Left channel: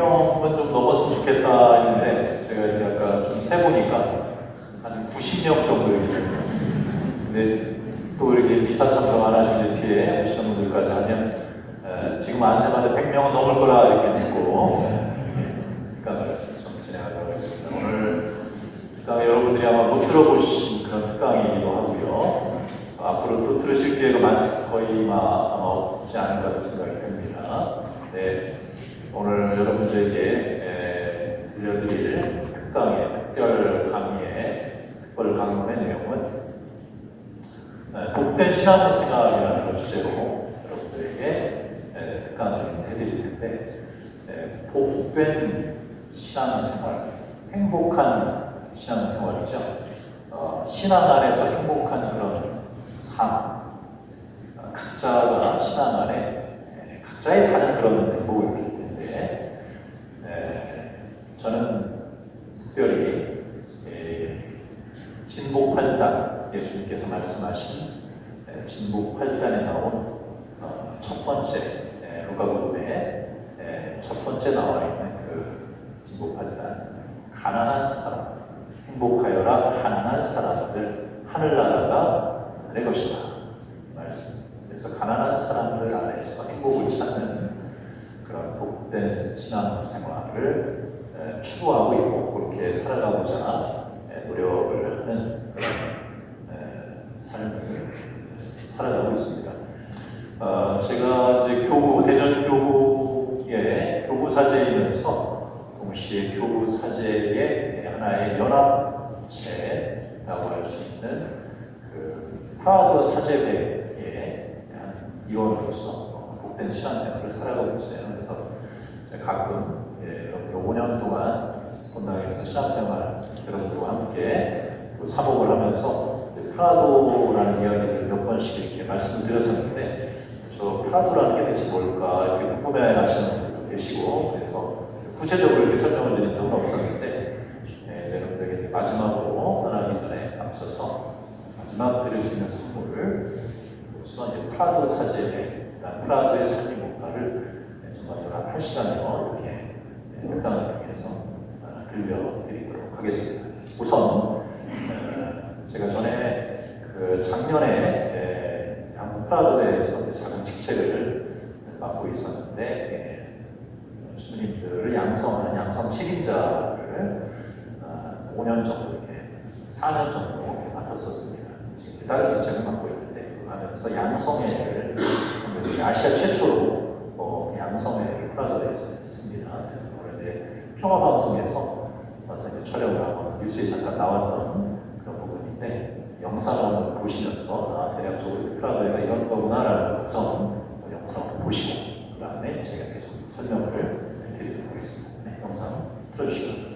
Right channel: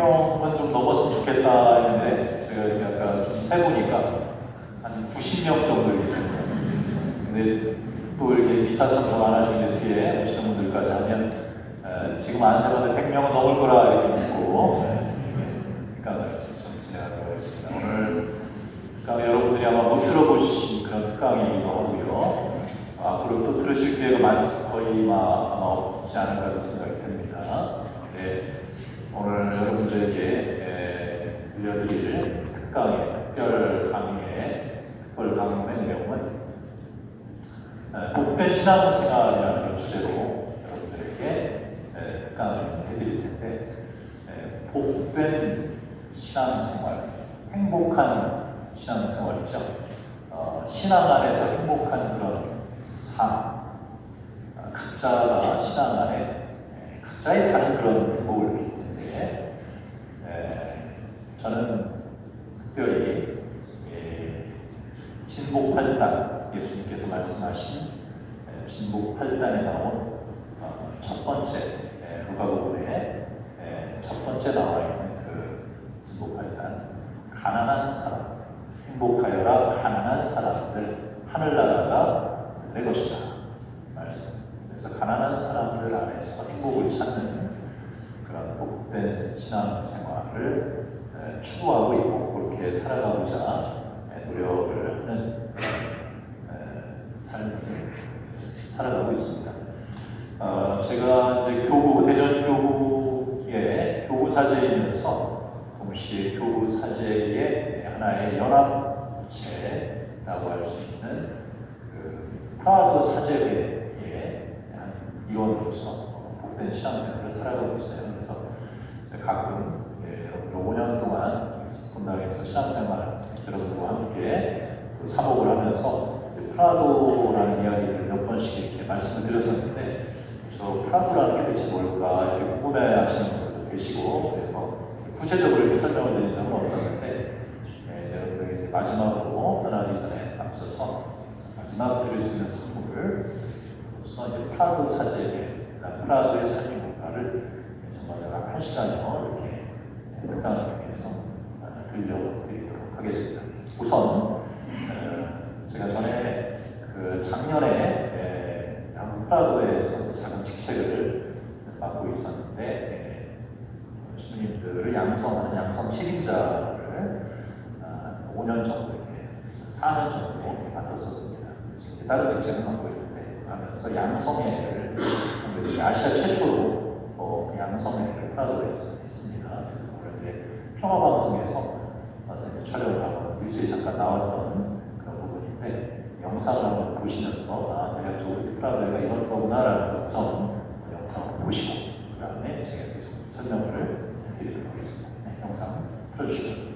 100명은 좀 넘었으면 좋겠다 했는데 제가 아까 좀 세보니까 한 90명 정도 있거든요. 근데 또 이렇게 미사천으로 하나씩 뒤에 오시는 분들까지 하면 지금 안생활에 100명은 넘을 거라 이렇게 믿고 특강을 좀 진행하도록 하겠습니다. 오늘 특강 여러분들이 아마 못 들어보신 그런 특강이기도 하고요. 앞으로 또 들으실 기회가 거의 없지 않을까 생각이 듭니다. 네, 오늘 여러분들에게 들려드릴 특강의 특별 강론의 내용은 복된 신앙생활이라는 그런 주제로 여러분들에게 특강을 해드릴 텐데, 복된 신앙생활, 행복한 신앙생활이죠. 신앙 안에서 행복한 그런 삶, 각자가 신앙 안에 각자의 다른 그런 행복을 느끼기 때문에 저는 특별히 진복 8단, 예수님께서 말씀하신 진복 8단에 나온 첫 번째 누가복음의 첫 번째 나와 있는 그 진복 8단, 가난한 사람, 행복하여라 가난한 사람들, 하늘나라가 내 것이다 말씀. 그래서 가난한 사람들 안에서 행복을 찾는 그런 복된 신앙생활을 추구하고 있고 그렇게 살아가고자 노력을 하는 그런 삶을 살아가고 있습니다. 제가 이제 대전교구의 교구사제이면서 동시에 교구사제의 하나의 연합체라고 할 수 있는 그 프라도 사제회의 위원으로서 복된 신앙생활을 살아가고 있어요. 그래서 가끔 5년 동안 본당에서 신앙생활 여러분들과 함께 또 사목을 하면서 프라도라는 이야기를 몇 번씩 이렇게 말씀을 드렸었는데, 저 프라도라는 게 대체 뭘까 이렇게 궁금해하시는 분들도 계시고, 그래서 구체적으로 이렇게 설명을 드린 적은 없었는데, 여러분들에게 마지막으로 떠나기 전에 앞서서 마지막 드릴 수 있는 선물로서 프라도 사제회, 프라도의 사진국가를 정말 8시간여 이렇게 특강을 통해서 들려드리도록 하겠습니다. 우선 제가 전에 작년에 프라도에서 작은 직책을 맡고 있었는데, 신부님들을 양성하는 양성 책임자를 5년 정도, 4년 정도 맡았었습니다. 지금 다른 직책을 맡고 있는데, 그러면서 양성회를 아시아 최초로 양성회를 프라도에서 했습니다. 그래서 그런데 평화방송에서 이제 촬영을 하고 뉴스에 잠깐 나왔던 그런 부분인데, 영상을 보시면서 대략적으로 프라도가 이런 거구나라는 우선 영상을 보시고 그 다음에 제가 계속 설명을 드리도록 하겠습니다. 네, 영상 틀어주시죠.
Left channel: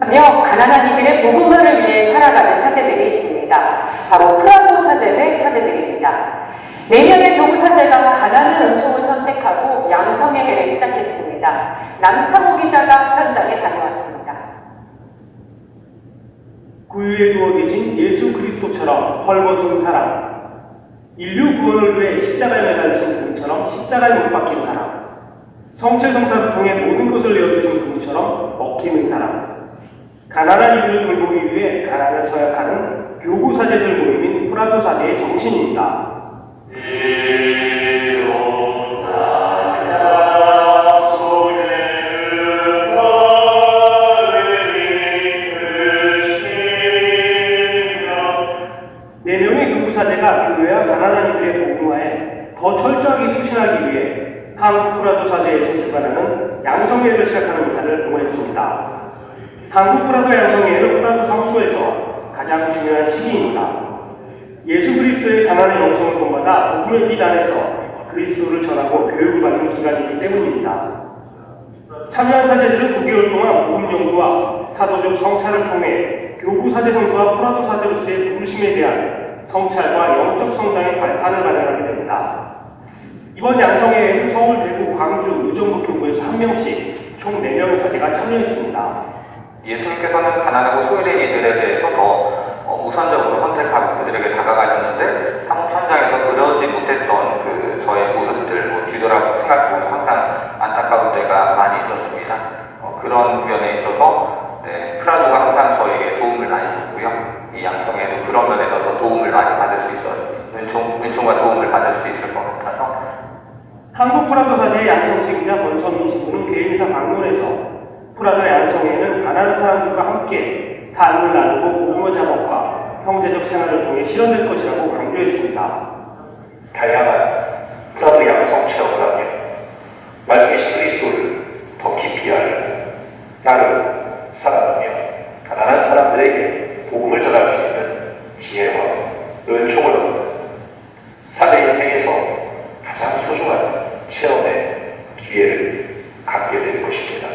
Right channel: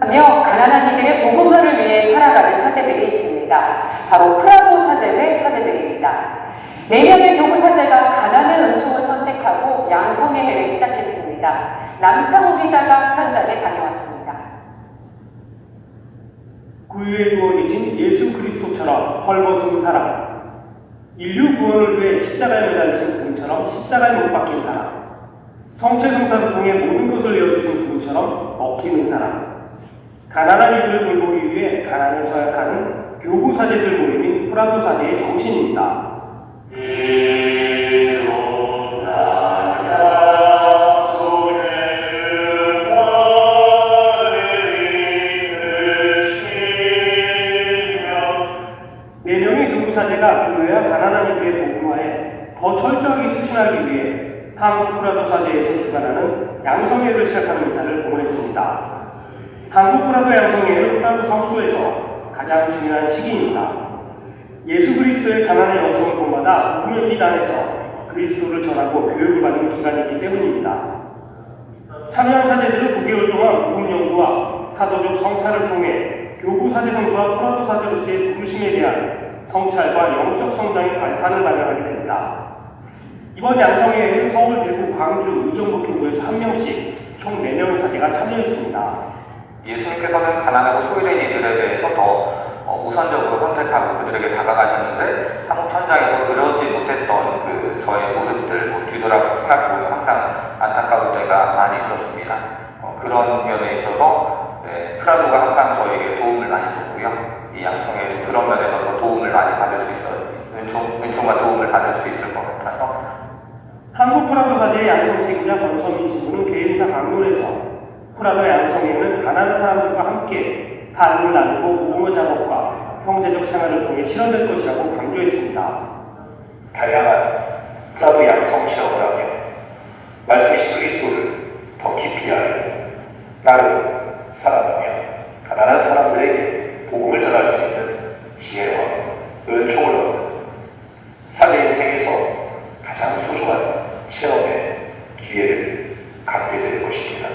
하며 가난한 이들의 복음화를 위해 살아가는 사제들이 있습니다. 바로 프라도 사제회 사제들입니다. 4명의 교구 사제가 가난의 은총을 선택하고 양성예배를 시작했습니다. 남창호 기자가 현장에 다녀왔습니다. 구유에 누워 계신 예수 그리스도처럼 헐벗은 사람, 인류 구원을 위해 십자가에 매달리신 분처럼 십자가에 못 박힌 사람, 성체성사를 통해 모든 것을 열어주신 분처럼 먹히는 사람, 가난한 이들을 돌보기 위해 가난을 서약하는 교구 사제들 모임인 프라도 사제의 정신입니다. 네 명의 교구 사제가 교회와 가난한 이들의 복음화에 더 철저하게 투신하기 위해 한국 프라도 사제에 제출하는 양성회를 시작하는 의사를 공언했습니다. 한국 프라도 양성회는 프라도 성소에서 가장 중요한 시기입니다. 예수 그리스도의 가난한 영성을 본받아 복음의 빛 안에서 그리스도를 전하고 교육받는 기간이기 때문입니다. 참여한 사제들은 9개월 동안 복음 연구와 사도적 성찰을 통해 교구 사제들과 프라도 사제로서의 부르심에 대한 성찰과 영적 성장의 발판을 마련하게 됩니다. 이번 양성회에는 서울, 대구, 광주, 의정부 교구에서 1명씩 총 4명의 사제가 양성책이자 권선민 신부는 개인사 방문에서 프라다 양성회는 가난한 사람들과 함께 삶을 나누고 공모 작업과 형제적 생활을 통해 실현될 것이라고 강조했습니다. 다양한 프라도 양성 체험을 하며 말씀이신 그리스도를 더 깊이 알고 다른 사랑하며 가난한 사람들에게 복음을 전할 수 있는 지혜와 은총을 얻는 사대 인생에서 가장 소중한 체험의 기회를 갖게 될 것입니다.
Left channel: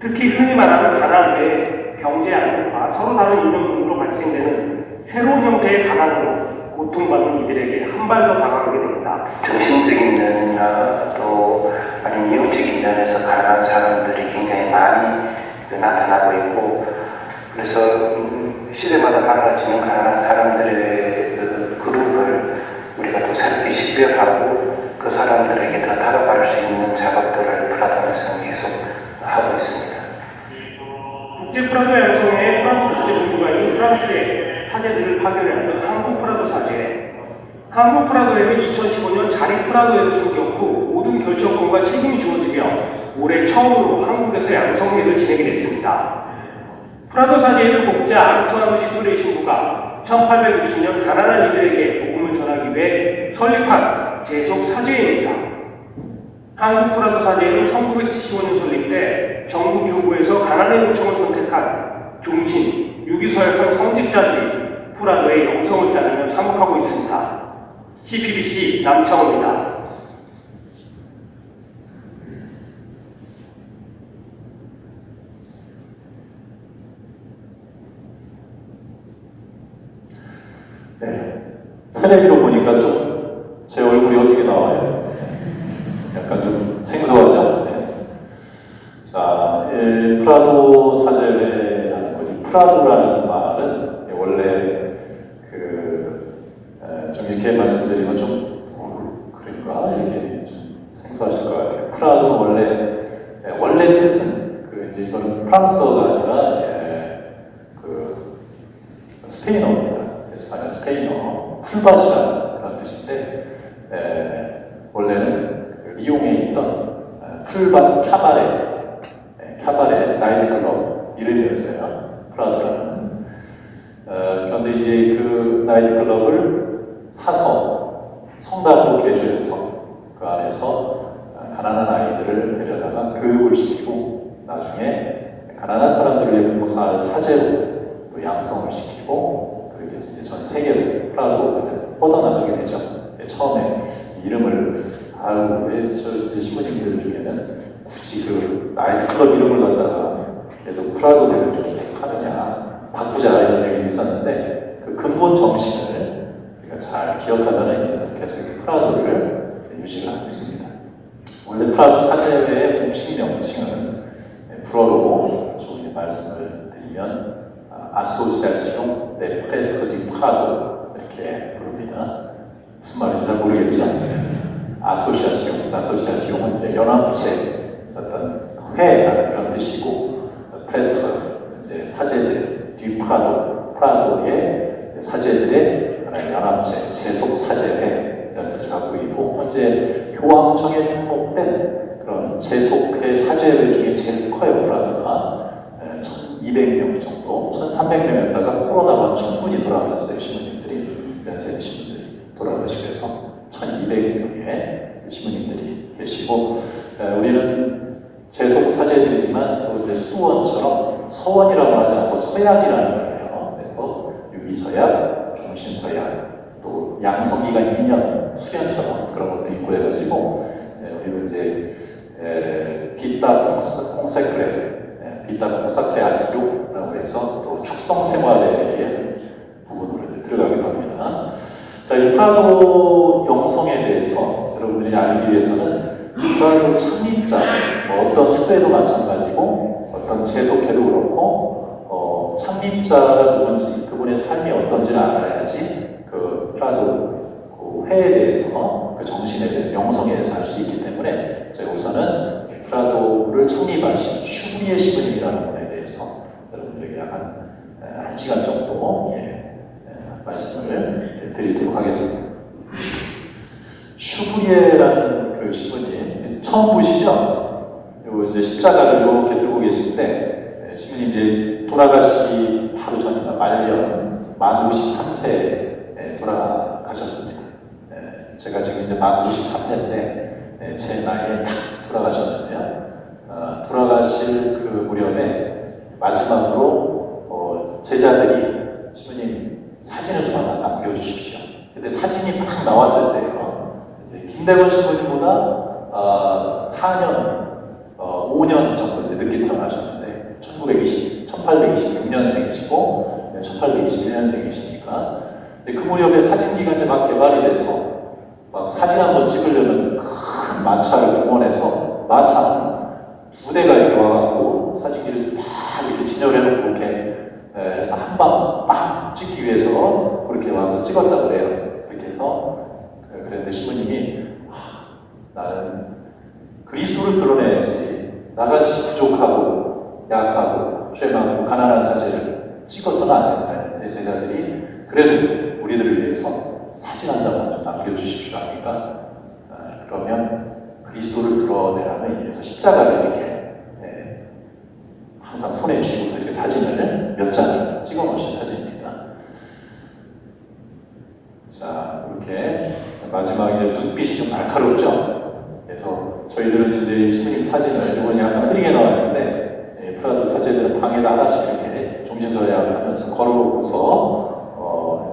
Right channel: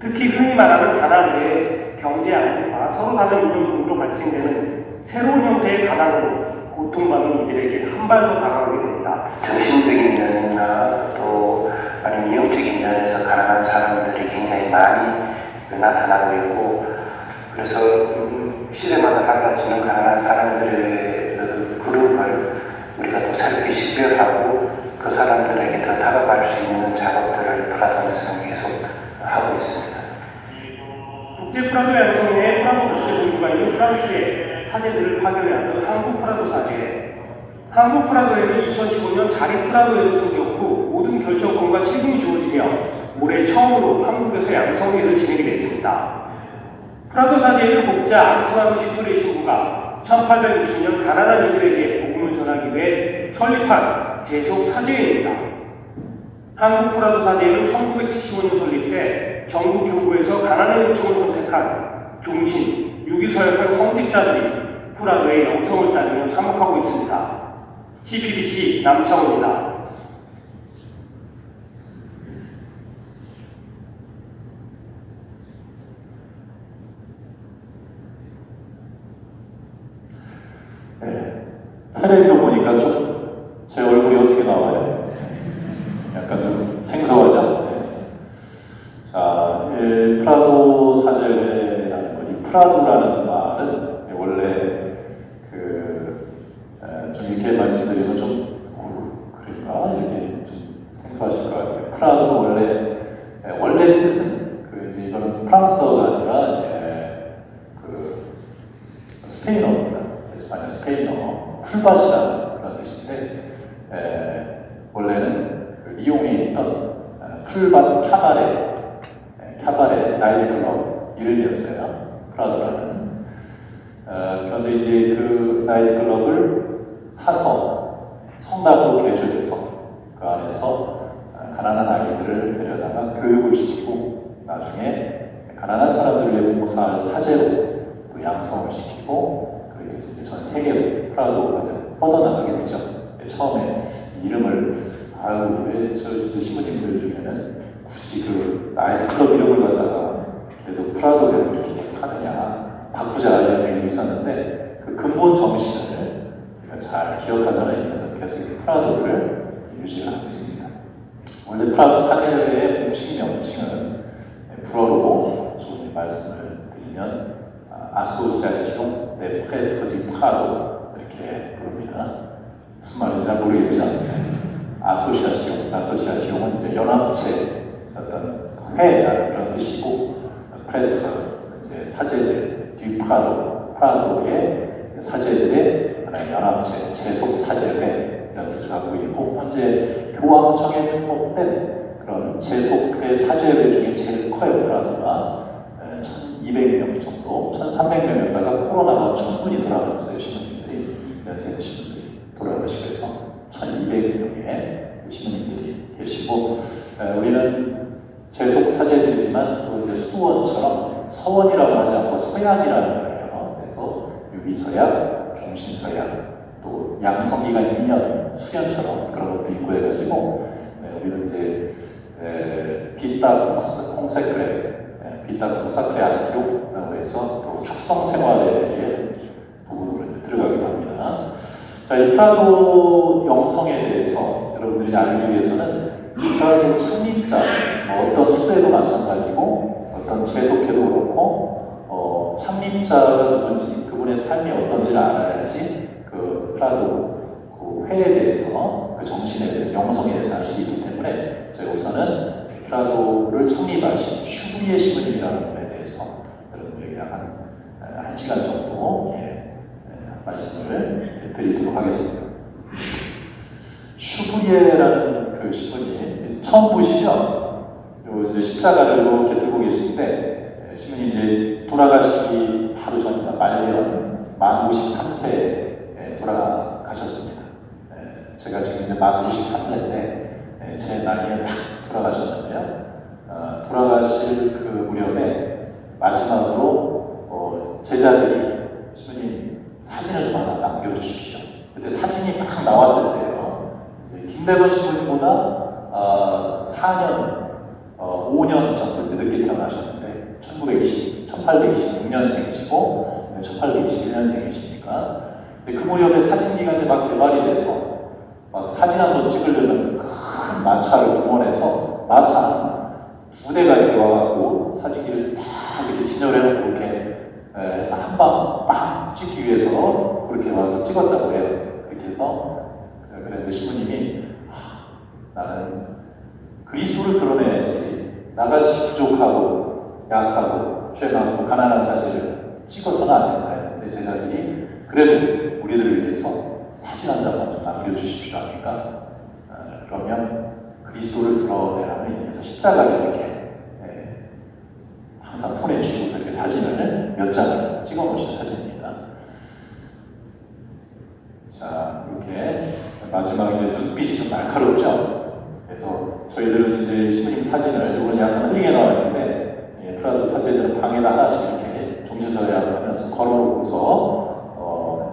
특히 흔히 말하는 가난 외에 경제 안정과 서로 다른 인종으로 발생되는 새로운 형태의 가난으로 고통받는 이들에게 한 발 더 다가오게 됩니다. 정신적인 면이나 또 아니면 영적인 면에서 가난한 사람들이 굉장히 많이 나타나고 있고, 그래서 시대마다 달라지는 가난한 사람들의 그룹을 우리가 또 새롭게 식별하고 그 사람들에게 더 다가갈 수 있는 작업들을 프라다에서 계속 하고 있습니다. 국제 프라도 양성회의 프랑스 국제본부가 있는 프랑스의 사제들을 파견하는 한국 프라도 사제. 한국 프라도에는 2015년 자립 프라도회를 설계했고 모든 결정권과 책임이 주어지며 올해 처음으로 한국에서 양성회를 진행이 됐습니다. 프라도 사제의 목자 안토ine 슈브레 신부가 1860년 가난한 이들에게 복음을 전하기 위해 설립한 제속 사제입니다. 한국 프라도 사제는 1975년 설립돼 전국 교구에서 가난의 요청을 선택한 종신, 유기서약한 성직자들이 프라도의 영성을 따르며 사목하고 있습니다. CPBC 남창호입니다. 네. 텔레비로 보니까 좀 제 얼굴이 어떻게 나와요? 약간 좀 생소하죠? 네. 자, 프라도 사제의 프라도라는 말은 원래 좀 이렇게 말씀드리면 좀 그러니까 이렇게 좀 생소하실 것 같아요. 프라도는 원래 뜻은 이제 이건 프랑스어가 아니라 스페인어입니다. 에스파냐 스페인어 풀밭이라는 그런 뜻인데 원래는 리옹에 있던 풀밭 카바레 나이트클럽 이름이었어요. 프라도라는. 그런데 이제 그 나이트클럽을 사서 성당으로 개조해서 그 안에서 가난한 아이들을 데려다가 교육을 시키고 나중에 가난한 사람들을 위해 봉사할 사제로 또 양성을 시키고 그렇게 해서 이제 전 세계로 프라도가 뻗어나가게 되죠. 처음에 이름을 왜 저 신부님들 중에는 굳이 그 나이트클럽 이름을 갖다가 계속 프라도 대표를 계속 하느냐 바꾸자 이런 얘기 있었는데 그 근본 정신을 우리가 잘 기억하는 의미에서 계속 프라도를 유지를 하고 있습니다. 원래 프라도 사제회의 공식 명칭은 불어로 좀 말씀을 드리면 아소시아시옹 데 프레트 디 프라도 이렇게 부릅니다. 무슨 말인지 잘 모르겠죠. 아소시아시옹은 연합체 어떤 회라는 그런 뜻이고 프레트 이제 사제들 프라도의 사제들의 연합체 제속 사제회 이런 뜻을 갖고 있고 현재 교황청에 등록된 그런 제속회 사제회 중에 제일 커요. 프라도가 1,200명 정도, 1,300명에다가 코로나가 충분히 돌아가셨어요. 신부님들이 연세 드신 분들이 돌아가시면서 1,200명의 신부님들이 계시고 우리는 제속 사제들이지만 또 이제 수원처럼 서원이라고 하지 않고 서약이라는 거예요. 그래서 유기서약, 종신서약, 또 양성기간 2년 수련처럼 그런 것도 있고 해가지고 우리는 이제 비타 콘사크레아스라고 해서 또 축성 생활에 부분으로 들어가기도 합니다. 자, 이 프라도 영성에 대해서 여러분들이 알기 위해서는 프라도 창립자, 어떤 수배도 마찬가지고 어떤 제속회도 그렇고 창립자가 누군지 그분의 삶이 어떤지를 알아야지 그 프라도 그 회에 대해서 그 정신에 대해서 영성에 대해서 알 수 있기 때문에 제가 우선은 프라도를 창립하신 슈브리에 신부님이라는 분에 대해서 여러분들에게 한 시간 정도 말씀을 드리도록 하겠습니다. 슈브리에라는 그 그 신부님 처음 보시죠? 요 이제 십자가를 이렇게 들고 계신데 신부님 이제 돌아가시기 바로 전이나 말년 만 53세에 돌아가셨습니다. 제가 지금 이제 만 53세인데 제 나이에 딱 돌아가셨는데요. 돌아가실 그 무렵에 마지막으로 제자들이 신부님 사진을 좀 하나 남겨주십시오. 근데 사진이 막 나왔을 때요. 김대건 신부님보다 5년 정도 늦게 태어나셨는데 1826년생이시고 1821년생이시니까 그 무렵에 사진기가 이제 막 개발이 돼서 막 사진 한번 찍으려면 큰 마차를 공원에서 마차 2대가 이렇게 와갖고 사진기를 다 이렇게 진열해놓고 이렇게 해서 한방 빡 찍기 위해서 그렇게 와서 찍었다고 해요. 그렇게 해서 그랬는데 신부님이 나는 그리스도를 드러내야지 나같이 부족하고 약하고 죄 많고 가난한 사진을 찍어서는 안 된다. 내 제자들이 그래도 우리들을 위해서 사진 한 장만 좀 남겨주십시오 하니까 그러면 그리스도를 드러내라는 의미에서 십자가를 이렇게 항상 손에 쥐고 이렇게 사진을 몇 장을 찍어 놓으신 사진입니다. 자, 이렇게 마지막에 눈빛이 좀 날카롭죠? 그래서 저희들은 이제 신부님 사진을 이번에 약간 흐리게 나왔는데 프라도 사진을 방에다 하나씩 이렇게 정신서약을 하면서 걸어보고서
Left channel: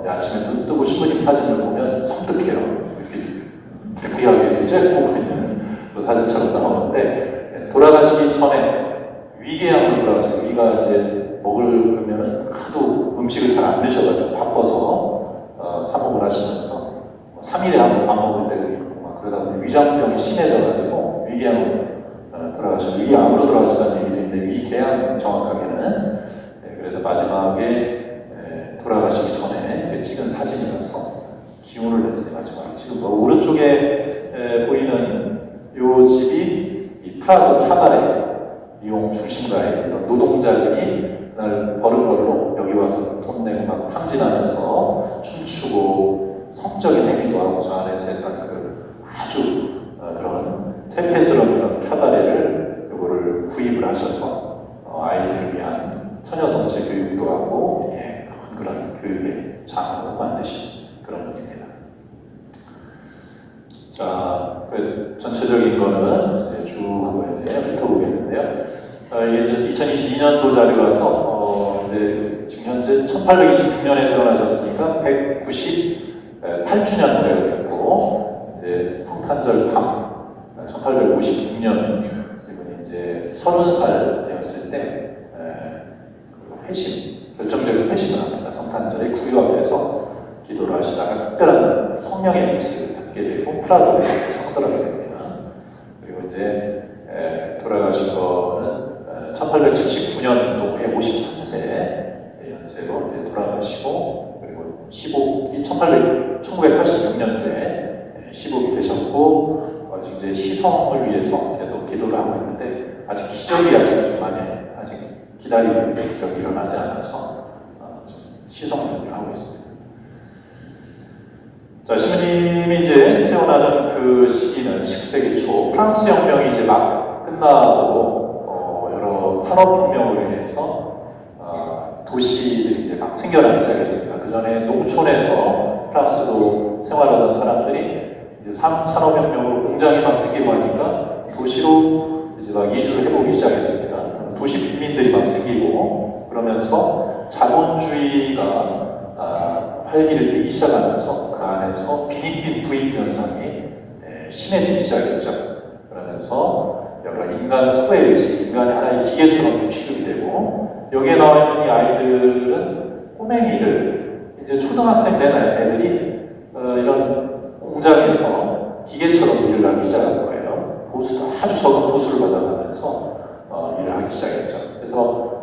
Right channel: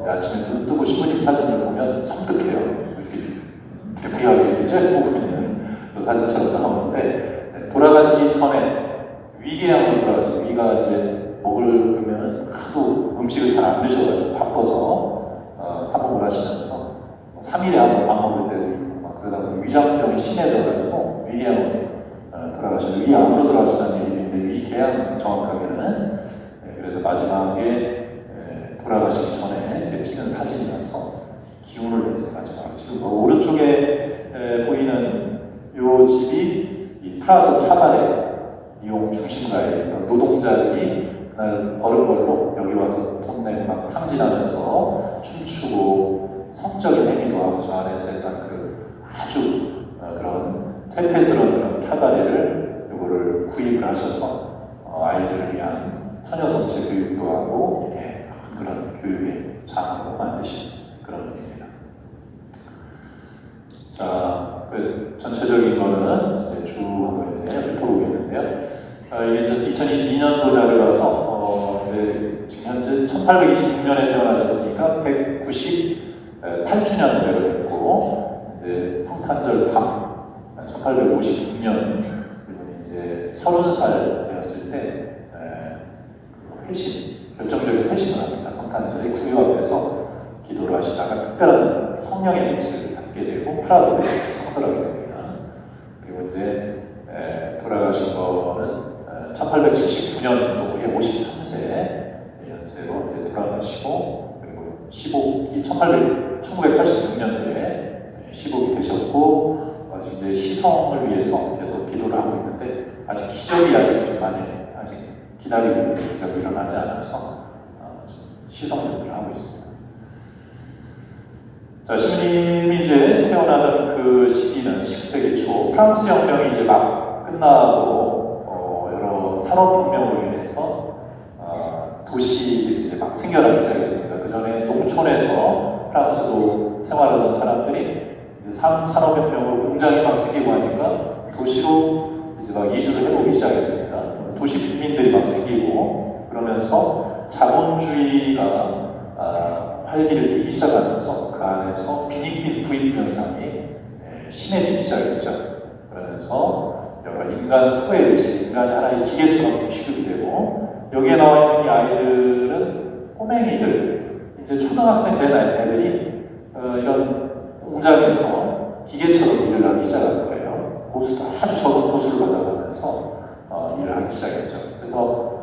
아침에 눈 뜨고 신부님 사진을 보면 섬뜩해요. 이렇게 부유하게 째고 있는 그 사진처럼 나오는데 돌아가시기 전에 위궤양으로 돌아가서 위가 이제 먹을 그러면은 하도 음식을 잘 안 드셔가지고 바빠서 사복을 하시면서 3일에 한 번 밥 먹을 때도 있고 막 그러다 보니 위장병이 심해져가지고 위궤양으로 돌아가셔서 위암으로 돌아가시다는 얘기도 있는데 위궤양 정확하게는 그래서 마지막에 돌아가시기 전에 찍은 사진이어서 기운을 내서 마지막에 지금 오른쪽에 보이는 요 집이 이 프라도 카바레 이용 중심가에 노동자들이 그날 버는 걸로 여기 와서 돈 내고 막 탕진하면서 춤추고 성적인 행위도 하고 저 안에서 했던 그 아주 그런 퇴폐스러운 카바레를 이거를 구입을 하셔서 아이들을 위한 처녀성체 교육도 하고 그런 교육의 장으로 만드신 그런 분입니다. 자, 그 전체적인 거는 이제 쭉 이제 훑어보겠는데요. 이게 2022년도 자료라서 이제 지금 현재 1826년에 태어나셨으니까 198주년 되고 이제 성탄절 밤 1856년 이제 30살 되었을 때 회심 결정적인 회심을 합니다. 성탄절에 구유 앞에서 기도를 하시다가 특별한 성령의 뜻을 받게 되고 프라도에 성설하게 됩니다. 그리고 이제 돌아가신 거는 1879년도에 53세 연세로 이제 돌아가시고 그리고 1986년도에 시복이 되셨고 이제 시성을 위해서 계속 기도를 하고 있는데 아직 기적이 좀 많이 아직 기다리고 있는데 기적이 일어나지 않아서 시성 준비를 하고 있습니다. 자, 신부님이 이제 태어나는 그 시기는 10세기 초 프랑스 혁명이 이제 막 끝나고 여러 산업혁명으로 인해서 도시들이 이제 막 생겨나기 시작했습니다. 그 전에 농촌에서 프랑스로 생활하던 사람들이 이제 산업혁명으로 공장이 막 생기고 하니까 도시로 이제 막 이주를 해오기 시작했습니다. 도시 빈민들이 막 생기고 그러면서 자본주의가 활기를 띠기 시작하면서 그 안에서 빈익빈 부익 현상이 심해지기 시작했죠. 그러면서 여러 인간 소외의식, 인간이 하나의 기계처럼 취급이 되고 여기에 나와 있는 이 아이들은 꼬맹이들, 이제 초등학생 된 애들이 이런 공장에서 기계처럼 일을 하기 시작한 거예요. 보수도 아주 적은 보수를 받아가면서 일을 하기 시작했죠. 그래서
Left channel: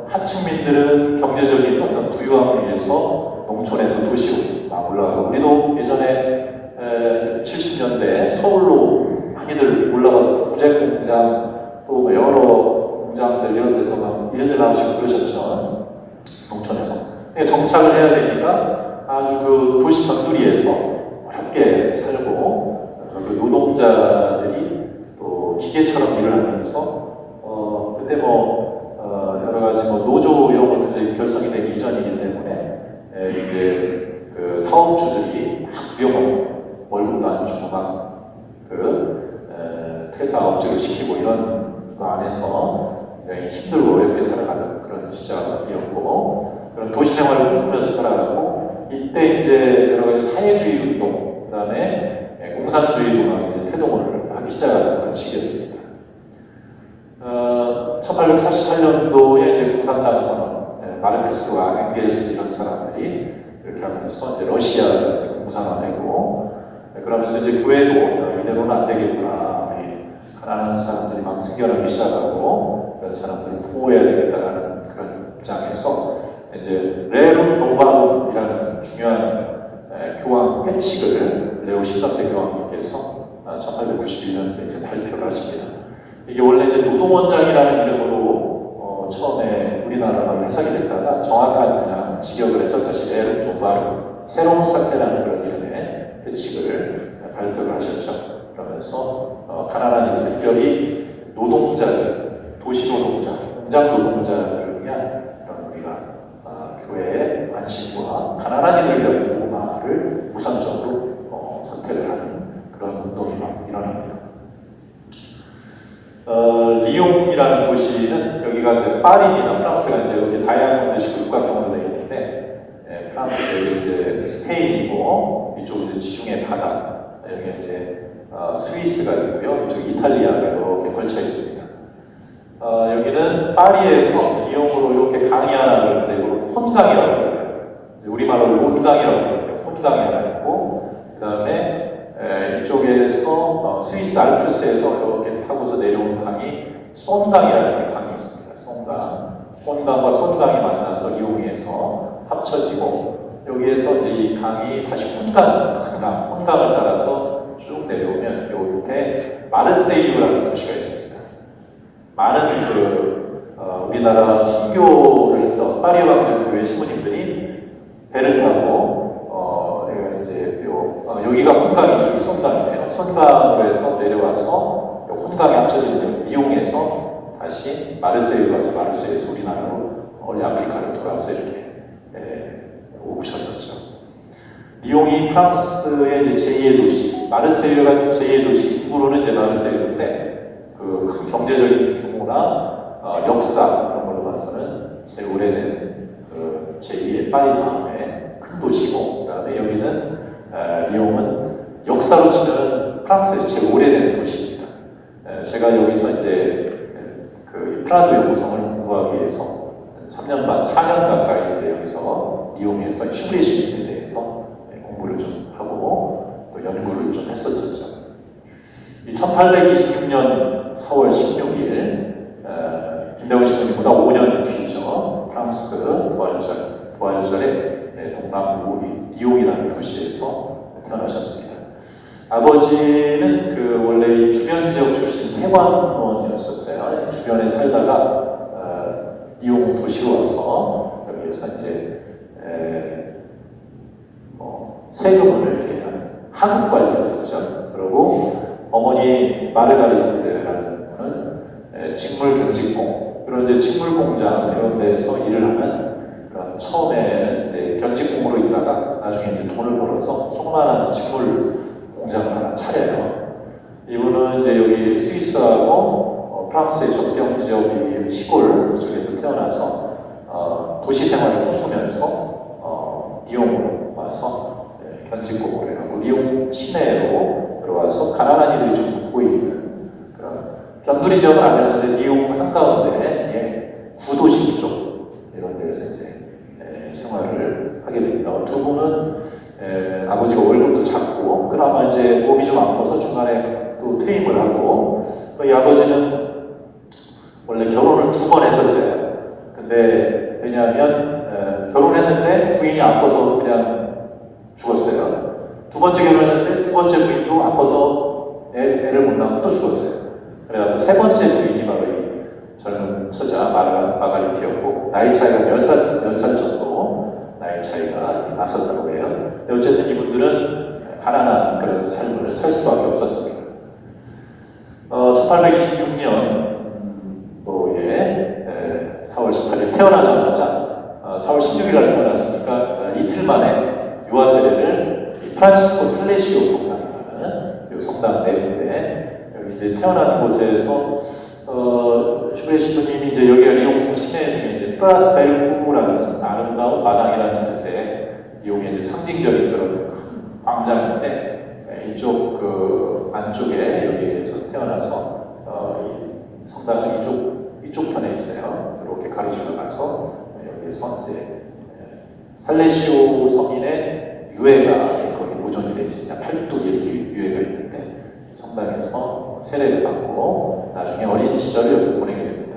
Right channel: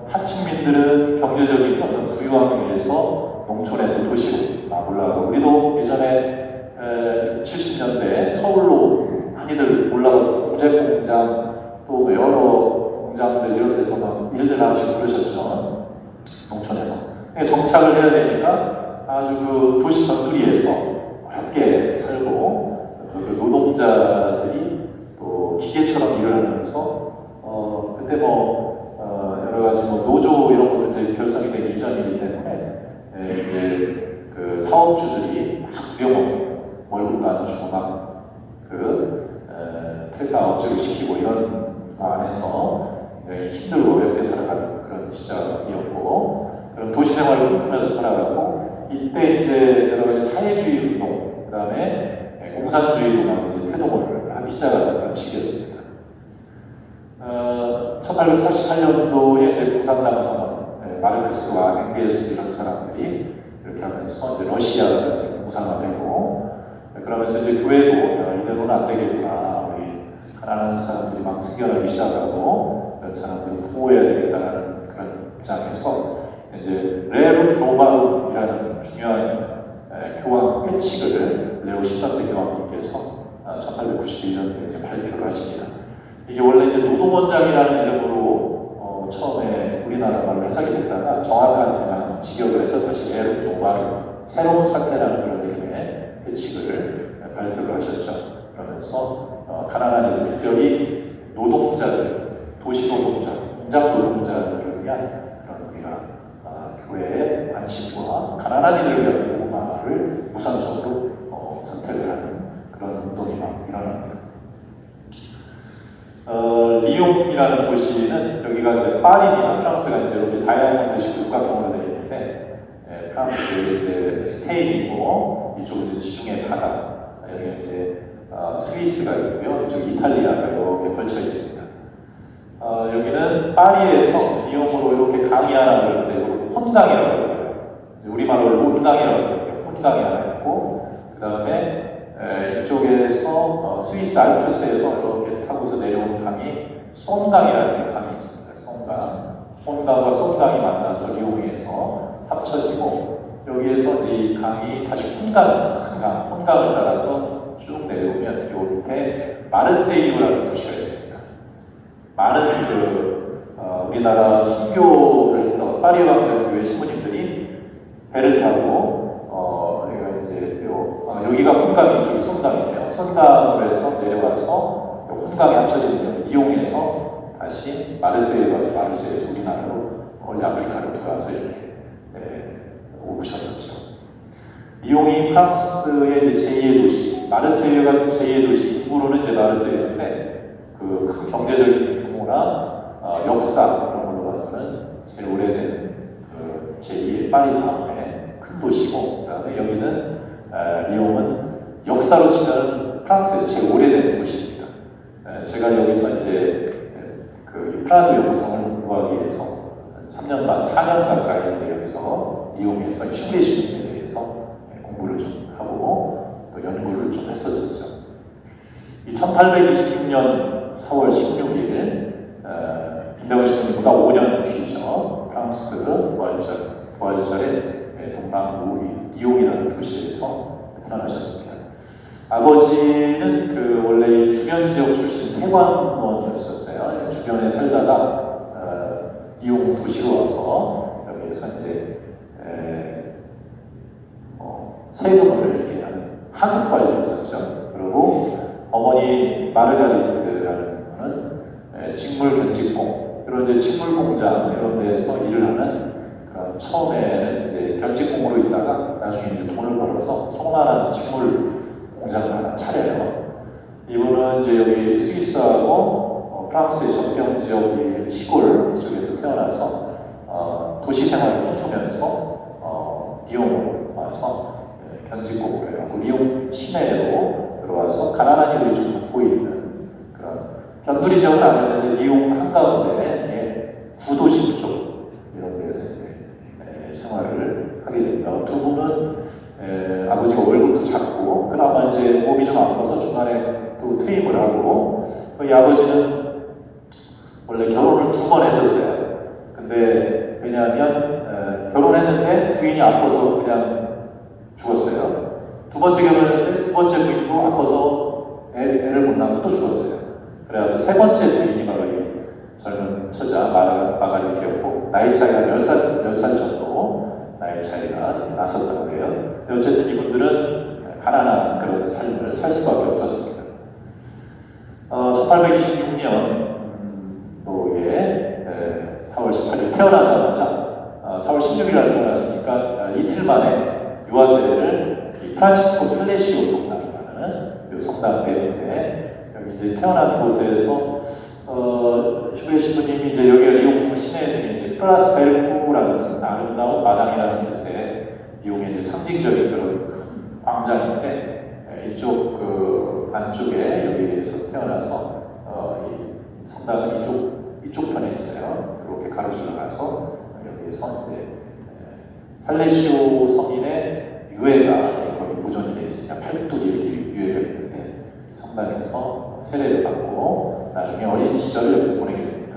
하층민들은 경제적인 어떤 부유함을 위해서 농촌에서 도시로 올라가고 우리도 예전에 70년대 서울로 많이들 올라가서 공장 또 여러 공장들 이런 데서 막 일들 하시고 그러셨죠. 농촌에서. 정착을 해야 되니까 아주 그 도시 건두리에서 어렵게 살고 그 노동자들이 또 기계처럼 일을 하면서 그때 여러 가지 노조 이런 것도 이제 결성이 되기 이전이기 때문에 이제 그 사업주들이 구형 월급도 안 주고 퇴사 업체를 시키고 이런 거 안에서 굉장히 힘들고 어렵게 살아가는 그런 시절이었고 그런 도시 생활을 하면서 살아가고 이때 이제 여러 가지 사회주의 운동 그다음에 공산주의 운동에 이제 태동을 하기 시작하는 그런 시기였습니다. 1848년도에 이제 공산당에서 마르크스와 엥겔스 이런 사람들이 이렇게 하면서 이제 러시아가 공산화되고 그러면서 이제 교회도 이대로는 안 되겠구나 우리 가난한 사람들이 막 생겨나기 시작하고 그런 사람들을 보호해야 되겠다는 그런 입장에서 이제 레루 로바움이라는 중요한 교황 회칙을 레오 13세 교황님께서 1891년도에 이제 발표를 하십니다. 이게 원래 이제 노동원장이라는 이름으로 처음에 우리나라로 해석이 됐다가 정확한 그냥 직역을 해서 다시 레루 로바움 새로운 사태라는 그런 이름의 회칙을 발표를 하셨죠. 그러면서 가난한 이들 특별히 노동자들, 도시 노동자, 공장 노동자들을 위한 그런 우리가 교회의 안식과 가난한 이들을 위한 보호를 우선적으로 선택을 하는 그런 운동이 일어납니다. 리옹이라는 도시는 여기가 이제 파리입니다. 프랑스가 이제 이렇게 다양한 도시 국가 경화되어 있는데 프랑스가 이제 스페인이고 이쪽은 이제 지중해 바다 여기 이제 스위스가 있고요. 이쪽 이탈리아가 이렇게 걸쳐 있습니다. 여기는 파리에서 리옹으로 이렇게 강이 하나를 그리고 혼강이라고 해요. 우리말로 롱강이라고 해요. 혼강이 있고 그 다음에 이쪽에서 스위스 알프스에서 이렇게 타고서 내려오는 강이 손강이라는 강이 있습니다. 손강과 손강이 만나서 리옹에서 합쳐지고 여기에서 이제 이 강이 다시 혼강을 따라서 쭉 내려오면 이렇게 마르세유라는 도시가 있습니다. 많은 우리나라 신교를 했던 파리 왕정교회 신부님들이 배를 타고 여기가 혼강이 이쪽이 손강이네요. 손강으로 해서 내려와서 혼강이 합쳐지는 리옹에서 다시 마르세유 가서 마르세유에서 우리나라로 아프리카로 들어와서 이렇게 오셨었죠. 리옹이 프랑스의 이제 제2의 도시, 마르세유가 제2의 도시, 인구로는 이제 마르세유인데 그 경제적인 규모나 역사 그런 걸로 봐서는 제일 오래된 제2의 파리 다음에 큰 도시고, 그다음에 여기는 리옹은 역사로 치면 프랑스에서 제일 오래된 도시입니다. 제가 여기서 이제 그 프라도 연구성을 공부하기 위해서 3년 반, 4년 가까이 여기서 리옹에서 슈레시민에 대해서 공부를 좀 하고 또 연구를 좀 했었었죠. 1826년 4월 16일 김대원 신부님보다 5년 뒤죠. 프랑스 부활절에 동남부 리옹이라는 도시에서 태어나셨습니다. 아버지는 원래 주변 지역 출신 세관원이었었어요. 주변에 살다가 리옹 도시로 와서 여기에서 이제 세금을 이렇게 하는 하급관리였었죠. 그리고 어머니 마르가리트라는 분은 직물 견직공, 그런 이제 직물 공장 이런 데에서 일을 하는 그런 처음에는 이제 견직공으로 있다가 나중에 이제 돈을 벌어서 조그마한 직물 공장을 하나 차려요. 이분은 이제 여기 스위스하고 프랑스의 접경 지역 시골 쪽에서 태어나서 도시 생활을 꿈꾸면서 리옹으로 와서 견직공으로 해가지고 리옹 시내로 들어와서 가난한 이들이 좀 묵고 있는 그런 변두리 지역은 아니었는데 리옹 한가운데 구도시 쪽 이런 데서 이제 생활을 하게 됩니다. 두 분은 아버지가 월급도 작고 그나마 이제 몸이 좀 아파서 중간에 또 퇴임을 하고 이 아버지는 원래 결혼을 2번 했었어요. 근데 왜냐하면 결혼했는데 부인이 아파서 그냥 죽었어요. 두 번째 결혼했는데 두 번째 부인도 아파서 애를 못 낳고 또 죽었어요. 그래가지고 세 번째 부인이 바로 이 젊은 처자 마가리트였고 나이 차이가 10살 정도 나이 차이가 났었다고 해요. 근데 어쨌든 이분들은 가난한 그런 삶을 살 수밖에 없었습니다. 1800 1826년도에 4월 18일 태어나자마자 4월 16일 날 태어났으니까 이틀 만에 유아 세례를 프란치스코 살레시오 성당이라는 이 성당 내부인데 여기 이제 태어난 곳에서 슈베 신부님이 이제 여기가 리옹 시내 중에 이제 플라스 벨쿠라는 아름다운 마당이라는 뜻의 리옹의 이제 상징적인 그 광장인데 이쪽 그 안쪽에 여기에서 태어나서 이 성당은 이쪽 편에 있어요. 이렇게 가로질러 가서 여기에서 이제 살레시오 성인의 유해가 여기 보존이 되어 있습니다. 팔뚝 이렇게 유해가 있는데 성당에서 세례를 받고 나중에 어린 시절을 여기서 보내게 됩니다.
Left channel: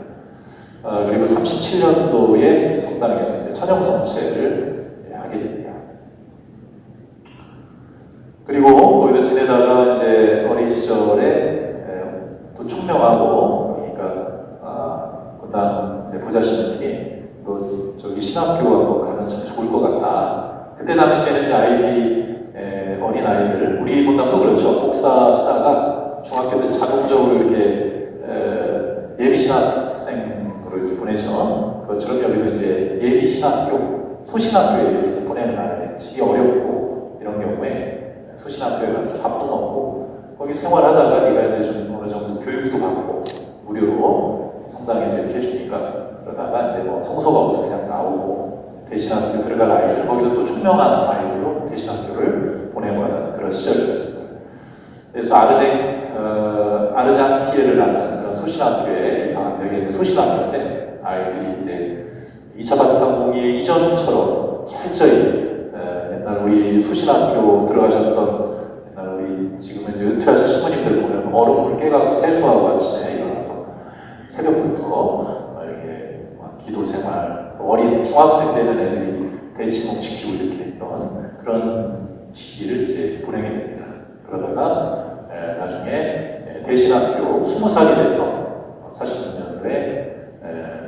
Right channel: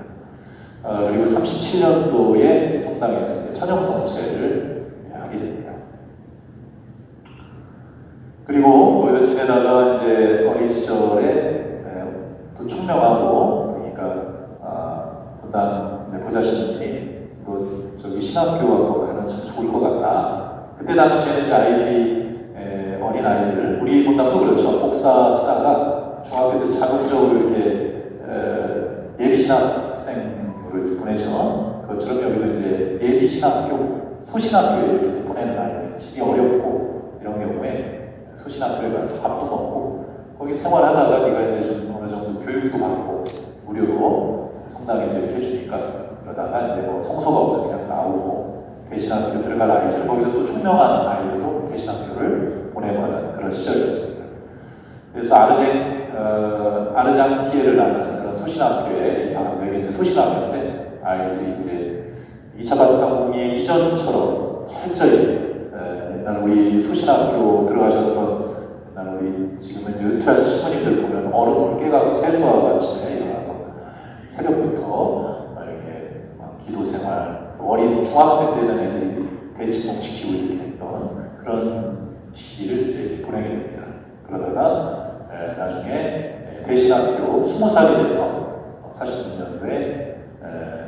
그리고 37년도에 성당에서 이제 천형 성체를 하게 됩니다. 그리고 거기서 지내다가 이제 어린 시절에 또 총명하고 그러니까 그다음 보좌신부님 또 저기 신학교 가면 참 좋을 것 같다. 그때 당시에는 이제 어린 아이들 우리 분당도 그렇죠. 복사 쓰다가 중학교 때 자동적으로 이렇게 예비 신학생으로 이렇게 보내죠. 그것처럼 여기도 이제 예비 신학교 소신학교에 이렇게 보내는 아이들 시기 어렵고 이런 경우에 소신학교에 가서 밥도 먹고 거기 생활하다가 네가 이제 좀 어느 정도 교육도 받고 무료로 성당에서 이렇게 해주니까 그러다가 이제 뭐 성소가 없어 그냥 나오고 대신학교 들어갈 아이들 거기서 또 총명한 아이들로 대신학교를 보내고 하는 그런 시절이었습니다. 그래서 아르장티에를 낳는 그런 소신학교에 여기 소신학교인데 아이들이 이제 2차 바티칸 이전처럼 철저히 옛날 우리 소신학교 들어가셨던 옛날 우리 지금은 이제 은퇴하신 신부님들 보면 얼음을 깨가고 세수하고 아침에 일어나서 새벽부터 이렇게 기도 생활 어린 중학생 되는 애들이 벤치봉 시키고 이렇게 했던 그런 시기를 이제 보내게 됩니다. 그러다가 나중에 대신학교 20살이 돼서 40년도에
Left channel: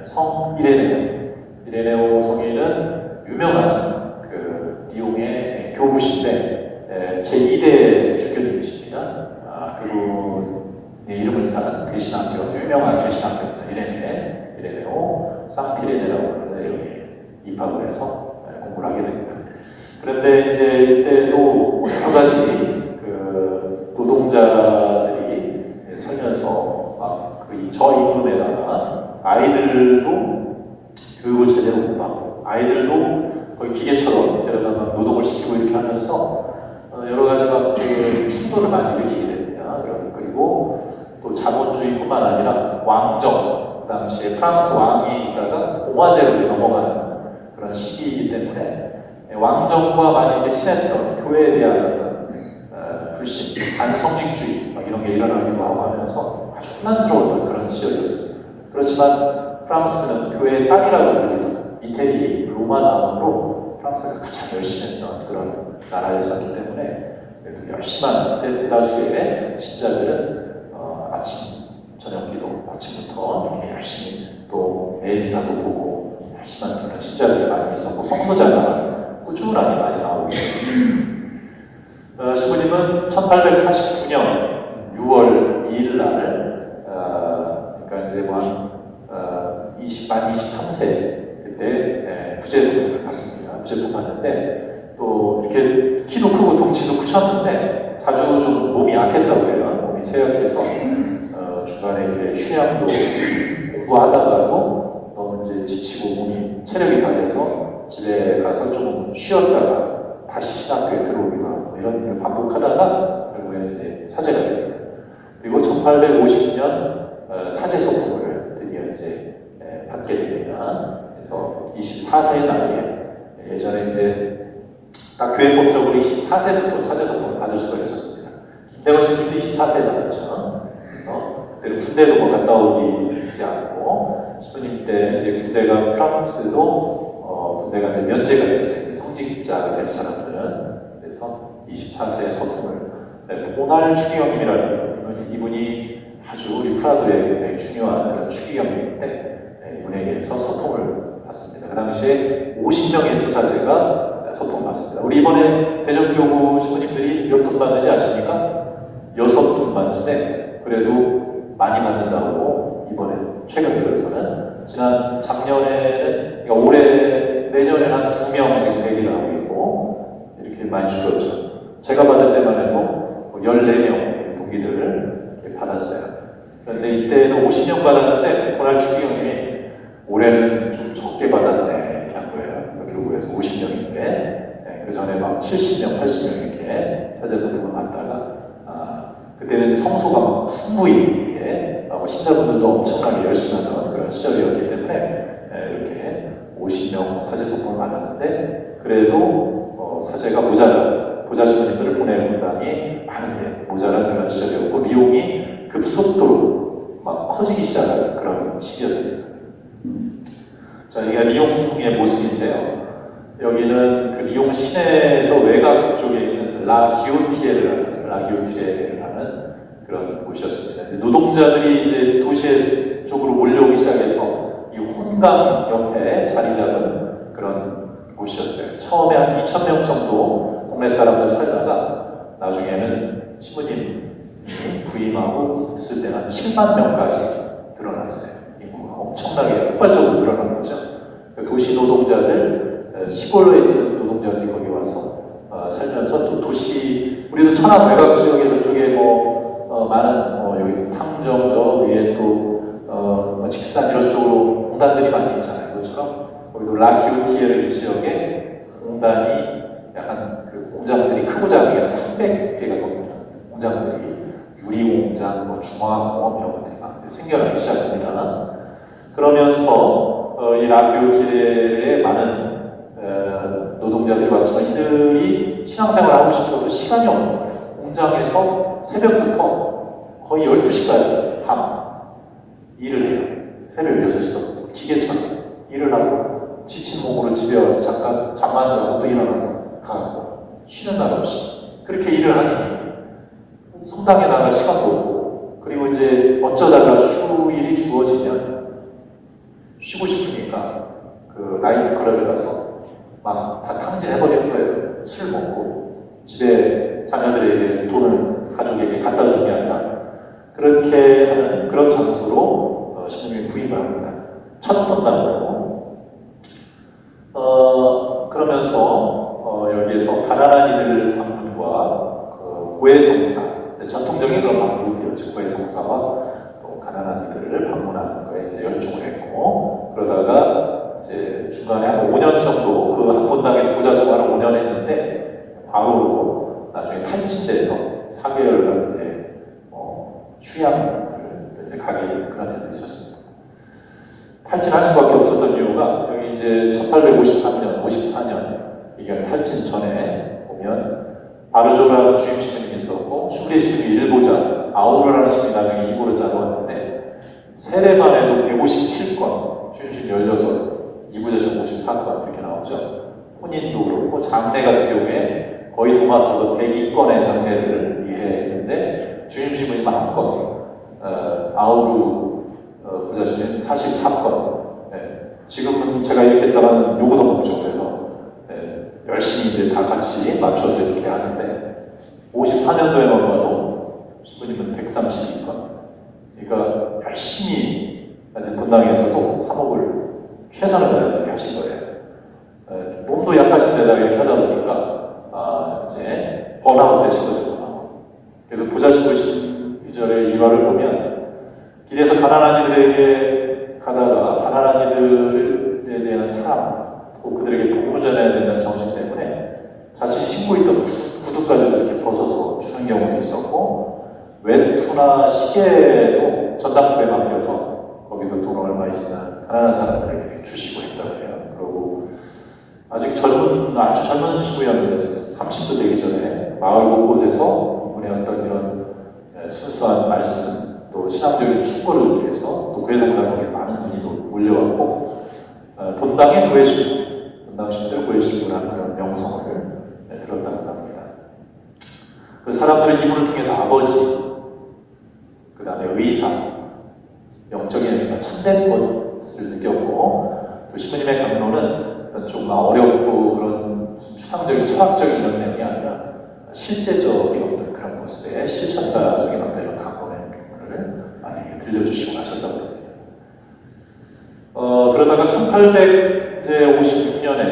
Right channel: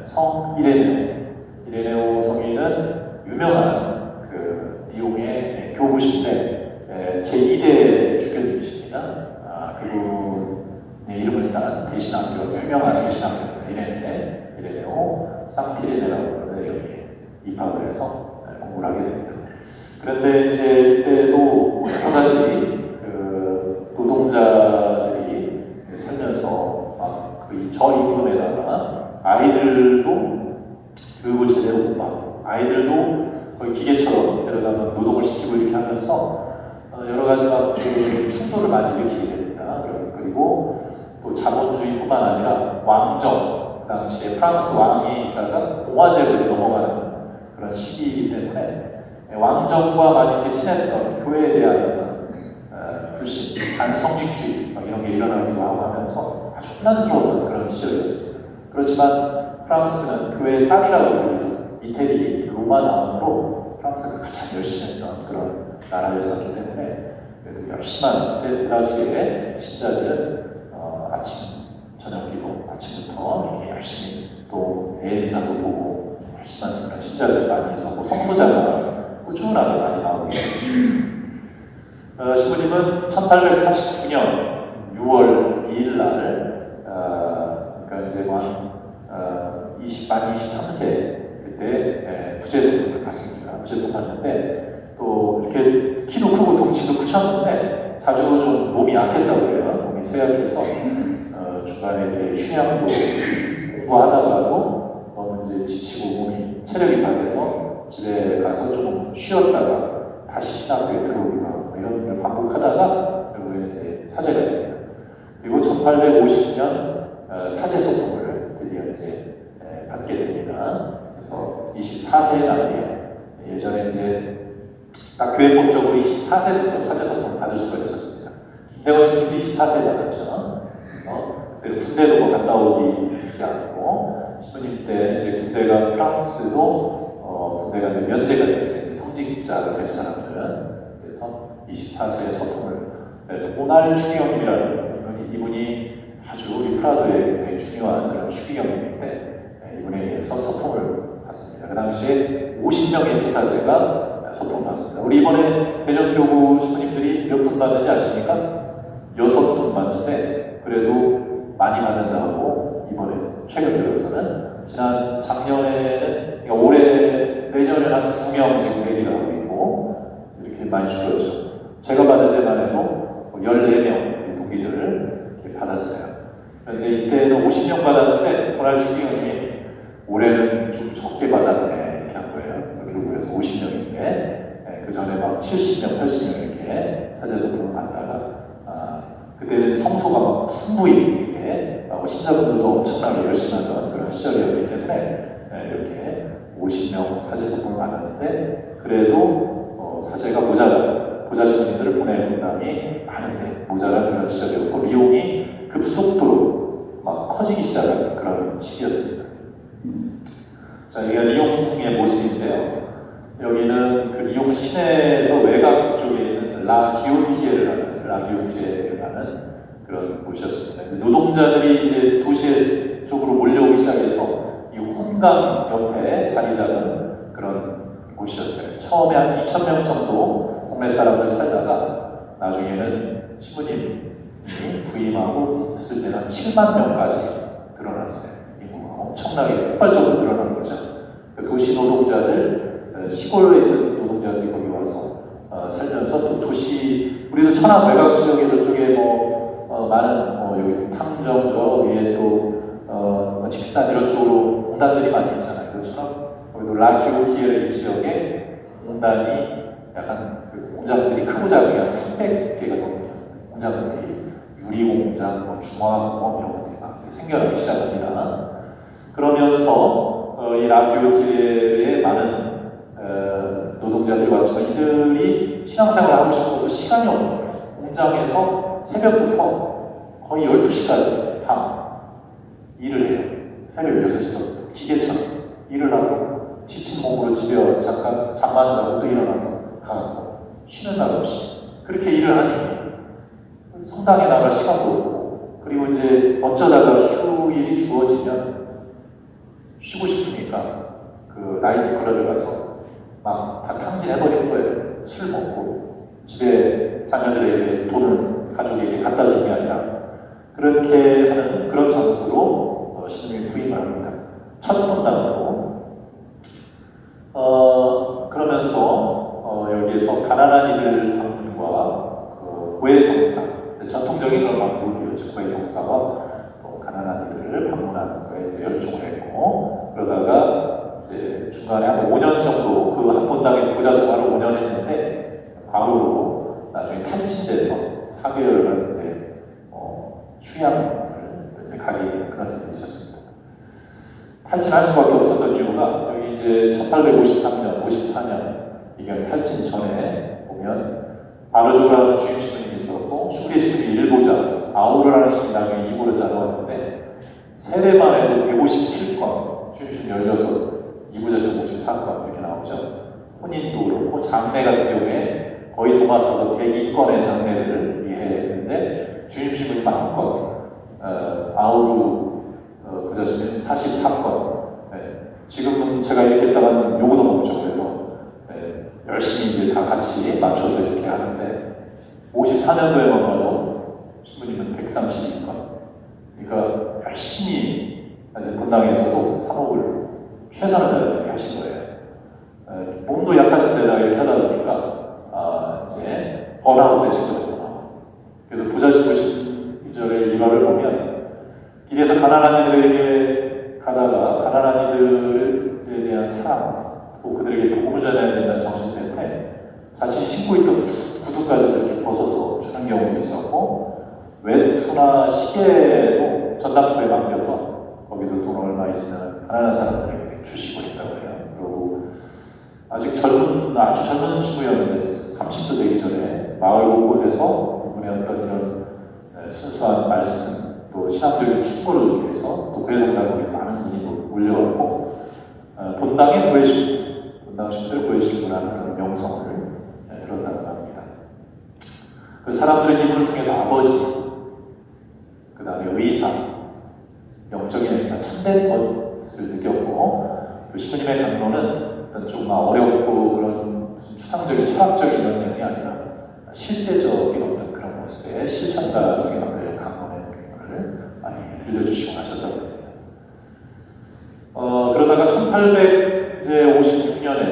성 이레네오 성인은 유명한 그 리옹의 교부신데 제2대 주교님이십니다. 그분의 이름을 따는 대신학교 유명한 대신학교입니다. 이레네오 상티레네라고 여기 입학을 해서 공부를 하게 됩니다. 그런데 이제 이때도 한 가지 그 노동자들이 살면서 그 저임금에다가 아이들도 교육을 제대로 못 받고 아이들도 거의 기계처럼 데려다가 노동을 시키고 이렇게 하면서 여러 가지 그 충돌을 많이 일으키게 됩니다. 그리고 또 자본주의뿐만 아니라 왕정 그 당시에 프랑스 왕이 있다가 공화제로 넘어가는 그런 시기이기 때문에 왕정과 많이 이렇게 친했던 교회에 대한 불신, 반성직주의 이런 게 일어나기도 하면서 아주 혼란스러웠던 그런 시절이었습니다. 그렇지만 프랑스는 교회의 땅이라고 불리던 이태리 로마 나라로 프랑스가 가장 열심히 했던 그런 나라였었기 때문에 그래도 열심한 대다수의 신자들은 아침 저녁 기도 아침부터 이렇게 열심히 또 내일 미사도 보고 열심한 그런 신자들이 많이 있었고 성소자가 꾸준하게 많이 나오고 신부님은 1849년 6월 2일 날 그러니까 이제 만 23세 그때 부재수를 받습니다. 부재수 받는데 또 이렇게 키도 크고 덩치도 크셨는데 자주 좀 몸이 약했다고 해요. 몸이 쇠약해서 중간에 이렇게 휴양도 공부하다가도 너무 이제 지치고 몸이 체력이 다 돼서 집에 가서 좀 쉬었다가 다시 신학교에 들어오기도 하고 이런 걸 반복하다가 결국에 이제 사제가 됩니다. 그리고 1850년 사제 소품을 드디어 이제 받게 됩니다. 그래서 24세 나이에 예전에 이제 딱 교회법적으로 24세부터 사제 소품을 받을 수가 있었습니다. 김대건 신부도 24세 받았죠. 그래서 그때 군대도 갔다 오지 않고 신부님 때 이제 군대가 프랑스도 군대가 이제 면제가 되었어요. 성직자가 될 사람들은 그래서 24세의 소품을 보날 추기경이라는 이분이 아주 우리 프라도의 중요한 그런 추기경인데 이분에 의해서 소품을 받습니다. 그 당시에 50명의 사제가 소품을 받습니다. 우리 이번에 대전교구 신부님들이 몇 분 받는지 아십니까? 6분 받는데 그래도 많이 받는다고 이번에 최근 들어서는 작년에 그러니까 올해 내년에 한 2명 지금 대기하고 있고 이렇게 많이 줄었죠. 제가 받을 때만 해도 14명 동기들을 이렇게 받았어요. 그런데 이때는 50명 받았는데 오늘 주기형이 올해는 좀 적게 받았네 이렇게 한 거예요. 결국에서 50명인데 그 전에 막 70명, 80명 이렇게 사제선생을 받다가 그때는 성수가 막 풍부히 이렇게 신자분들도 엄청나게 열심히 하던 그런 시절이었기 때문에 이렇게 50명 사제선생을 받았는데 그래도 사제가 보좌 신부님들을 보내는 사람이 많은데 모자란 그런 시절이었고 리용이 급속도로 막 커지기 시작한 그런 시기였습니다. 자, 이게 리용의 모습인데요. 여기는 그 리용 시내에서 외곽 쪽에 있는 라기오티에를 하는 그런 곳이었습니다. 노동자들이 이제 도시 쪽으로 몰려오기 시작해서 이 혼강 옆에 자리 잡은 그런 곳이었어요. 처음에 한 2,000명 정도 동네 사람들 살다가 나중에는 신부님이 부임하고 있을 때는 7만 명까지 늘어났어요. 엄청나게 폭발적으로 늘어난 거죠. 도시 노동자들, 시골에 있는 노동자들이 거기 와서 살면서 또 도시, 우리도 천안 외곽 지역에 저쪽에 많은 여기 탐정 저 위에 또 직산 이런 쪽으로 공단들이 많이 있잖아요. 그렇죠? 여기도 라기오티에 지역에 공단이 약간 그 공장들이 크고 작은 게 300개가 넘는 공장들이 유리공장, 중화공업 이런 것들이 막 생겨나기 시작합니다. 그러면서 이 라기오티에 많은 노동자들이 왔지만 이들이 신앙생활을 하고 싶어도 시간이 없는 거예요. 공장에서 새벽부터 거의 12시까지 밤 일을 해요. 새벽 6시부터 기계처럼 일을 하고 지친 몸으로 집에 와서 잠깐 자고 또 일어나서 가고 쉬는 날 없이 그렇게 일을 하니 성당에 나갈 시간도 없고 그리고 이제 어쩌다가 휴일이 주어지면 쉬고 싶으니까 그 나이트 클럽에 가서 막 다 탕진해버리는 거예요. 술 먹고 집에 자녀들에게 돈을 가족에게 갖다 주는 게 아니라 그렇게 하는 그런 장소로 신부님이 부임을 합니다. 첫 본당으로 그러면서 여기에서 가난한 이들 방문과 고해성사 전통적인 그런 방문이었죠. 고해성사와 가난한 이들을 방문하는 거에 이제 열중을 했고 그러다가 이제 중간에 한 5년 정도 그 한 본당에서 부자 생활을 5년 했는데 바로 나중에 탄신돼서 4개월간 이제 휴양을 이제 가게 그런 일이 있었습니다. 탈진할 수밖에 없었던 이유가 여기 이제 1853년, 54년 이게 탈진 전에 보면 바르조라 주임 신부님이 있었고 슈크리 신부님이 일보자, 아우르라는 신부님이 나중에 이보르자로 왔는데 세례만 해도 157건, 주임 신부님 16, 이보자 신부 54건 이렇게 나오죠. 혼인도 그렇고 장례 같은 경우에 거의 도맡아서 102건의 장례를 이해했는데 주임 신부님 1건, 아우르 부자 신부님 44건. 네. 지금은 제가 이렇게 따른 요구도 없죠. 그래서 네. 열심히 이제 다 같이 맞춰서 이렇게 하는데 54년도에만 봐도 신부님은 132건. 그러니까 열심히 본당에서도 사목을 최선을 다하게 하신 거예요. 몸도 약하신 데다가 이렇게 하다 보니까 이제 번아웃 되신 거죠. 그래도 부자 신부 시절의 일화를 보면 길에서 가난한 이들에게 가다가 가난한 이들에 대한 사랑 또 그들에게 복음을 전해야 된다는 정신 때문에 자신이 신고 있던 구두까지도 이렇게 벗어서 주는 경우도 있었고 외투나 시계도 전당포에 맡겨서 거기서 돈 얼마 있으면 가난한 사람들에게 주시고 있다고 해요. 그리고 아주 젊은 신부였는데 30도 되기 전에 마을 곳곳에서 그분의 어떤 이런 순수한 말씀 또 신앙적인 축복을 위해서 또 고해성사에 많은 분이 몰려왔고 본당의 고해신, 본당 신들 고해신이라는 그런 명성을 들었다고 합니다. 그 사람들은 이분을 통해서 아버지, 그 다음에 의사, 영적인 의사, 참된 것을 느꼈고 그 신부님의 강론은 좀 어렵고 그런 추상적인 철학적인 면이 아니라 실제적인 그런 모습의 실천가적인 어떤 강론의 경우를 많이 들려주시고 하셨다고 합니다. 그러다가 1856년에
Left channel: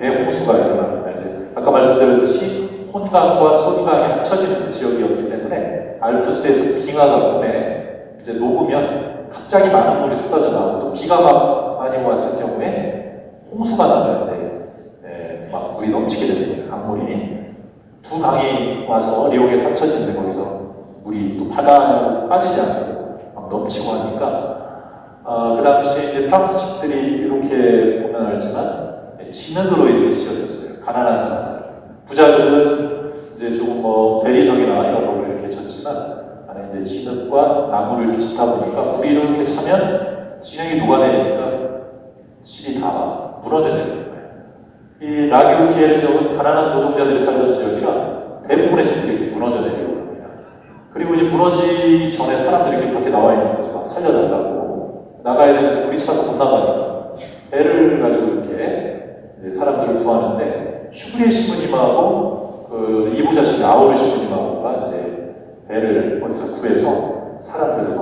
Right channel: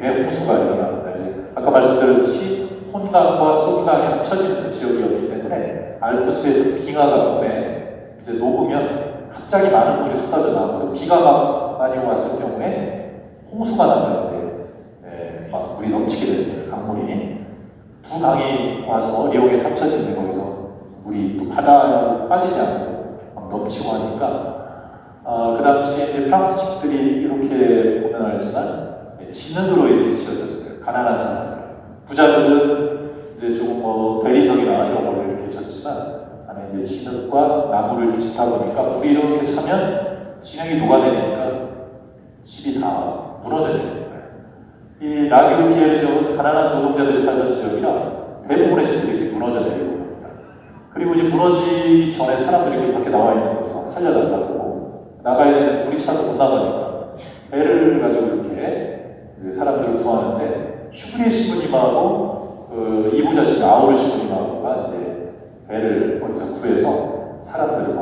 대홍수가 일어납니다. 이제 아까 말씀드렸듯이 혼강과 소강이 합쳐지는 그 지역이었기 때문에 알프스에서 빙하가 오면 이제 녹으면 갑자기 많은 물이 쏟아져 나오고 또 비가 많이 왔을 경우에 홍수가 나면 이제 막 물이 넘치게 됩니다. 강물이 두 강이 와서 리옹에서 합쳐지는 거기서 물이 또 바다로 빠지지 않고 막 넘치고 하니까 그 당시에 이제 프랑스 식들이 이렇게 표현하지만 진흙으로 이렇게 지어졌어요. 가난한 사람들. 부자들은 이제 좀 대리석이나 이런 걸 이렇게 쳤지만 안에 이제 진흙과 나무를 이렇게 짓다 보니까 물이 이렇게 차면 진흙이 녹아내리니까 집이 다 무너져내는 거예요. 이 라기오티엘 지역은 가난한 노동자들이 살던 지역이라 대부분의 집들이 이렇게 무너져내리는 겁니다. 그리고 이제 무너지기 전에 사람들이 이렇게 나와 있는 거죠. 살려달라고. 나가야 되는 물이 차서 못 나가니까 배를 가지고 이렇게 사람들을 구하는데 슈브리에 시부님하고 그 이부자 씨의 아우르 시부님하고가 이제 배를 거기서 구해서 사람들을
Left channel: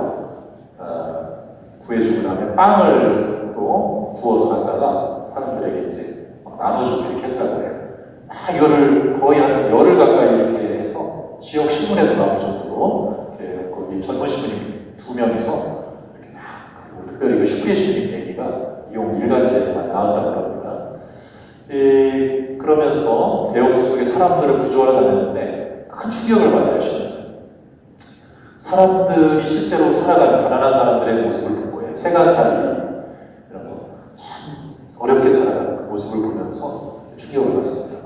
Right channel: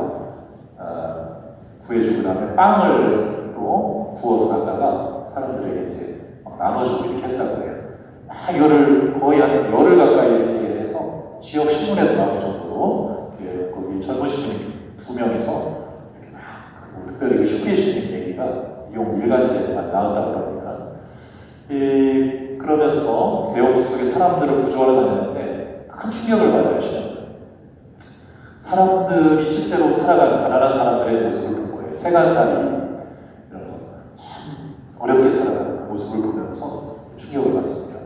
구해주고 나면 빵을 또 구워서 갖다가 사람들에게 이제 나눠주고 이렇게 했다고 해요. 이거를 거의 한 열흘 가까이 이렇게 해서 지역 신문에도 나올 정도로 거기 젊은 시부님 2명이서 특별히 그 슈브리에 시부님 얘기가 이용 일간지에 나왔다고 합니다. 그러면서 대홍수 속에 사람들을 구조하러 다녔는데 큰 충격을 받아요. 사람들이 실제로 살아가는 가난한 사람들의 모습을 본 거예요. 세간살이 이런 거 참 어렵게 살아가는 그 모습을 보면서 충격을 받습니다.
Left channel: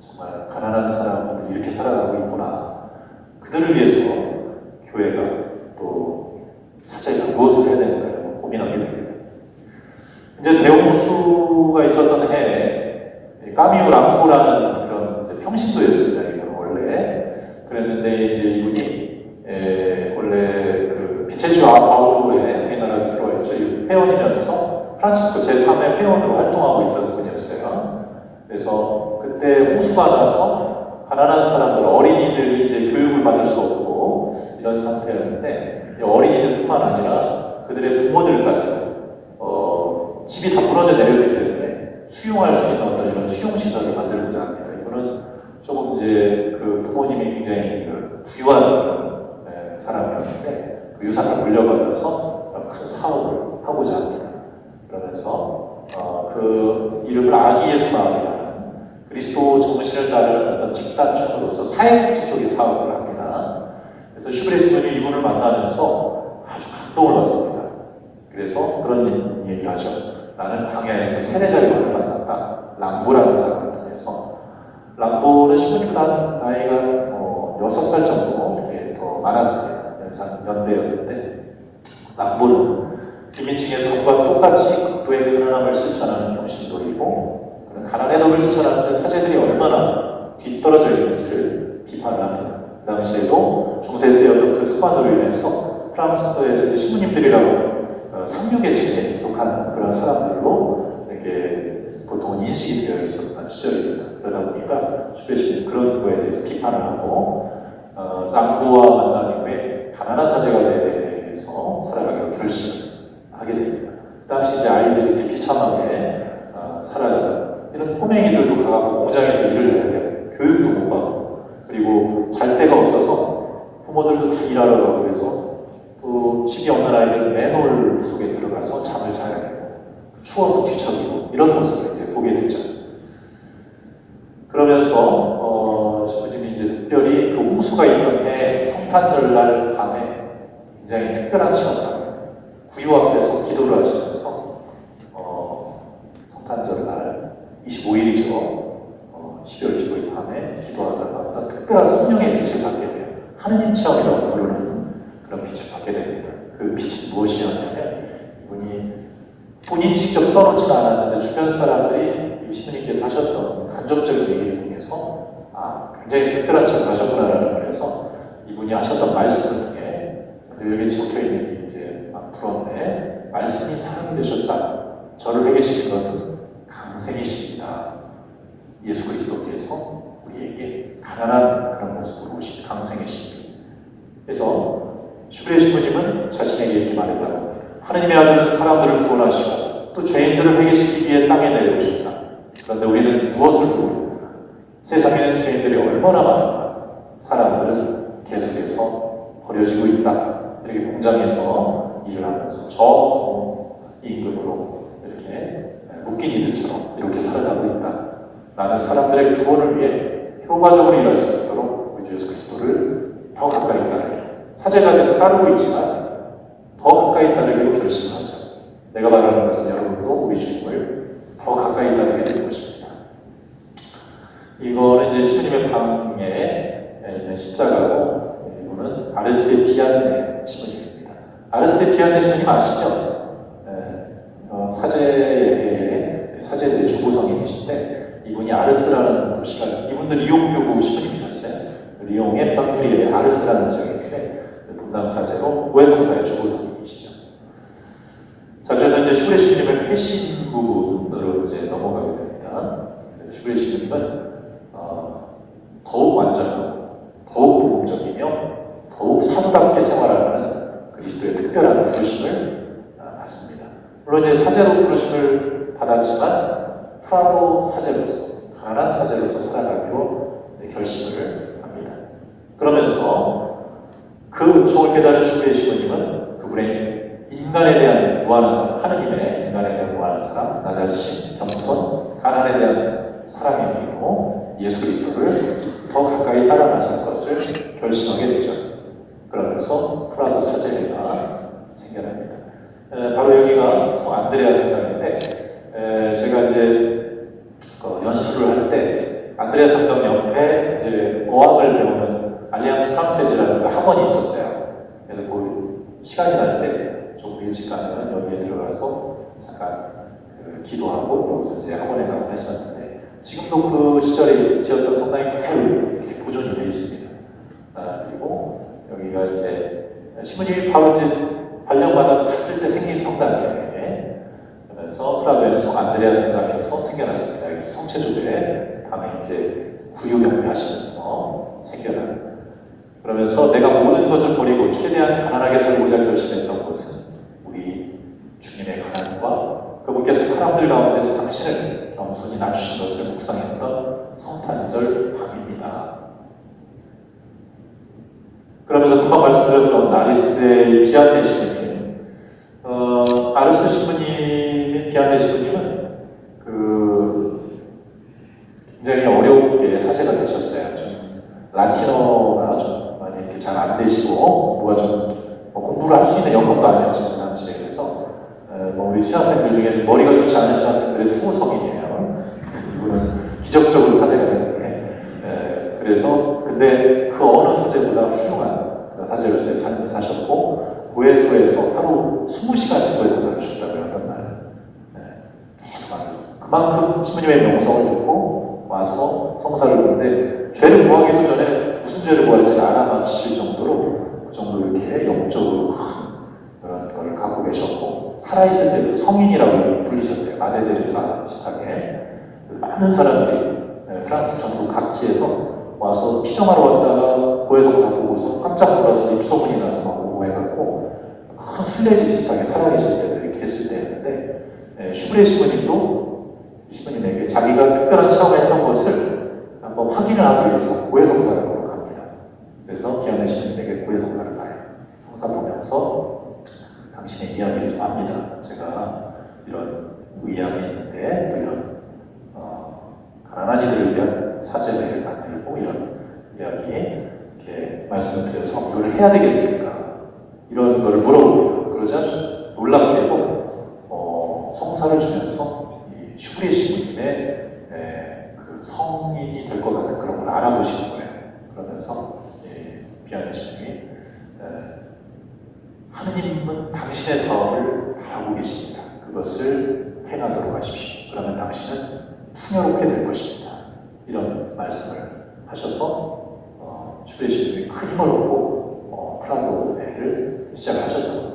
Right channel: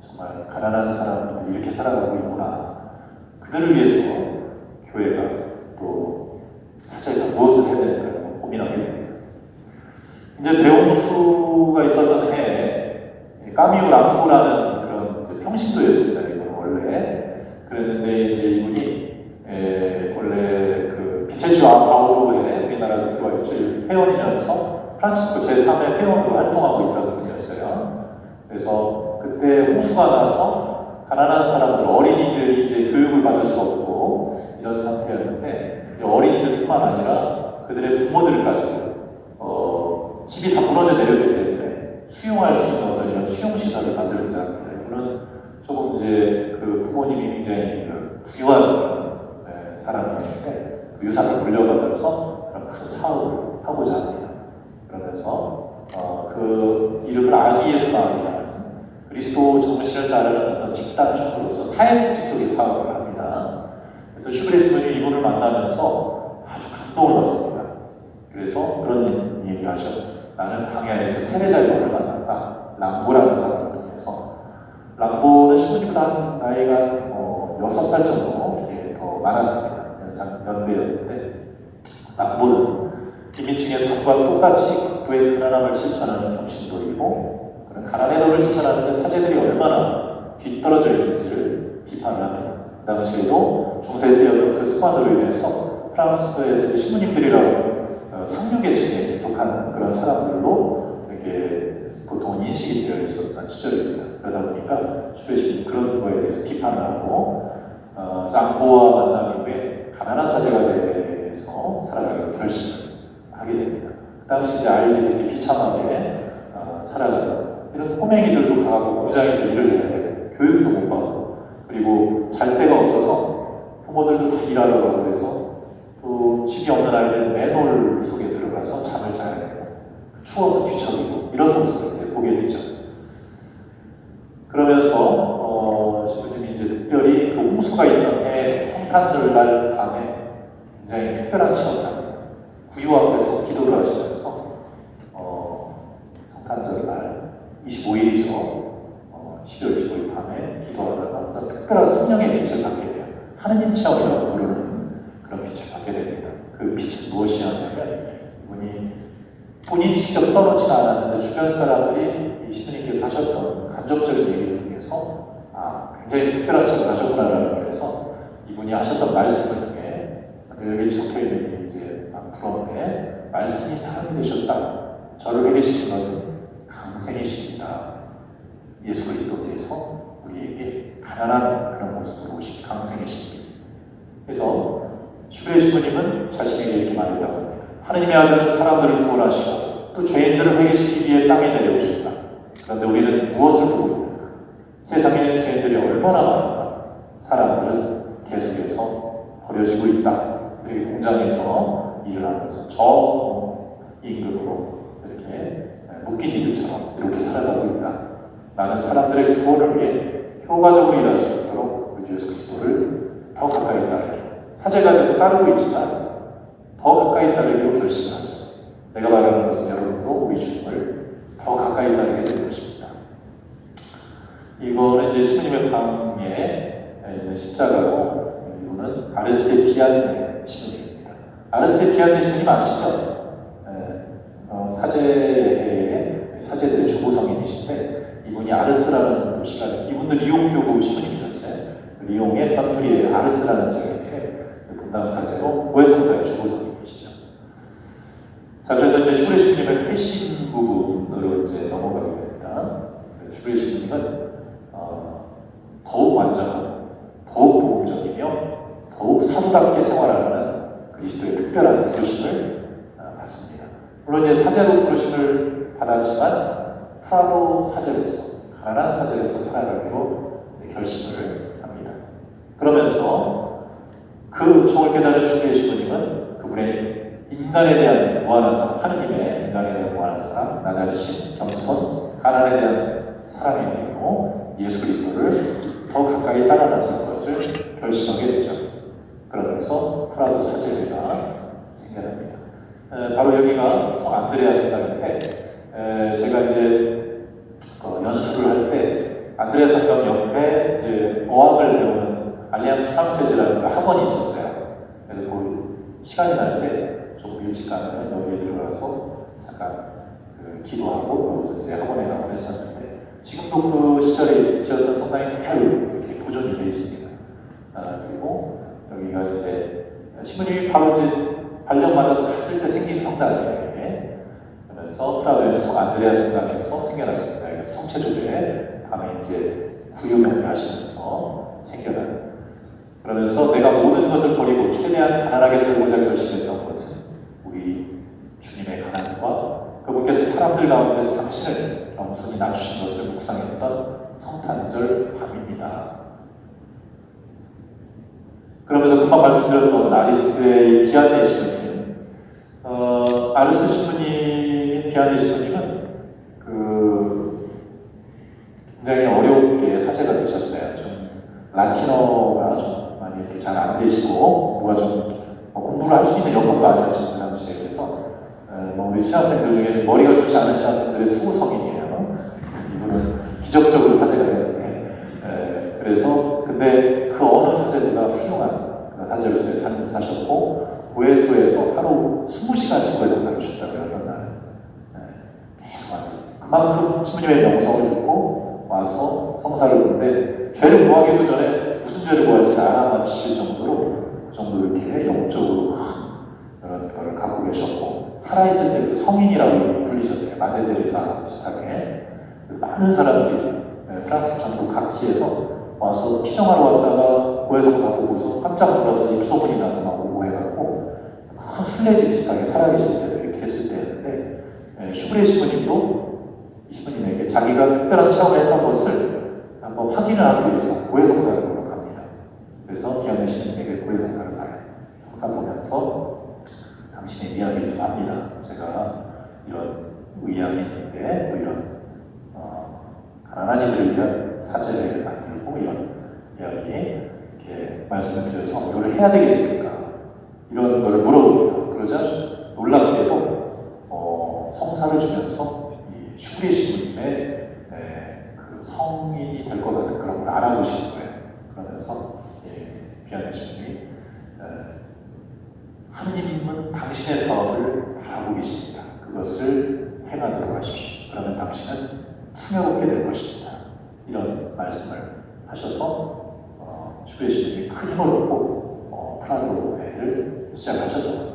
정말 가난한 사람들이 이렇게 살아가고 있구나. 그들을 위해서 교회가 또 사자에 무엇을 해야 되는가 고민하게 됩니다. 이제 대홍수가 있었던 해에 까미우 랑고라는 그런 평신도였습니다. 원래 그랬는데 이제 이분이 원래 그 빛의 주 아우로에 우리나라에 들어와 있죠. 회원이면서 프란치스코 제3의 회원으로 활동하고 있던 분이었어요. 그래서 그때 홍수가 나서 가난한 사람들, 어린이들이 이제 교육을 받을 수 없고 이런 상태였는데 어린이들뿐만 아니라 그들의 부모들까지 집이 다 무너져 내렸기 때문에 수용할 수 있는 어떤 이런 수용시설을 만들고자 합니다. 이거는 조금 이제 그 부모님이 굉장히 귀한 사람이었는데 그 유산을 물려받아서 큰 사업을 하고자 합니다. 그러면서 그 이름을 아기 예수 마을이라는 그리스도 정신을 따르는 어떤 집단축으로서 사회복지 쪽의 사업을 합니다. 그래서 슈브레스님이 이분을 만나면서 아주 감동을 받습니다. 그래서 그런 얘기를 하죠. 나는 광야에서 세례자를 올라갔다. 랑보라는 사람을 통해서 랑보는 시부님보다 나이가 6살 정도 이렇게 더 많았습니다. 연대였는데 랑보는 비민층의 삶과 똑같이 극도의 가난함을 실천하는 평신도이고 가난의 덕을 실천하는 사제들이 얼마나 뒤떨어져 있는지를 비판을 합니다. 그 당시에도 중세 때였던 그 습관으로 인해서 프랑스에서 시부님들이라고 상류계층에 속하는 그런 사람들로 이렇게 보통 인식이 되어 있었던 시절입니다. 그러다 보니까 슈브레시는 그런 거에 대해서 비판을 하고 랑보와 만난 이후에 가난한 사제가 되기 위해서 살아가기로 결심하게 됩니다. 그 당시 이제 아이들이 이렇게 비참하게 살아가는 이런 꼬맹이들도 가고 공장에서 일을 해야 돼요. 교육도 못 받고 그리고 잘 데가 없어서 부모들도 다 일하러 가고 그래서 또 집이 없는 아이들은 맨홀 속에 들어가서 잠을 자야 돼요. 추워서 뒤척이고 이런 모습을 이제 보게 되죠. 그러면서 시부님이 이제 특별히 그 홍수가 있던 해 성탄절날 밤에 굉장히 특별한 체험을 합니다. 구유 앞에서 기도를 하시면서 성탄절날 25일이죠. 12월 25일 밤에 기도하다가 특별한 성령의 빛을 받게 돼요. 하느님 체험이라고 부르는 그런 빛을 받게 됩니다. 그 빛이 무엇이었냐면 이분이 본인이 직접 써놓지는 않았는데 주변 사람들이 이 시부님께서 하셨던 간접적인 얘기를 통해서 굉장히 특별한 체험을 하셨구나라는 그래서 이분이 하셨던 말씀을 통해 여기 적혀있는 이제 부러운데 말씀이 사람이 되셨다. 저를 회개시킨 것은 강생이십니다. 예수 그리스도께서 우리에게 가난한 그런 모습으로 오신 강생이십니다. 그래서 슈브레 신부님은 자신에게 이렇게 말했다고 합니다. 하느님의 아들은 사람들을 구원하시고 또 죄인들을 회개시키기 위해 땅에 내려오셨다. 그런데 우리는 무엇을 모르고 세상에는 죄인들이 얼마나 많은가. 사람들은 계속해서 버려지고 있다. 이렇게 공장에서 일을 하면서 저 임금으로 이렇게 묶인 이들처럼 이렇게 살아가고 있다. 나는 사람들의 구원을 위해 효과적으로 일할 수 있도록 우리 주 예수 그리스도를 더 가까이 따르게 사제가 돼서 따르고 있지만 더 가까이 따르기로 결심하죠. 내가 말하는 것은 여러분도 우리 주님을 더 가까이 따르게 될 것입니다. 이거는 이제 신부님의 방에 있는 십자가고 이거는 아르세피안의 신부님입니다. 아르세피안의 신부님 아시죠? 사제들의 주보성인이신데 이분이 아르스라는 도시가 이분도 리옹 교구 신부님이셨어요. 리옹의 편프리에 아르스라는 지역인데 분당 사제로 고해성사의 주보성인이시죠. 자, 그래서 이제 슈브레 신부님을 회신부로 이제 넘어가게 됩니다. 슈브레 신부님은 더욱 완전하고 더욱 도움적이며 더욱 사도답게 생활하는 그리스도의 특별한 부르심을 받습니다. 물론 이제 사제로 부르심을 받았지만 프라도 사제로서 가난한 사제로서 살아가기로 결심을 합니다. 그러면서 그 은총을 깨달은 슈브레 신부님은 그분의 인간에 대한 무한한 사랑, 하느님의 인간에 대한 무한한 사랑, 낮아지심, 겸손, 가난에 대한 사랑의 힘으로 예수 그리스도를 더 가까이 따라가는 것을 결심하게 되죠. 그러면서 프라도 사제회가 생겨납니다. 바로 여기가 성 안드레아 성당인데 제가 이제 연수를 할 때 안드레아 성당 옆에 이제 어학을 배우는 알리앙스 프랑세즈라는 학원이 있었어요. 그래서 그 시간이 날 때 좀 일찍 가면 여기에 들어가서 잠깐 기도하고 그리고 이제 학원에 가고 했었는데 지금도 그 시절에 지었던 성당이 그대로 이렇게 보존이 되어 있습니다. 그리고 여기가 이제 신부님이 바로 이제 발령받아서 갔을 때 생긴 성당이에요. 그러면서 프라도에는 성 안드레아 성당에서 생겨났습니다. 성체조에 밤에 이제 구유명을 하시면서 생겨납니다. 그러면서 내가 모든 것을 버리고 최대한 가난하게 살고자 결심했던 것은 우리 주님의 가난과 그분께서 사람들 가운데서 당신을 겸손히 낮추신 것을 묵상했던 성탄절 밤입니다. 그러면서 금방 말씀드렸던 아리스의 비안네 신부님, 아리스 신부님, 비안네 신부님은 굉장히 어렵게 사제가 되셨어요. 좀 라틴어가 좀 많이 이렇게 잘 안 되시고 뭐가 좀 공부를 할 수 있는 영어도 아니었죠 그 당시에. 그래서 우리 신학생들 중에 머리가 좋지 않은 신학생들의 수호성이에요. 이분은 기적적으로 사제가 됐는데 그래서 근데 그 어느 사제보다 훌륭한 사제로서의 삶을 사셨고 고해소에서 하루 20시간씩 고해성사를 주셨다고 그런 날 계속 하면서 그만큼 신부님의 명성을 듣고 와서 성사를 보는데 죄를 구하기도 전에 무슨 죄를 구할지 알아맞히실 정도로 이렇게 영적으로 그런 걸 갖고 계셨고 살아있을 때도 성인이라고 불리셨대요. 마데데레사 비슷하게. 많은 사람들이 프랑스 전국 각지에서 와서 피정하러 왔다가 고해성사 보고서 깜짝 놀라서 입소문이 나서 막 오고 해갖고 큰 순례지 비슷하게 살아계실 때도 이렇게 했을 때였는데 슈브레 신부님에게 자기가 특별한 체험을 했던 것을 한번 확인을 하기 위해서 고해성사를 보러 갑니다. 그래서 비안네 신부님에게 고해성사를 가요. 성사 보면서 당신의 이야기를 좀 합니다. 제가 이런 의향이 있는데 또 이런 가난한 이들을 위한 사제회를 만들고 이런 이야기 이렇게 말씀을 드려서 이걸 해야 되겠습니까? 이런 거를 물어봅니다. 그러자 놀랍게도 성사를 주면서 이 슈브레 신부님의 그 성인이 될 것 같은 그런 걸 알아보시는 거예요. 그러면서 비안네 신부님이 하느님은 당신의 사업을 알고 계십니다. 그것을 행하도록 하십시오. 그러면 당신은 풍요롭게 될 것입니다. 이런 말씀을 하셔서 슈브레 신부님이 큰 힘을 얻고 프라도회를 시작하셨다.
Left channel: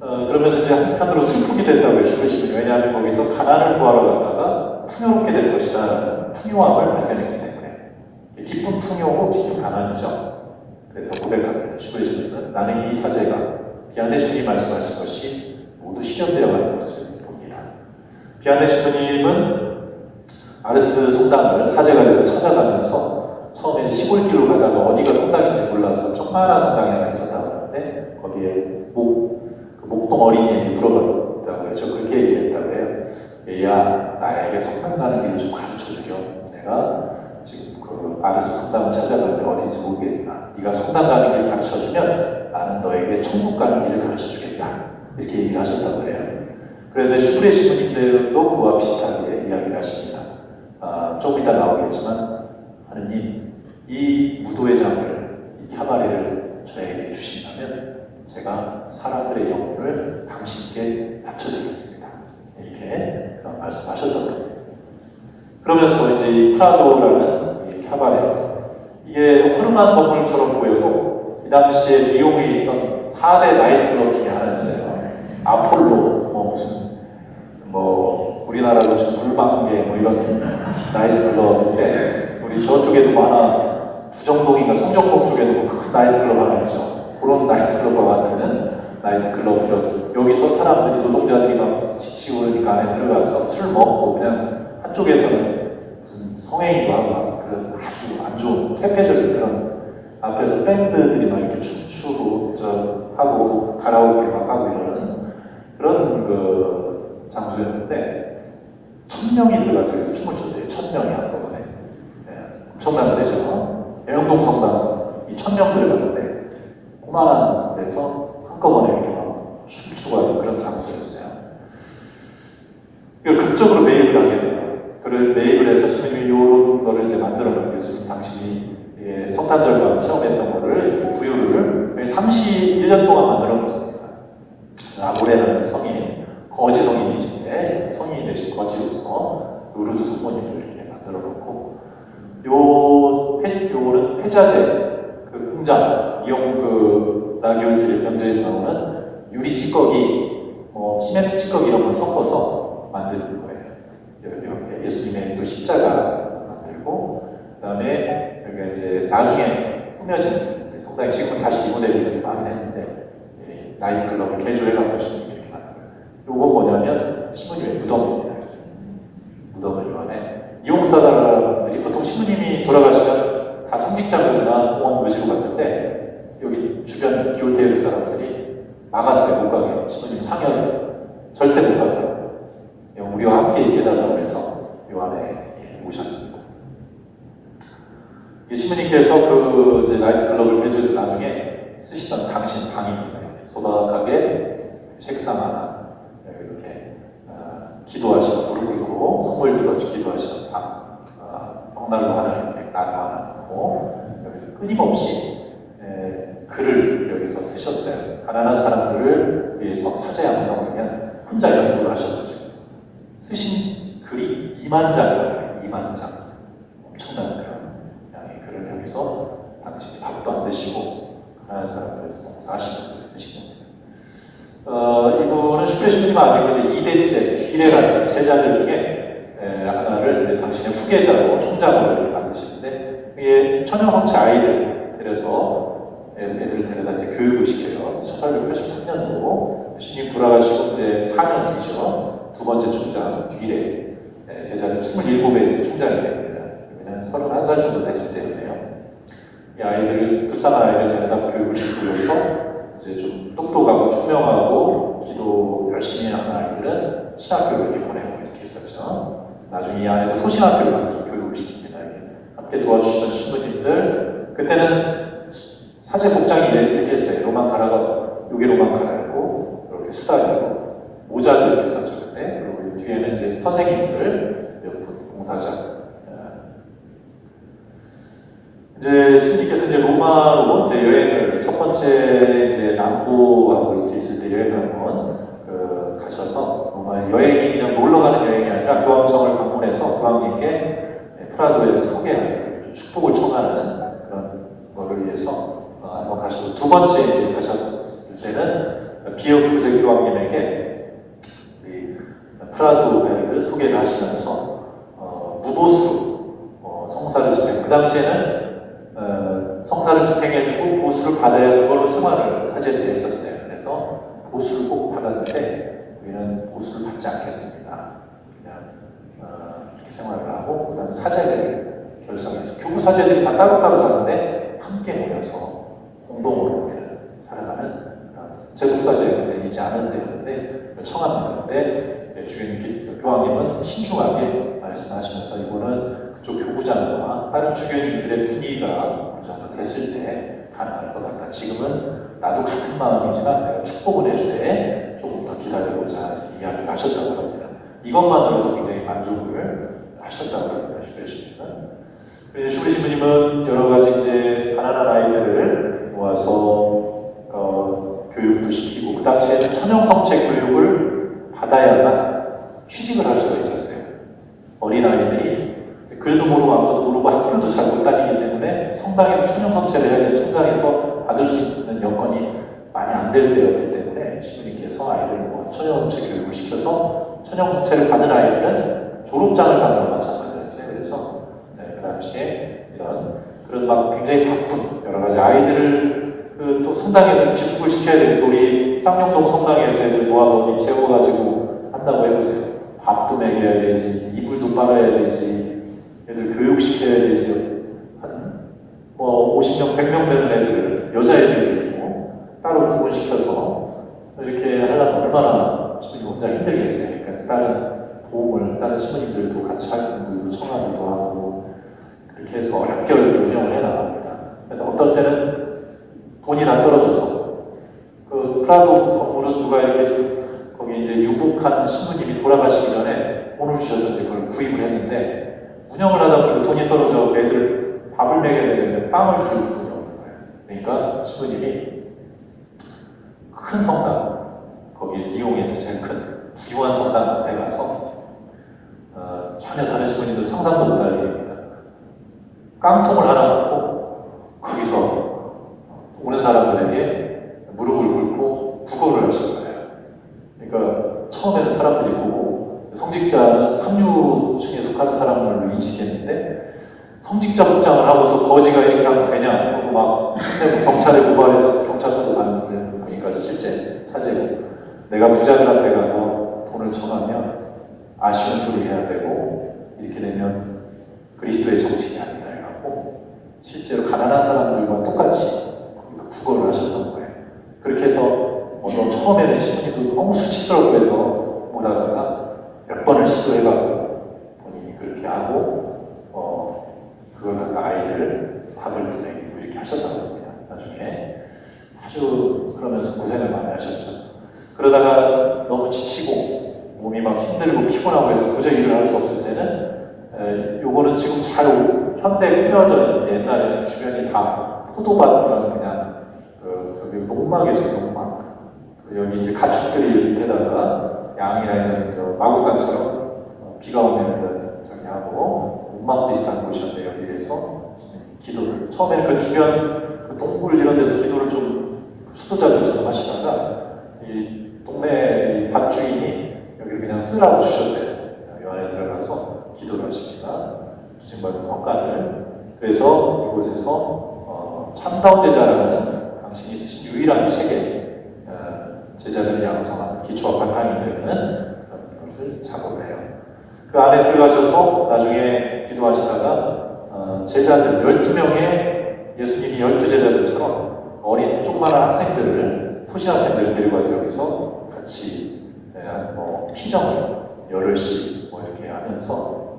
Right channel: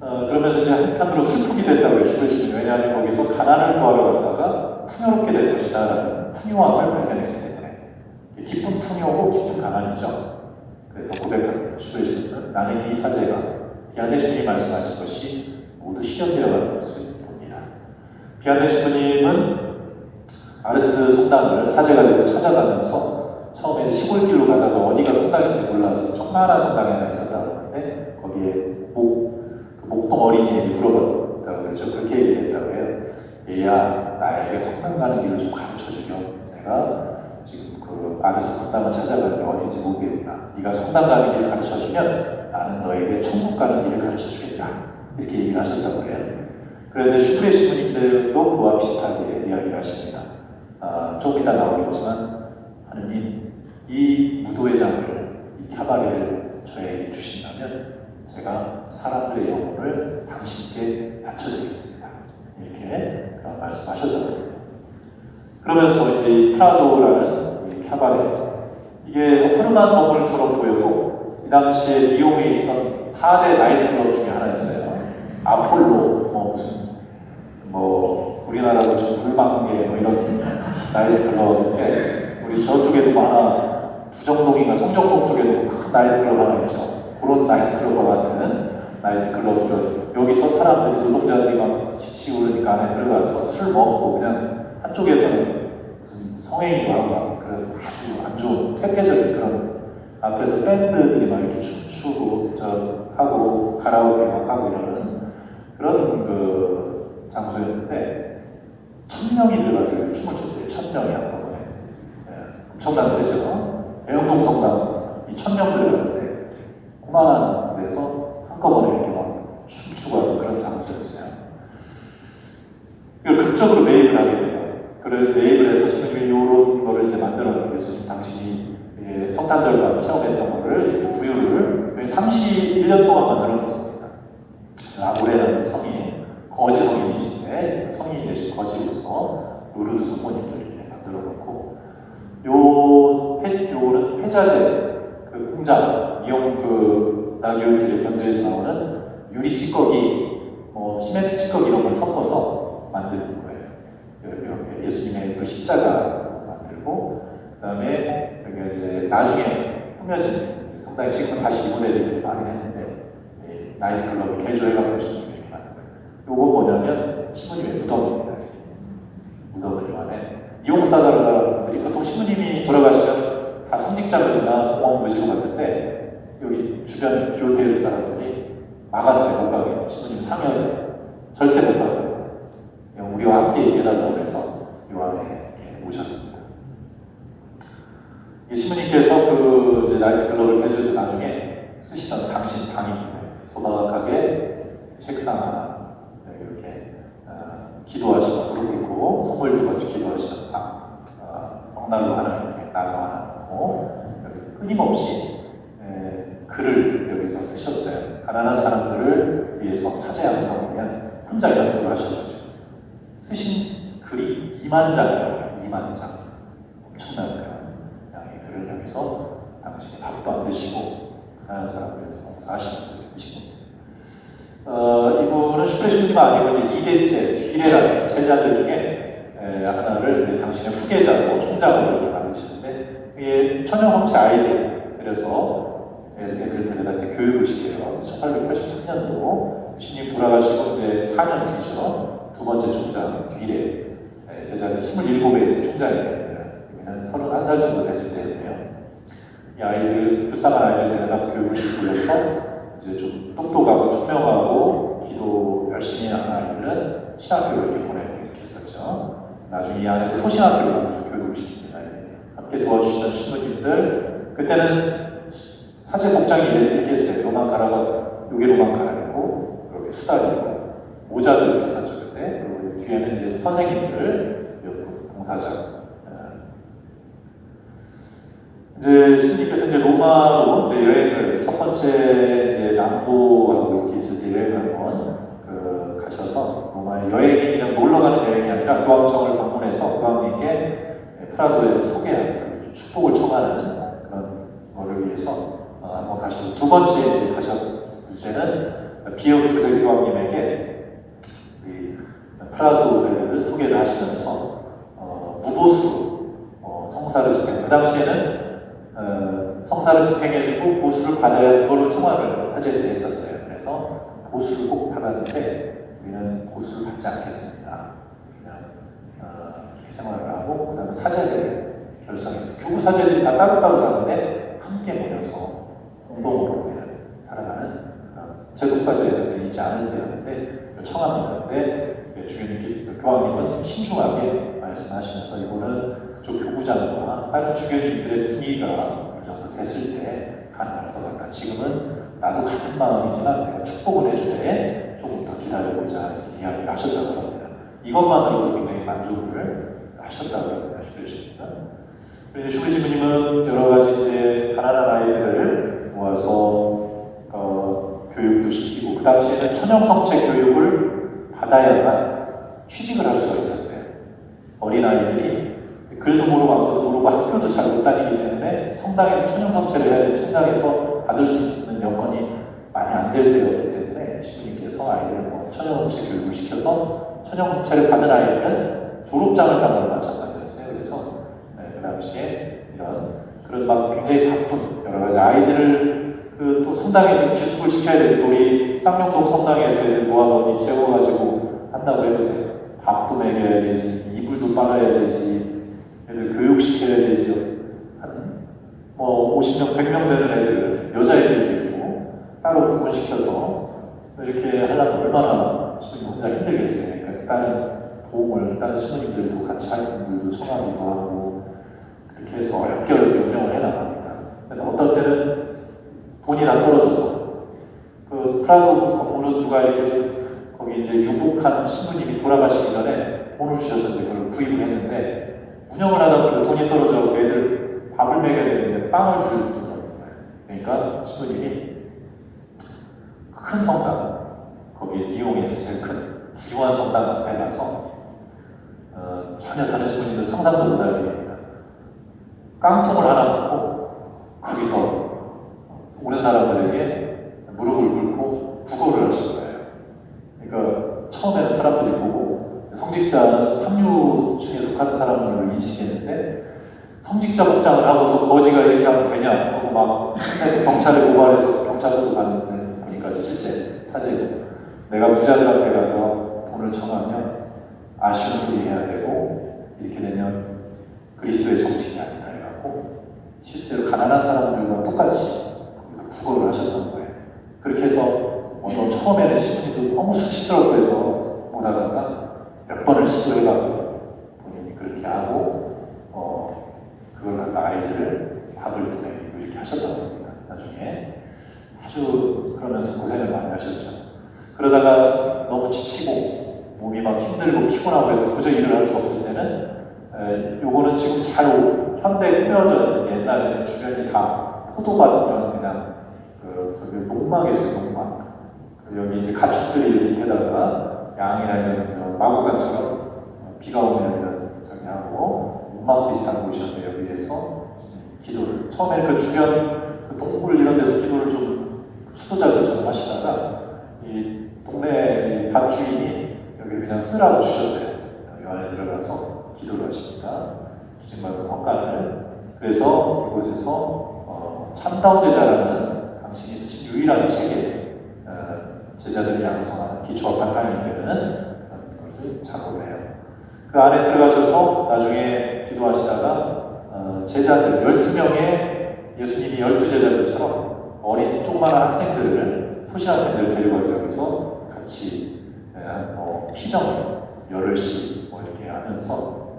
그러면서 이제 한편으로 슬프게 된다고요, 슈브레 신부님. 왜냐하면 거기서 가난을 구하러 갔다가 풍요롭게 될 것이다. 풍요함을 발견했기 때문에 기쁜 풍요고 기쁜 가난이죠. 그래서 고백합니다. 거예요. 슈브레시는 나는 이 사제가 비아네 스님이 말씀하신 것이 모두 실현되어가는 것을 봅니다. 비아네 스님은 아르스 성당을 사제가 돼서 찾아가면서 처음에 시골길로 가다가 어디가 성당인지 몰라서 조그마한 성당이 하나 있었다고 하는데 거기에 목동 어린이에게 물어봤다고 해요. 저 그렇게 얘기했다고 해요. 얘야, 나에게 성당 가는 길을 좀 가르쳐주렴. 내가 지금 그 아르스 성당을 찾아가는데 어딘지 모르겠다. 네가 성당 가는 길을 가르쳐주면 나는 너에게 천국 가는 길을 가르쳐주겠다. 이렇게 얘기를 하셨다고 해요. 그런데 슈브레 시부님들도 그와 비슷하게 이야기를 하십니다. 조금 이따 나오겠지만 하느님, 이 무도회장을, 이 카바레를 저에게 주신다면 제가 사람들의 영혼을 당신께 바쳐드리겠습니다. 이렇게 말씀하셨던 거예요. 그러면서 이제 이 프라도라는 이 카바레, 이게 푸르만 건물처럼 보여도 이 당시에 리옹에 있던 4대 나이트클럽 중에 하나였어요. 아폴로, 우리나라로 지금 물방개 이런 나이트클럽인데 우리 저쪽에도 하나 부정동인가 성정동 쪽에도 큰 나이트클럽 하나 있죠. 그런 나이트클럽과 같은 나이트클럽 여기서 사람들이 노동자들이 지치고 그러니까 안에 들어가서 술 먹고 그냥 한쪽에서는 무슨 성행위도 하고 그런 아주 안 좋은 퇴폐적인 그런 앞에서 밴드들이 막 이렇게 춤추고 하고 가라오케 막 하고 이러는 그런 그 장소였는데 1000명이 들어가서 이렇게 춤을 췄대요. 1000명이 한꺼번에. 엄청난 데죠. 애흥동 성당 이 1000명 들어갔는데 고만한 데서 한꺼번에 이렇게 막 춤추고 하는 그런 장소였어요. 그리고 극적으로 매입을 하게 돼요. 그걸 매입을 해서 신부님이 이런 거를 이제 만들어놓겠으니 당신이 성탄절과 체험했던 거를 부유를 31년 동안 만들어놓습니다. 아브레라는 성인, 거지 성인이신데 성인이 되신 거지로서 루르드 스포님도 이렇게 만들어놓고 요는 폐자재 그 공장 이용 그 나교주의 연도에서 나오는 유리 찌꺼기, 시멘트 찌꺼기 이런 걸 섞어서 만드는 거예요. 이렇게 예수님의 그 십자가 만들고 그다음에 여기가 이제 나중에 꾸며진 성당이 지금 다시 리모델링을 많이 했는데 나이트클럽을 개조해가지고 신부님이 이렇게 만든 거예요. 요거 뭐냐면 신부님의 무덤입니다. 무덤을 요 안에 이용사들이 보통 신부님이 돌아가시면 다 성직자분이나 모시고 갔는데 여기 주변 기호대회 사람들이 막았어요. 못 가게. 신부님 상여를 절대 못 가게. 우리와 함께 있게달라고 해서 요 안에 오셨습니다. 신부님께서 그 이제 나이트클럽을 개조해서 나중에 쓰시던 당신 방입니다. 소박하게 책상 하나 이렇게 기도하시고 무릎 꿇고 손을 들어서 기도하시는 벽난로 하나 이렇게 나가고 여기서 끊임없이 글을 여기서 쓰셨어요. 가난한 사람들을 위해서 사제 양성이면 혼자 연구를 하셔가지고 쓰신 글이 2만 장이에요. 2만 장. 엄청난 그런 양의 글을 여기서 당신이 밥도 안 드시고 가난한 사람을 위해서 사시는 글을 쓰신 겁니다. 이분은 슈레시님 아니고 이제 2대째 기레라는 제자들 중에 하나를 이제 당신의 후계자로 총장으로 이렇게 만드시는데 이게 천연성체 아이들 그래서 애들을 데려다 이제 교육을 시켜요. 1883년도고 신님 돌아가시고 이제 4년 뒤죠. 두 번째 총장 기레 제자는 27의 총장이 됩니다. 여기는 31살 정도 됐을 때였네요. 이 아이들 불쌍한 아이들 데려다 교육을 시키면서 이제 좀 똑똑하고 투명하고 기도 열심히 하는 아이들은 신학교를 이렇게 보내고 이렇게 했었죠. 나중에 이 아이들 소신학교로 교육을 시킵니다. 함께 도와주시던 신부님들 그때는 사제 복장이 이렇게 했어요. 로만 가라가 여기 로만 가라고 이렇게 수다리고 모자도 이렇게 썼죠. 그때 그리고 뒤에는 이제 선생님들 봉사자 이제 신님께서 이제 로마로 이제 여행을 첫 번째 이제 남부하고 이렇게 있을 때 여행을 한번 가셔서 로마 여행이 그냥 놀러 가는 여행이 아니라 교황청을 방문해서 교황님께 프라도를 소개하는 축복을 청하는 그런 거를 위해서 한번 가셔서 두 번째 이제 가셨을 때는 비어 구세 교황님에게 이 프라도를 소개를 하시면서 무보수 성사를 전해 그 당시에는 성사를 집행해주고 보수를 받아야 그걸로 생활을 사제들이 했었어요. 그래서 보수를 꼭 받았는데 우리는 보수를 받지 않겠습니다. 그냥 이렇게 생활을 하고 그 다음에 사제들이 결성해서 교부 사제들이 다 따로따로 사는데 함께 모여서 공동으로 우리는 살아가는 제독 사제들이 있지 않은 데였는데 청합니다. 근데 주교님, 교황님은 신중하게 말씀하시면서 이거는 그쪽 교부장과 다른 주교님들의 분위기가 어느 정도 됐을 때 가능할 것 같다. 지금은 나도 같은 마음이지만 내가 축복을 해주되 조금 더 기다려보자 이야기를 하셨다고 합니다. 이것만으로도 굉장히 만족을 하셨다고 합니다. 슈레시입니다. 그래서 슈레시부님은 여러 가지 이제 가난한 아이들을 모아서 교육도 시키고 그 당시에는 천연성체 교육을 받아야만 취직을 할 수가 있었어요. 어린아이들이 글도 모르고 아무것도 모르고 학교도 잘 못 다니기 때문에 성당에서 천연성체를 해야 돼 천당에서 받을 수 있는 여건이 많이 안 될 때였기 때문에 시부님께서 아이들을 천연성체 교육을 시켜서 천연성체를 받은 아이들은 졸업장을 받았어요. 그래서 그 당시에 그런 막 굉장히 바쁜 여러 가지 아이들을 또 성당에서 기숙을 시켜야 되고 우리 쌍용동 성당에서 모아서 어디 재워가지고 한다고 해보세요. 밥도 먹여야 되지, 이불도 빨아야 되지, 애들 교육시켜야 되지. 한 50명, 100명 되는 애들, 여자애들 있고 따로 구분시켜서 이렇게 하려면 얼마나 신부님 혼자 힘들겠어요. 그러니까 다른 신부님들도 같이 활동도 청하기도 하고 그렇게 해서 학교를 운영을 해나갑니다. 어떤 때는 돈이 다 떨어져서 그 프라도 건물은 누가 이렇게 좀 거기 이제 유복한 신부님이 돌아가시기 전에 돈을 주셔서 이제 그걸 구입을 했는데 운영을 하다 보니 돈이 떨어져 애들 밥을 먹여야 되는데 빵을 줄 돈이 없는 거예요. 그러니까 신부님이 큰 성당 거기 이용해서 제일 큰 기관 성당에 가서 전혀 다른 신부님들 상상도 못할 일입니다. 깡통을 하나 놓고 거기서 오는 사람들에게 무릎을 꿇고 구걸을 하신 거예요. 그러니까 처음에는 사람들이 보고 성직자는 상류층에 속하는 사람으로 인식했는데 성직자 복장을 하고서 거지가 이렇게 하면 되냐 막 경찰에 고발해서 경찰서로 갔는데 보니까 실제 사제고 내가 부자들한테 가서 돈을 청하면 아쉬운 소리 해야 되고 이렇게 되면 그리스도의 정신이 아니다 해갖고 실제로 가난한 사람들과 똑같이 구걸을 하셨던 거예요. 그렇게 해서 처음에는 신부님도 너무 수치스럽고 해서 못하다가 몇 번을 시도해가고 본인이 그렇게 하고 그걸 갖다 아이들을 밥을 보내고 이렇게 하셨던 겁니다. 나중에 아주 그러면서 고생을 많이 하셨죠. 그러다가 너무 지치고 몸이 막 힘들고 피곤하고 해서 도저히 일을 할 수 없을 때는 요거는 지금 잘 현대에 꾸며져 있는데 옛날에는 주변이 다 포도밭이랑 그냥 저기 목막에서 목막 여기 이제 가축들이 밑에다가 양이나 이런 마구간처럼 비가 오면 저기 하고 목막 비슷한 곳이었는데 여기에서 기도를 처음에는 그 주변 그 동굴 이런 데서 기도를 좀 수도자들처럼 하시다가 이 동네 밭 주인이 여기를 그냥 쓰라고 주셨대요. 이 안에 들어가서 기도를 하십니다. 주신받은 평가를. 그래서 이곳에서 참다운 제자라는 당신이 쓰신 유일한 책에 제자들이 양성하는 기초와 바탕이 되는 그런 것을 작업을 해요. 그 안에 들어가셔서 나중에 기도하시다가 제자들 12명의 예수님이 12제자들처럼 어린 조그마한 학생들을 소시 학생들을 데려가서 여기서 같이 피정을 열흘씩 이렇게 하면서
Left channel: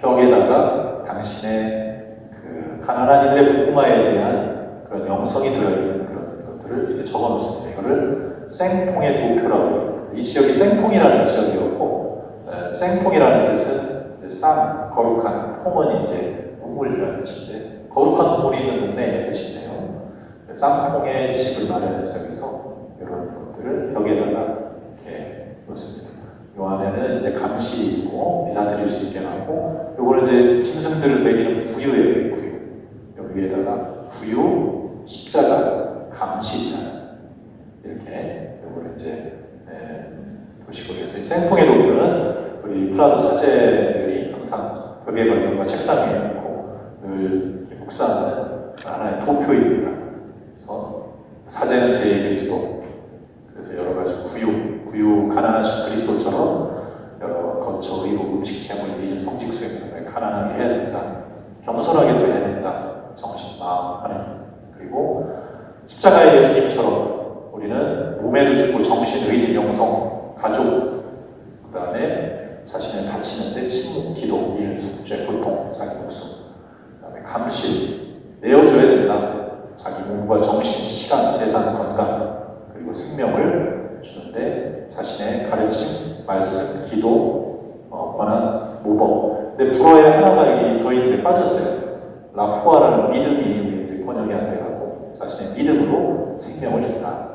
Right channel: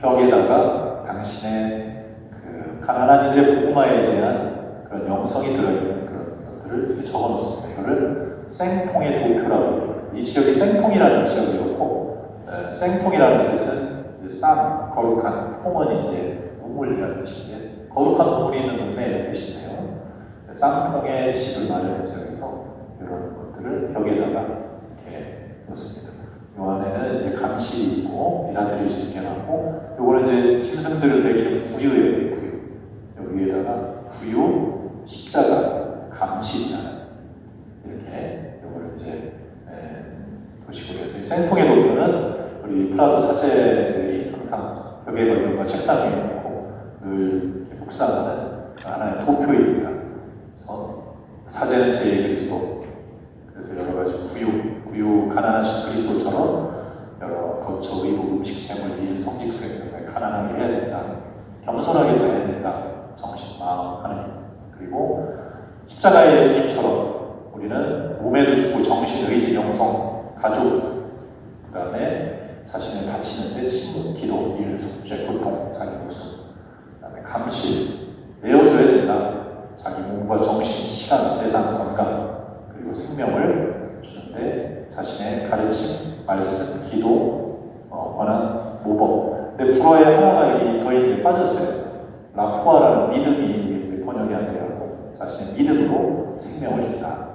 벽에다가 당신의 그 가난한 이들의 복음화에 대한 그런 영성이 들어있는 그런 것들을 이렇게 적어놓습니다. 이거를 생통의 도표라고 합니다. 이 지역이 생통이라는 지역이었고, 생통이라는 뜻은 이제 쌍, 거룩한, 통은 이제 우물이라는 뜻인데, 거룩한 우물이 있는 동네의 뜻인데요. 쌍통의 집을 마련해서 여기서 이런 것들을 벽에다가 이렇게 놓습니다. 이 안에는 이제 감시 있고 비사 드릴 수 있게 하고, 요거는 이제 짐승들을 먹이는 구유예요, 구유. 여기에다가 구유, 십자가, 감시라는 이렇게 요거를 이제 보시고 그래서 이 생통의 도표는 우리 프라도 사제들이 항상 벽에 걸린 거 책상 위에 놓고 늘 묵상 제2 그리스도. 그래서 여러 가지 구유 가난하신 그리스도처럼 여러 거처 의무 음식체물 일 성직 수행 등을 가난하게 해야 된다. 겸손하게도 해야 된다. 정신, 마음, 하나님. 그리고 십자가의 예수님처럼 우리는 몸에도 죽고 정신, 의지, 영성, 가족, 그 다음에 자신을 바치는데 친구, 기도, 일, 숙제, 고통, 자기 목숨, 그 다음에 감실, 내어줘야 된다. 자기 몸과 정신, 시간, 재산, 건강, 그리고 생명을 주는데 자신의 가르침, 말씀, 기도, 권한, 모범. 근데 불어에 하나가 더 있는데 빠졌어요. 라포아라는 믿음이 이제 번역이 안 되고 자신의 믿음으로 생명을 준다.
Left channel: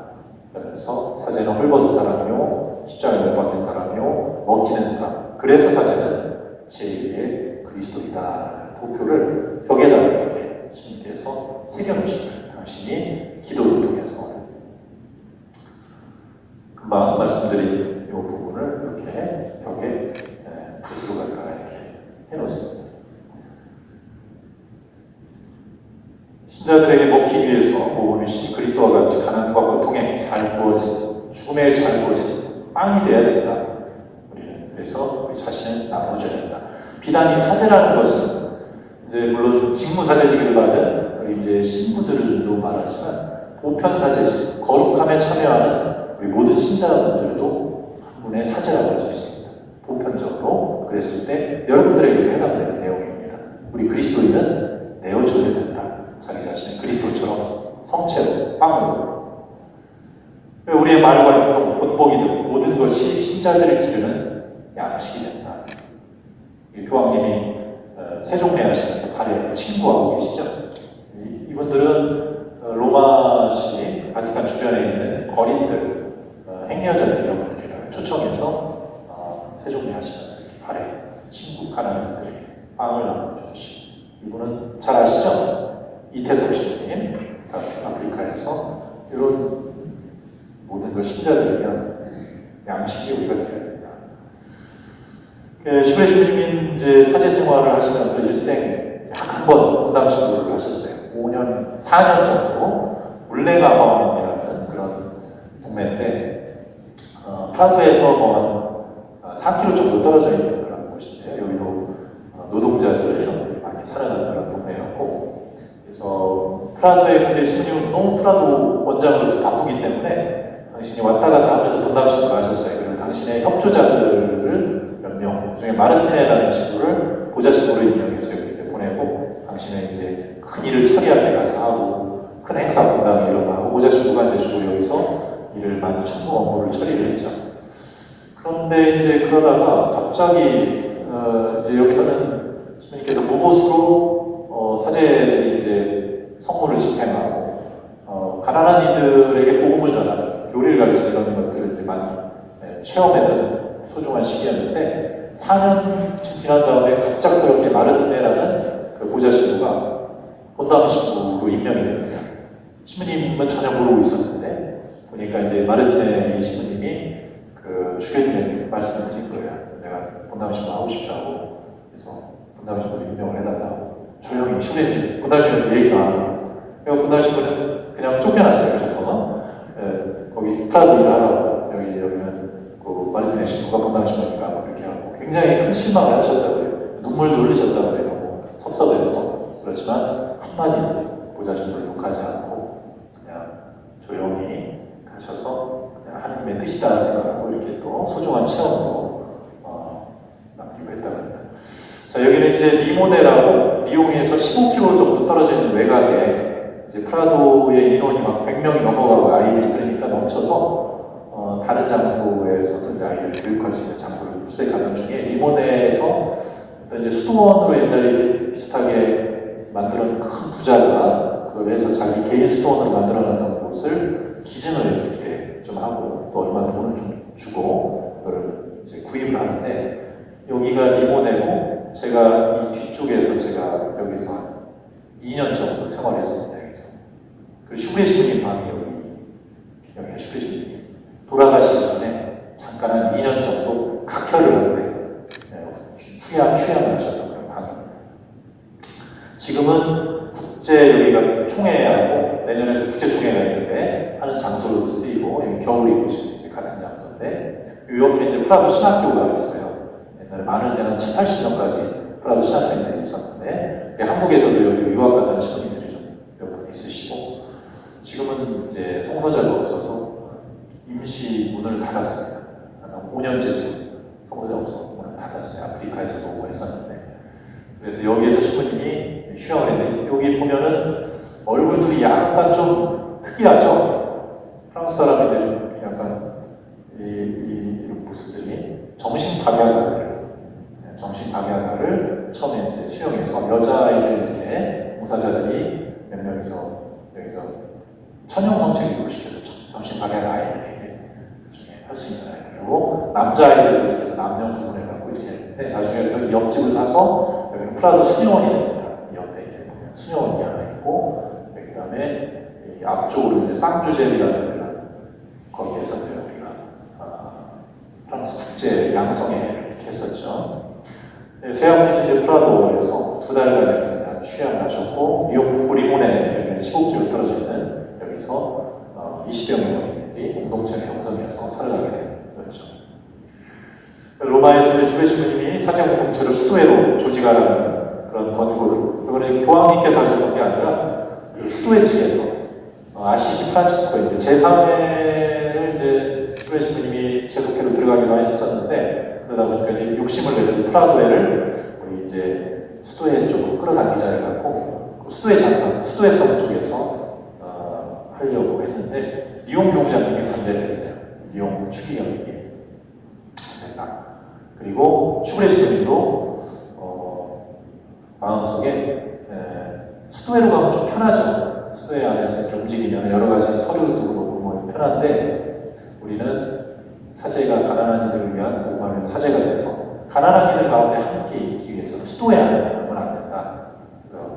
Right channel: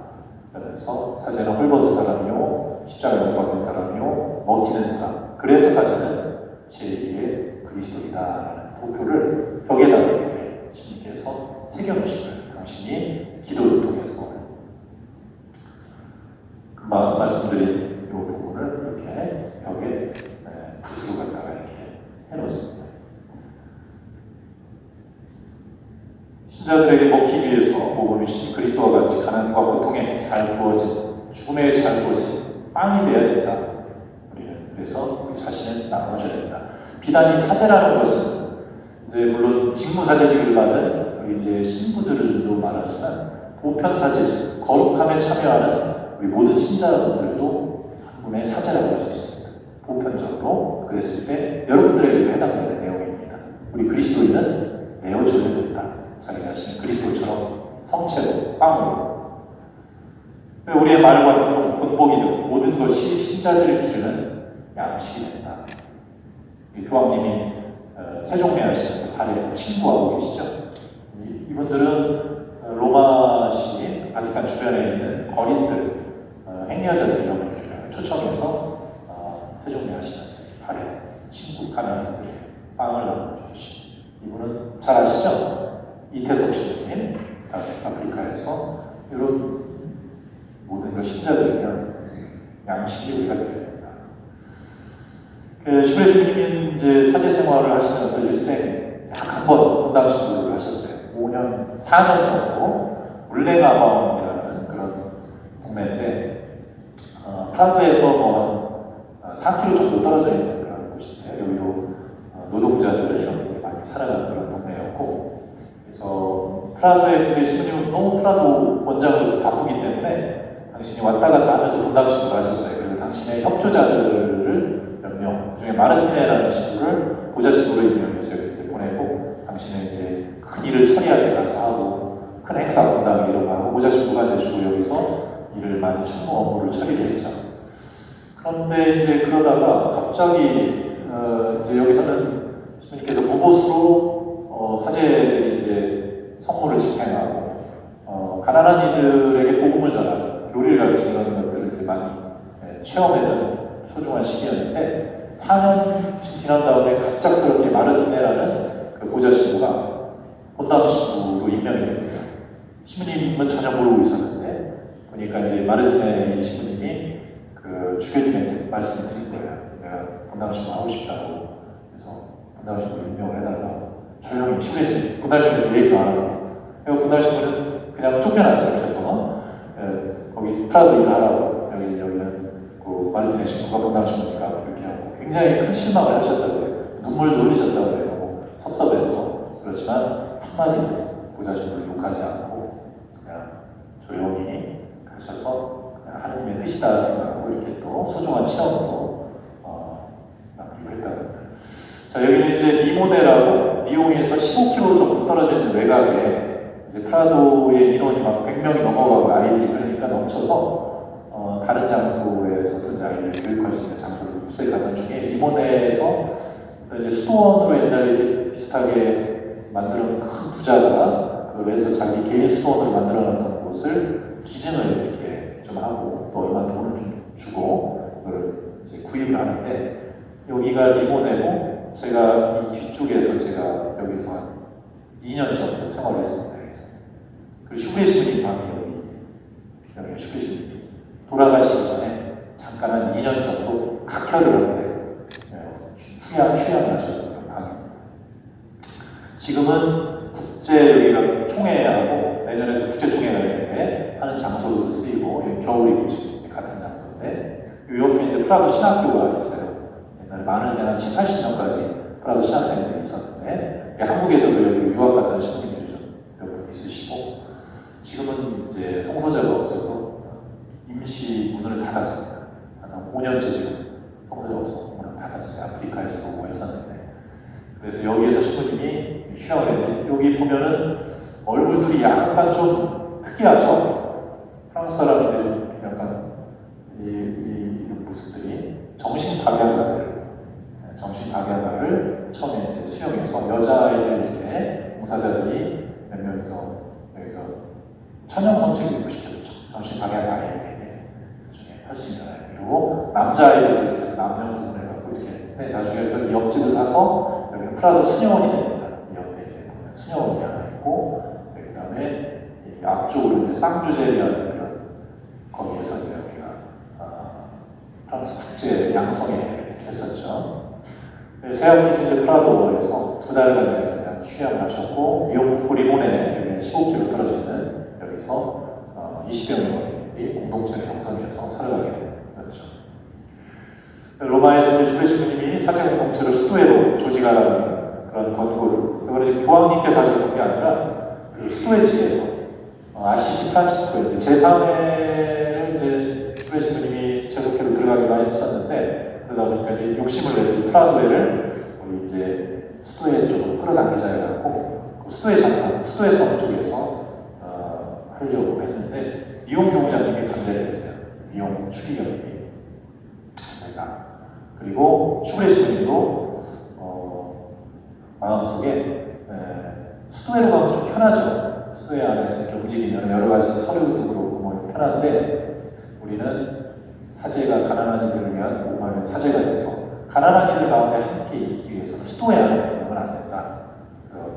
그러면서 사제는 헐벗은 사람이요, 십자가에 못 박힌 사람이요, 먹히는 사람. 그래서 사제는 제2의 그리스도이다. 도표를 벽에다 이렇게 주님께서 새겨놓으신 거예요. 당신이 기도를 통해서. 금방 말씀드린 이 부분을 이렇게 벽에 붓으로 갖다가 이렇게 해놓습니다. 신자들에게 먹기 위해서 복음이 그리스도와 같이 가난과 고통에 잘 구워진, 죽음에 잘 구워진 빵이 되어야 된다. 우리는 그래서 우리 자신을 나눠줘야 된다. 비단이 사제라는 것은 이제 물론 직무사제직을 받은 우리 이제 신부들도 말하지만 보편사제직, 거룩함에 참여하는 우리 모든 신자분들도 분의 사제라고 할 수 있습니다. 보편적으로 그랬을 때 여러분들에게 해당되는 내용입니다. 우리 그리스도인은 내어줘야 된다. 자기 자신을 그리스도처럼 성체로, 빵으로. 우리의 말과 본보기 등 모든 것이 신자들을 기르는 양식이 된다. 교황님이 세종대 하시면서 발에 친구하고 계시죠. 이분들은 로마시 바티칸 주변에 있는 거린들, 행여자들 이런 분들을 초청해서 세종대 하시면서 발에 친구 가난한들 빵을 나눠주시고, 이분은 잘 아시죠? 이태석 신부님, 아프리카에서 이런 모든 걸 신자들이면 양식이 우리가 되어야 된다. 슈레 신부님이 이제 사제 생활을 하시면서 일생 한 번 분당 신부를 하셨어요. 4년 정도 물레가왕이라는 그런 동네인데 프라도에서 4km 정도 떨어져 있는 그런 곳인데 여기도 노동자들이 많이 살아가는 그런 동네였고, 그래서 프라도에 근데 신부님은 너무 프라도 원장으로서 바쁘기 때문에 당신이 왔다 갔다 하면서 분당신부를 하셨어요. 그리고 당신의 협조자들을 몇 명, 그중에 마르티네라는 친구를 보좌신부로 임명해서 이렇게 보내고, 당신의 이제 큰 일을 처리할 때 가서 하고, 큰 행사 분당이 일어나고, 보좌신부가 이제 주로 여기서 일을 많이 청구 업무를 처리를 했죠. 그런데 이제 그러다가 갑자기 이제 여기서는 신부님께서 무보수로 사제들이 이제 성물을 집행하고 가난한 이들에게 복음을 전하는, 교리를 가르치는 이런 것들을 이제 많이 체험했던 소중한 시기였는데, 4년 지난 다음에 갑작스럽게 마르티네라는 그 보좌신부가 본당 신부로 임명이 됐어요. 신부님은 전혀 모르고 있었는데 보니까 이제 마르티네 신부님이 그 주교님에게 말씀을 드린 거예요. 내가 본당 신부 하고 싶다고. 그래서 본당 신부 임명을 해달라고. 조용히 신부님 본당 신부 얘기도 안 하고. 그리고 본당 신부는 그냥 쫓겨났어요. 그래서 거기 프라도 일을 하라고, 여기는 그 마르티네 신부가 본당 신부니까 그렇게 하고, 굉장히 큰 실망을 하셨다고요. 눈물도 흘리셨다고요. 섭섭해서. 그렇지만 한마디도 보좌신부를 욕하지 않고 그냥 조용히 가셔서 그냥 하나님의 뜻이다 생각하고 이렇게 또 소중한 체험으로 남기고 했다고 합니다. 자, 여기는 이제 리모네라고 리옹에서 15km 정도 떨어져 있는 외곽에 이제 프라도의 인원이 막 100명이 넘어가고 아이들이 그러니까 넘쳐서 다른 장소에서도 이제 아이들을 교육할 수 있는 장소를 수색하는 중에 리모네에서 이제 수도원으로 옛날에 이렇게 비슷하게 만드는 큰 부자가 그걸 해서 자기 개인 수도원으로 만들어놨던 곳을 기증을 이렇게 좀 하고 또 얼마 돈을 주고 그걸 이제 구입을 하는데, 여기가 리모네고 제가 이 뒤쪽에서 제가 여기서 2년 정도 생활했습니다. 그 슈레 신부님 방이 여기 슈레 신부님 돌아가시기 전에 잠깐 한 2년 정도 각혈을 하는데 휴양을 하셨던 방입니다. 지금은 국제 여기가 총회하고 내년에도 국제 총회가 있는데 하는 장소 장소로도 쓰이고 여기 겨울이고 지금 같은 장소인데 이 옆에 이제 프라도 신학교가 있어요. 옛날에 많은 한 7, 80년까지 프라도 신학생들이 있었는데 한국에서도 여기 유학 갔다는 신부님들이 좀 몇 분 있으시고 지금은 이제 성소자가 없어서 임시 문을 닫았습니다. 한 5년째 지금 성소자 없어서 문을 닫았어요. 아프리카에서 보고 있었는데 그래서 여기에서 신부님이 휴양을 했는데 여기 보면은 얼굴들이 약간 좀 특이하죠. 프랑스 사람인데 좀 약간 이 모습들이 정신박약을 처음에 이제 수용해서 여자아이들 이렇게 봉사자들이 몇 명이서 여기서 천연 성책을 시켜줬죠. 정신박약 아이들에게 나중에 할 수 있는 아이들 그리고 남자아이들도 이렇게 해서 남녀 구분을 갖고 이렇게 했는데 나중에 그래서 옆집을 사서 여기 프라도 수녀원이 됩니다. 이 옆에 이제 수녀원이 하나 있고 그 다음에 앞쪽으로 이제 쌍주젤이라는 데가 거기에서 이제 우리가 프랑스 국제 양성회 이렇게 했었죠. 세아버지 이제 프라도에서 2달간 여기서 휴양을 하셨고 리옹 리몬에 15km 떨어지는 여기서 20여 명이 공동체의 형성에서 살아가게 된 거죠. 로마에서 슈베 신부님이 사제 공동체로 수도회로 조직하는 그런 권고로 이거는 교황님께서 하시는 게 아니라 그 수도회 측에서 아시시 프란치스코 제3회를 이제 슈베 신부님이 계속해서 들어가게 많이 했었는데 그러다 보니까 이제 욕심을 내서 프라도회를 우리 이제 수도회 쪽으로 끌어당기자 해갖고 수도회 장사, 수도회성 쪽에서 하려고 했는데 리옹 교구장님이 반대를 했어요. 리옹 추기경님이 그리고 슈브레 신부님도 마음속에 수도회로 가면 좀 편하죠. 수도회 안에서 이렇게 움직이면 여러 가지 서류도 그렇고 뭐 편한데 우리는 사제가 가난한 이들을 위한 복음하는 사제가 돼서 가난한 이들 가운데 함께 있기 위해서 수도회 안에 가면 안 된다. 그래서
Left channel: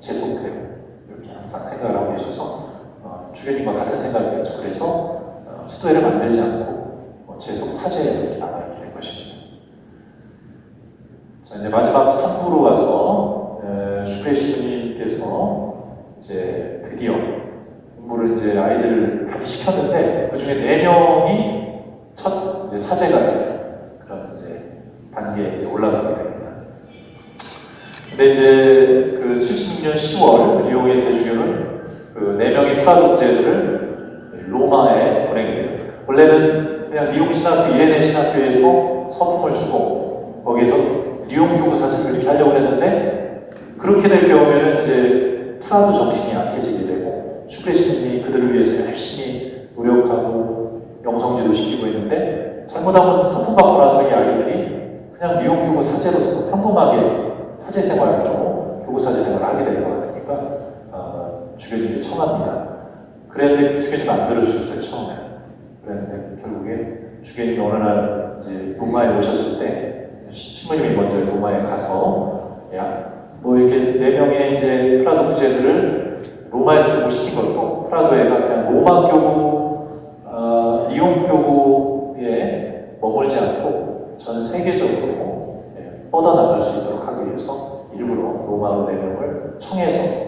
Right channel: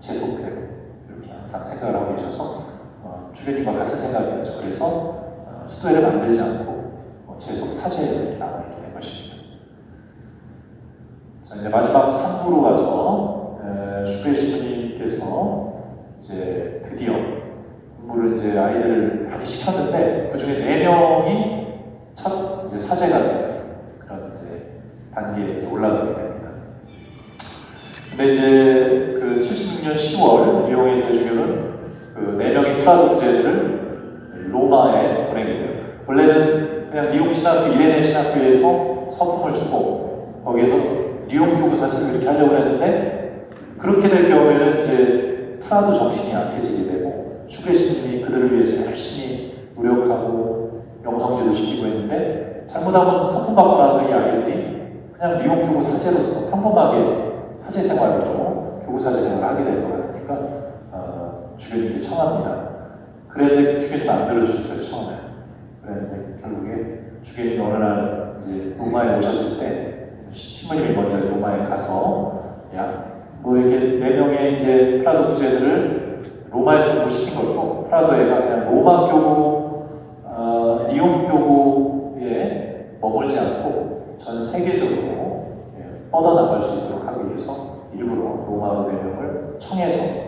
재속되고 이렇게 항상 생각을 하고 계셔서 주례님과 같은 생각이었죠. 그래서 수도회를 만들지 않고 재속 사제에 남아있게 된 것입니다. 자, 이제 마지막 3부로 가서 슈페 신부님께서 이제 드디어 공부를 이제 아이들을 하기 시켰는데 그 중에 4명이 첫 이제 사제가 되는 그런 이제 단계에 이제 올라가게 됩니다. 근데 이제 그 76년 10월 리옹의 대주교는 그 4명의 프라도 부제들을 로마에 보내게 돼요. 원래는 그냥 리옹 신학교, 이레네 신학교에서 서품을 주고 거기에서 리옹 교구 사제를 이렇게 하려고 했는데 그렇게 될 경우에는 이제 프라도 정신이 약해지게 되고 슈페 신부님이 그들을 위해서 열심히 노력하고 영성지도 시키고 있는데 잘못하면 서품 받고 나서 이 아이들이 그냥 리옹 교구 사제로서 평범하게 사제 생활을 하고 교구 사제 생활을 하게 되는 것 같으니까 주교님이 청합니다. 그랬는데 주교님 안 들어주셨어요 처음에. 그랬는데 결국에 주교님이 어느 날 이제 로마에 오셨을 때 신부님이 먼저 로마에 가서 야, 뭐 이렇게 4명의 이제 프라도 부제들을 로마에서 공부시킨 것도 프라도에가 그냥 로마 교구, 리옹 교구에 머물지 않고 전 세계적으로 뻗어나갈 수 있도록 하기 위해서 일부러 로마 4명을 청해서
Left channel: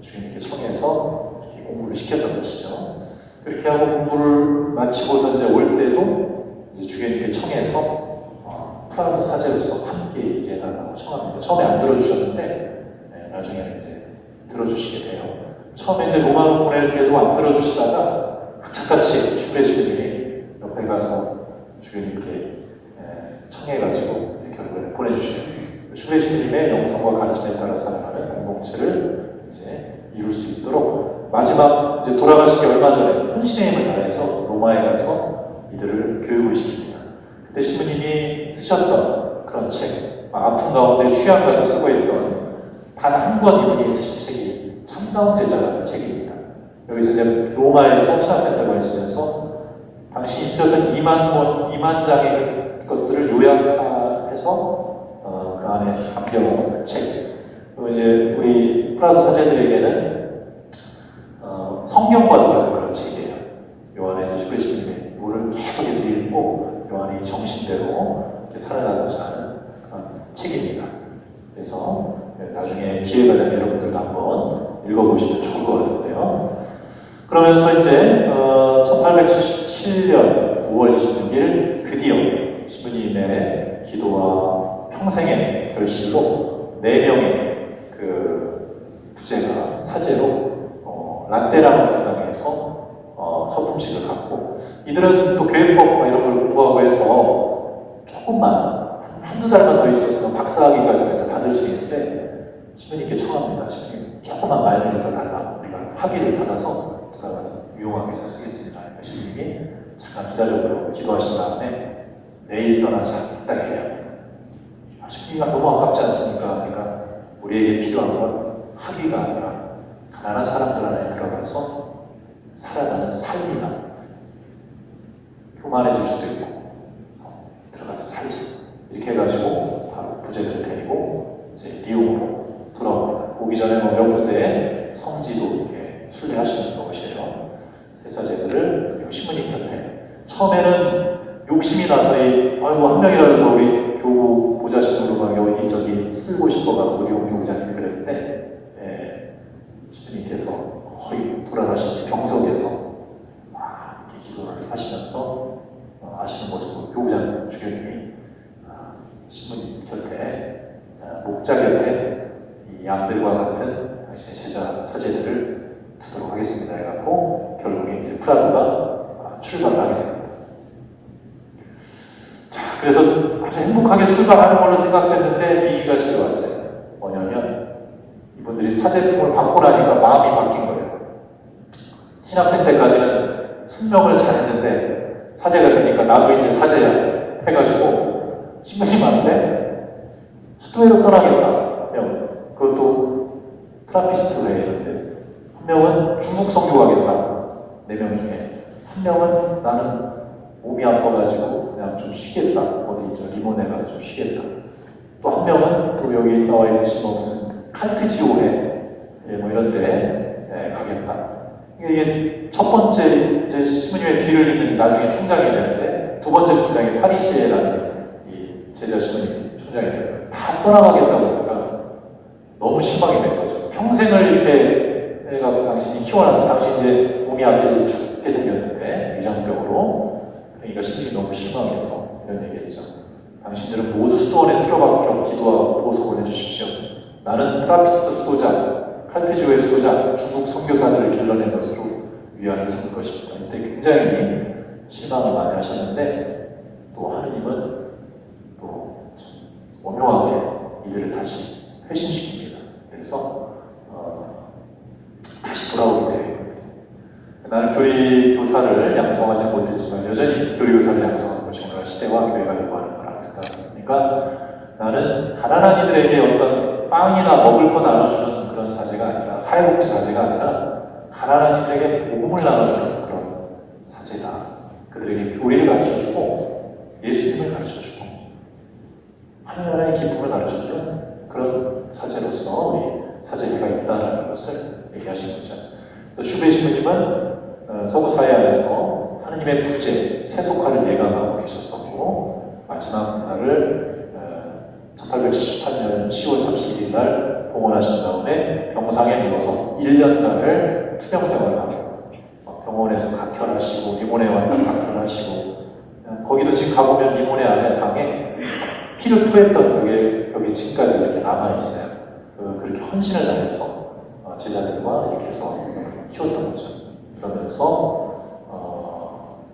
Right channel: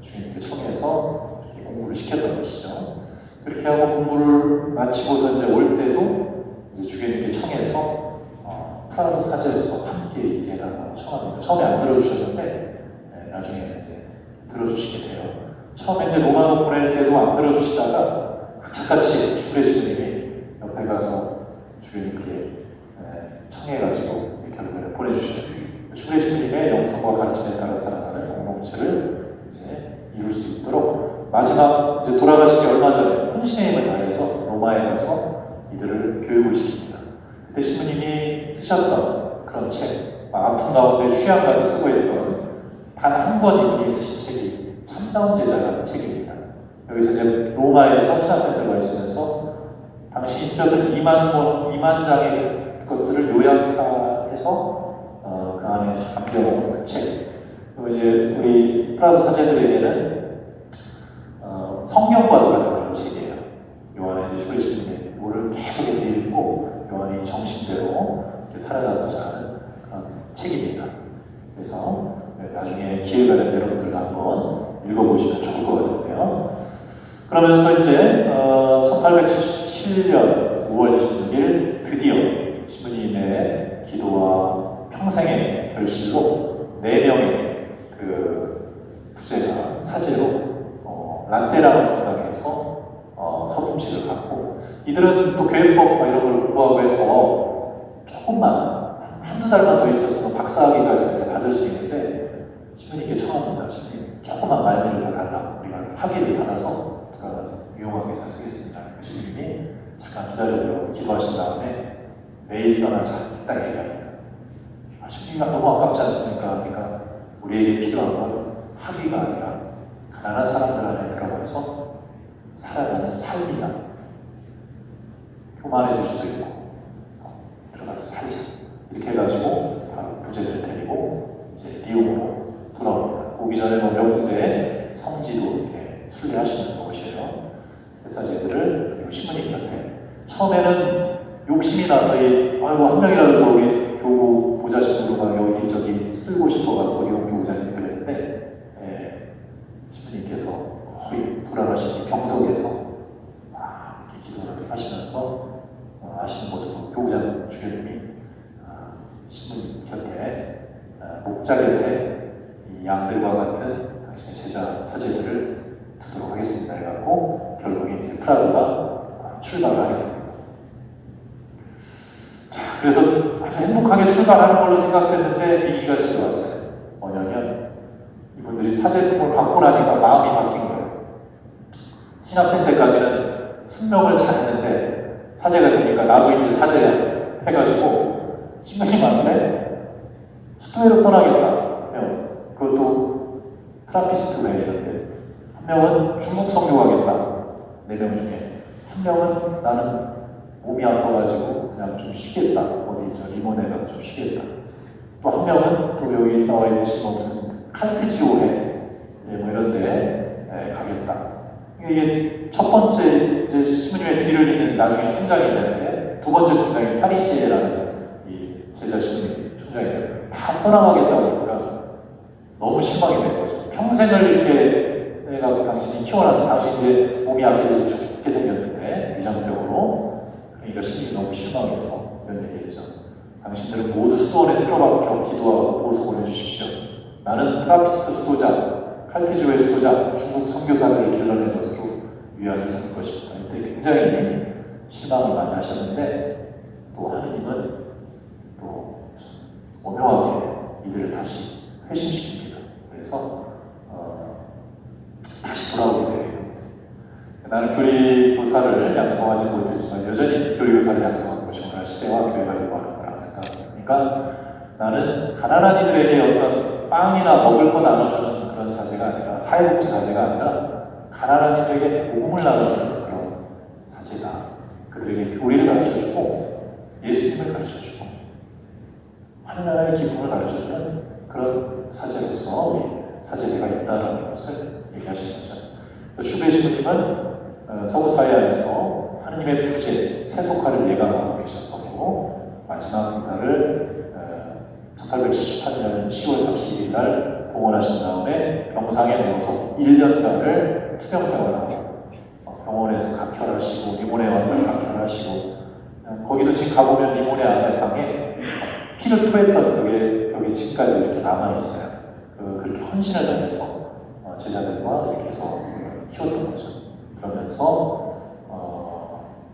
주님께 청해서 공부를 시켰던 것이죠. 그렇게 하고 공부를 마치고서 이제 올 때도 이제 주님께 청해서 프라도 사제로서 함께 있게 해달라고 청합니다. 처음에 안 들어주셨는데 나중에는 이제 들어주시게 돼요. 처음에 이제 로마로 보낼 때도 안 들어주시다가 착같이 슈베 신부님이 옆에 가서 주님께 청해가지고 결국에는 보내주시게 돼요. 슈베 신부님의 영성과 가르침에 따라서 하는 공동체를 이제 이룰 수 있도록 마지막 이제 돌아가시기 얼마 전에 혼신의 힘을 다해서 로마에 가서 이들을 교육을 시킵니다. 그때 신부님이 쓰셨던 그런 책, 아픈 가운데 휴양가를 쓰고 있던 단 한 권 이분이 쓰신 책이 참다운 제자라는 책입니다. 여기서 이제 로마에서 신학생활을 하시면서 당시 있었던 2만 장의 것들을 요약해서 그 안에 담겨놓은 책. 그리고 이제 우리 프라도 사제들에게는 성경과도 같은 그런 책이에요. 요한의 이제 슈베 신부님의 뭐를 계속해서 읽고 요한이 정신대로 살아가고자 하는 그런 책입니다. 그래서 나중에 기회가 되면 여러분들도 한번 읽어보시면 좋을 것 같은데요. 그러면서 이제 1877년 5월 26일 드디어 신부님의 기도와 평생의 결실로 4명의 그 부제가 사제로 란테라는 성당에서 서품식을 갖고, 이들은 또 교회법 이런 걸 공부하고 해서 조금만 한두 달만 더 있었으면 박사학위까지 받을 수 있는데, 신부님께 청합니다. 신부님 조금만 말미를 더 달라. 우리가 학위를 받아서 돌아가서 유용하게 잘 쓰겠습니다. 신부님이 잠깐 기다려보고 기도하신 다음에 내일 떠나자 딱 얘기합니다. 신부님이 너무 아깝지 않습니까? 그러니까 우리에게 필요한 건 학위가 아니라 가난한 사람들 안에 들어가서 살아가는 삶이다. 교만해질 수도 있고, 그래서 들어가서 살자. 이렇게 해가지고 바로 부제를 데리고 이제 리옹으로 돌아옵니다. 오기 전에 몇 군데 성지도 이렇게 순례하시면서 오셔요. 세사제들을 신부님 곁에. 처음에는 욕심이 나서 아이고 한 명이라도 우리 교우 보좌신으로 여기 저기 쓰고 싶어가지고 리옹 교우장님 그랬는데, 신부님께서 거의 돌아가신 병석에서 이렇게 기도를 하시면서 하시는 모습으로 교우장 주교님이 신부님 곁에 목자 곁에 이 양들과 같은 당신의 제자 사제들을 두도록 하겠습니다 해갖고 결국에 이제 프라도가 출발하게 됩니다. 자, 그래서 아주 행복하게 출발하는 걸로 생각했는데 위기가 찾아왔어요. 뭐냐면 이분들이 사제품을 받고 나니까 마음이 바뀐 거예요. 신학생 때까지는 순명을 잘했는데 사제가 되니까 나도 이제 사제야 해가지고 심심한데 수도회로 떠나겠다. 그것도 트라피스트 외에 한 명은 중국 성교 가겠다. 4명 중에 한 명은 나는 몸이 아파가지고 그냥 좀 쉬겠다. 어디 저 리모네가 좀 쉬겠다. 또 한 명은 또 여기 나와 있듯이 무슨 칼트지오에 뭐 이런 데 가겠다. 이게 첫 번째 이제 신부님의 뒤를 잇는 나중에 총장이 되는데, 두 번째 총장이 파리시에라는 이 제자 신부님 총장이 되는 거예요. 다 떠나가겠다 보니까 너무 실망이 된 거죠. 평생을 이렇게 내가 당신이 키워놨던, 당신 이제 몸이 약해서 죽게 생겼는데 위장병으로. 그러니까 신부님이 너무 실망해서 이런 얘기했죠. 당신들은 모두 수도원에 들어가서 기도하고 보호소 보내주십시오. 나는 트라피스트 수도자, 칼트지오의 수도자, 중국 선교사들을 길러낸 것으로 위안을 삼을 것입니다. 이때 굉장히 실망을 많이 하셨는데, 또 하느님은 또 오묘하게 이들을 다시 회심시킵니다. 그래서 다시 돌아오게 돼요. 나는 교리 교사를 양성하지 못했지만 여전히 교리 교사를 양성하고 정말 시대와 교회가 요구하는 거라고 생각합니다. 그러니까 나는 가난한 이들에게 어떤 빵이나 먹을 거 나눠주는 그런 사제가 아니라, 사회복지 사제가 아니라 가난한 이들에게 복음을 나눠주는 그런 사제다. 그들에게 교리를 가르쳐주고 예수님을 가르쳐주고 하늘나라의 기쁨을 가르쳐주는 그런 사제로서 우리 사제가 있다는 것을 얘기하시는 거죠. 슈베 신부님은 서구 사회 안에서 하느님의 부재, 세속화를 예감하고 계셨었고, 마지막 인사를 1878년 10월 31일 날 봉헌하신 다음에 병상에 누워서 1년간을 투병 생활하고, 병원에서 각혈하시고 리모네 와서 각혈하시고, 거기도 지금 가보면 리모네 안에 방에 피를 토했던 여기 지금까지 이렇게 남아있어요. 그렇게 헌신을 다해서 제자들과 이렇게 해서 키웠던 거죠. 그러면서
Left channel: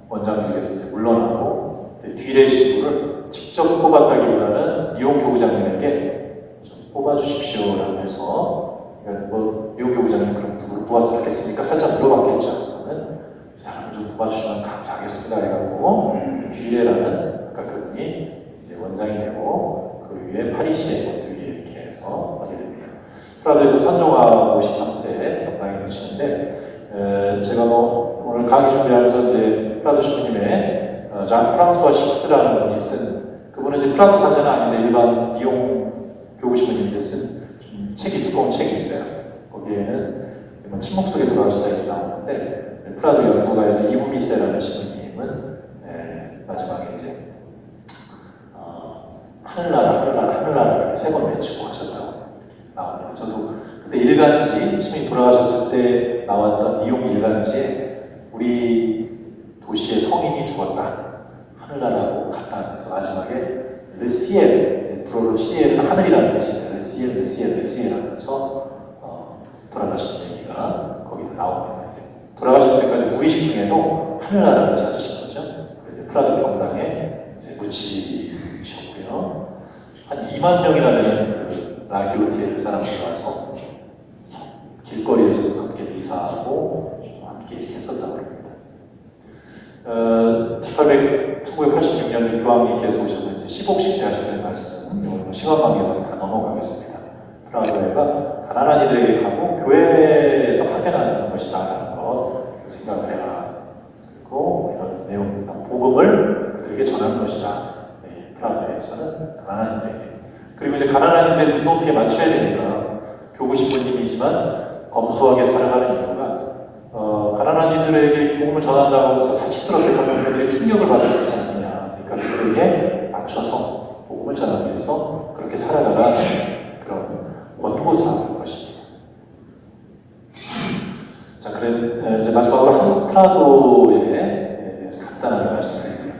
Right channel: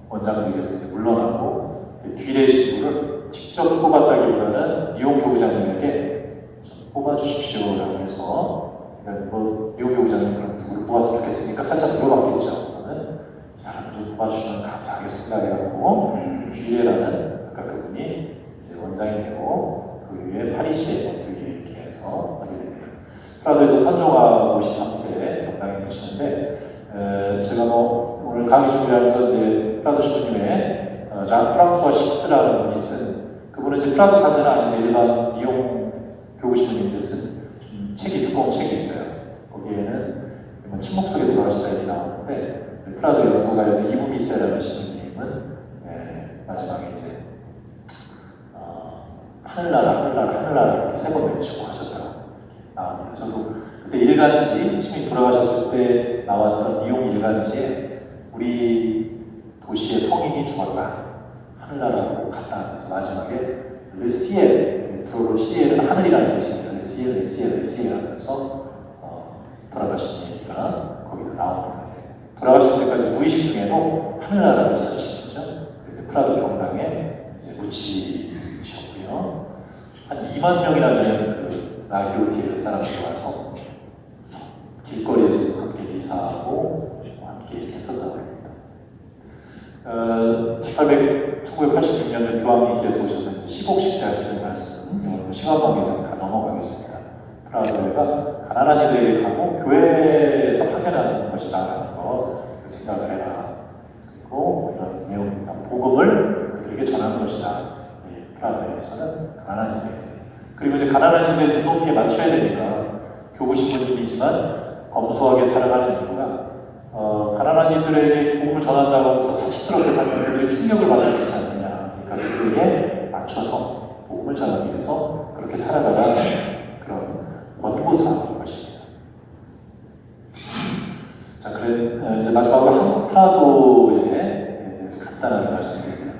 원장직에서 이제 물러나고 뒤례 신부를 직접 뽑았다기보다는 리옹 교구장님에게 뽑아주십시오 해서, 뭐 리옹 교구장님 그럼 누구를 뽑았으면 좋겠습니까? 살짝 물어봤겠죠. 이 사람 좀 뽑아주시면 감사하겠습니다 해가지고 뒤례라는 그분이 이제 원장이 되고, 그 위에 파리시에 어떻게 이렇게 해서 하게 됩니다. 프라도에서 선종하 53세 경당에 모시는데, 제가 오늘 강의 준비하면서 이제 프라도 신부님의 장 프랑스와 식스라는 분이 쓴, 그분은 이제 프라도 사제는 아닌데 일반 리옹 교구 신부님이 쓴 책이, 두꺼운 책이 있어요. 거기에는 침묵 속에 들어가시다 이렇게 나오는데, 프라도 연구가였던 이후미세라는 신부님은 마지막에 이제 하늘나라 하늘나라 하늘나라 이렇게 세 번 외치고 하셨다고 나옵니다. 저도 그때 일간지 신이 돌아가셨을 때 나왔던 미용 일간지에 우리 도시의 성인이 죽었다. 하늘나라로 갔다. 그래서 마지막에 르시엘, 불어로 시엘은 하늘이라는 뜻입니다. 르시엘 하면서 돌아가신 얘기가 거기서 나옵니다. 돌아가신 때까지 무의식 중에도 하늘나라를 찾으신 거죠. 프라도 경당에 묻히셨고요. 한 2만 명이나 되는 그 라기오티엘 사람들이 와서 길거리에서 함께 미사하고 함께 했었다고 합니다. 1986년에 교황님께서 오셔서 10억씩 하시는 말씀, 오늘 시간관계에서 다 넘어가겠습니다. 프라하가 가난한 이들에게 가고 교회에서 파견하는 것이다 라고 생각을 해라. 그리고 이런 내용입니다. 복음을 그들에게 전하는 것이다. 프라하에서는 가난한 이들에게. 그리고 이제 가난한 이들의 눈높이에 맞춰야 되니까 교구 신부님이지만 검소하게 살아가는 이유가 가난한 이들에게 복음을 전한다고 해서 사치스럽게 살면 그들의 충격을 받을 수 있지 않느냐. 그러니까 그들에게 맞춰서 복음을 전하기 위해서 그렇게 살아가는 그런 원고사인 것입니다. 자, 그래 이제 마지막으로 프라도에 대해서 간단하게 말씀드립니다.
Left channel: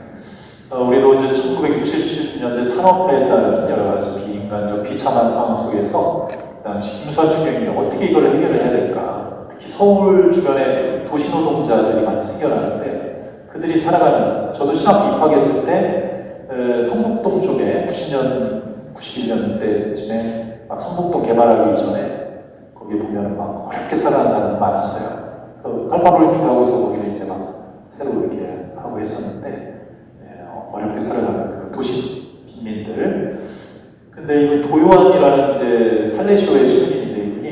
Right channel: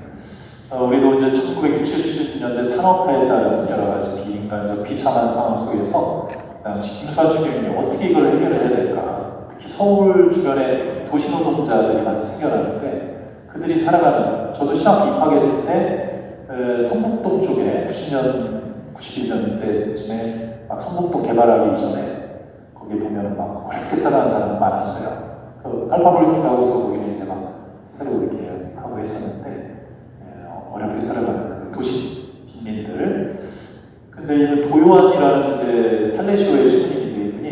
우리도 이제 1960년대 산업화에 따른 여러 가지 비인간적 비참한 상황 속에서 당시 김수환 추경이 어떻게 이걸 해결을 해야 될까? 특히 서울 주변에 도시노동자들이 많이 생겨나는데 그들이 살아가는, 저도 신학교 입학했을 때 성북동 쪽에 91년대쯤에 막 성북동 개발하기 전에 거기 보면 막 그렇게 살아가는 사람이 많았어요. 팔방울피하고서 거기는 이제 막 새로 이렇게 하고 했었는데 어렵게 살아가는 그 도시 빈민들. 근데 이 도요한이라는 이제 살레시오의 시민인데 이분이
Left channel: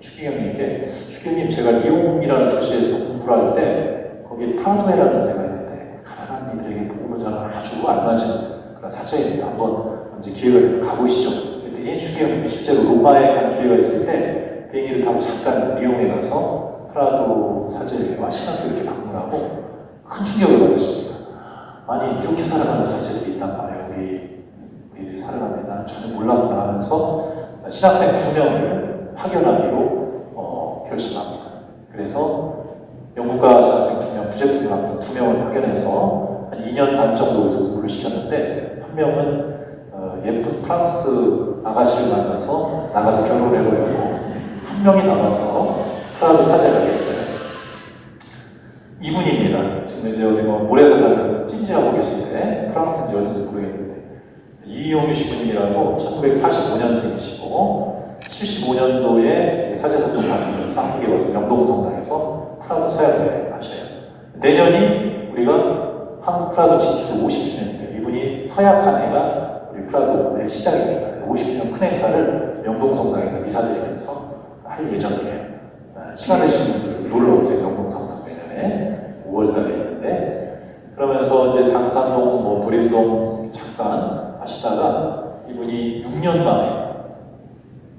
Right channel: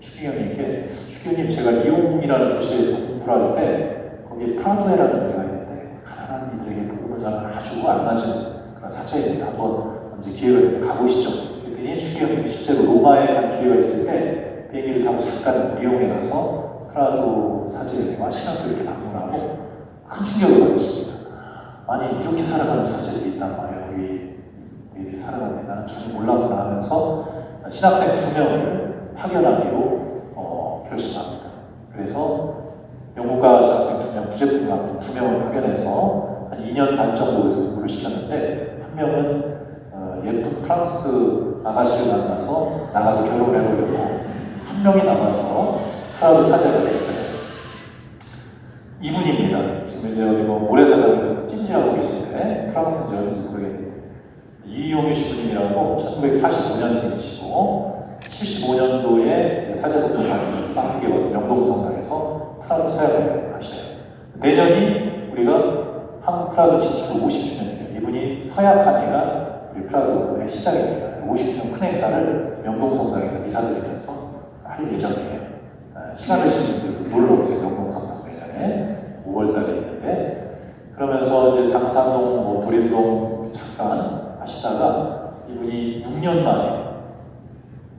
추기경님께, 추기경님 제가 리옹이라는 도시에서 공부를 할 때 거기에 프라도에라는 데가 있는데 가난한 이들에게 복음을 전하는 아주 알맞은 그런 사자입니다. 한번 이제 기회가 가보시죠. 그랬더니 추기경님이 실제로 로마에 간 기회가 있을 때 비행기를 타고 잠깐 리옹에 가서 프라도 사제에게와 신학교 이렇게 방문하고 큰 충격을 받으십니다. 아니 이렇게 살아가는 사제들이 있단 말이에요. 우리들이 살아가는 나는 전혀 몰랐구나 하면서 신학생 2명을 파견하기로 결심합니다. 그래서 영국가 신학생 2명, 부제품과 2명을 파견해서 한 2년 반 정도 에서 공부를 시켰는데 한 명은 예쁜 프랑스 아가씨를 나가서 결혼을 해보려고 한 명이 남아서 프라도 사제가 됐어요. 이분입니다. 지금 이제 어디 모래사장에서 찜질하고 계신데 프랑스인지 어딘지 모르겠는데 이용유 신부님이라고 1945년생이시고 75년도에 사제선을 받으면서 한국에 와서 명동성당에서 프라도 사역을 하셔요. 내년이 우리가 한국 프라도 진출 50주년이에요. 이분이 서약한 해가 우리 프라도의 시작입니다. 50주년 큰 행사를 명동성당에서 미사드리면서 할 예정이에요. 시간 되시는 분들 놀러 오세요. 명동성당 내년에 5월달에 있는데, 그러면서 이제 당산동, 도림동 잠깐 하시다가 이분이 6년 만에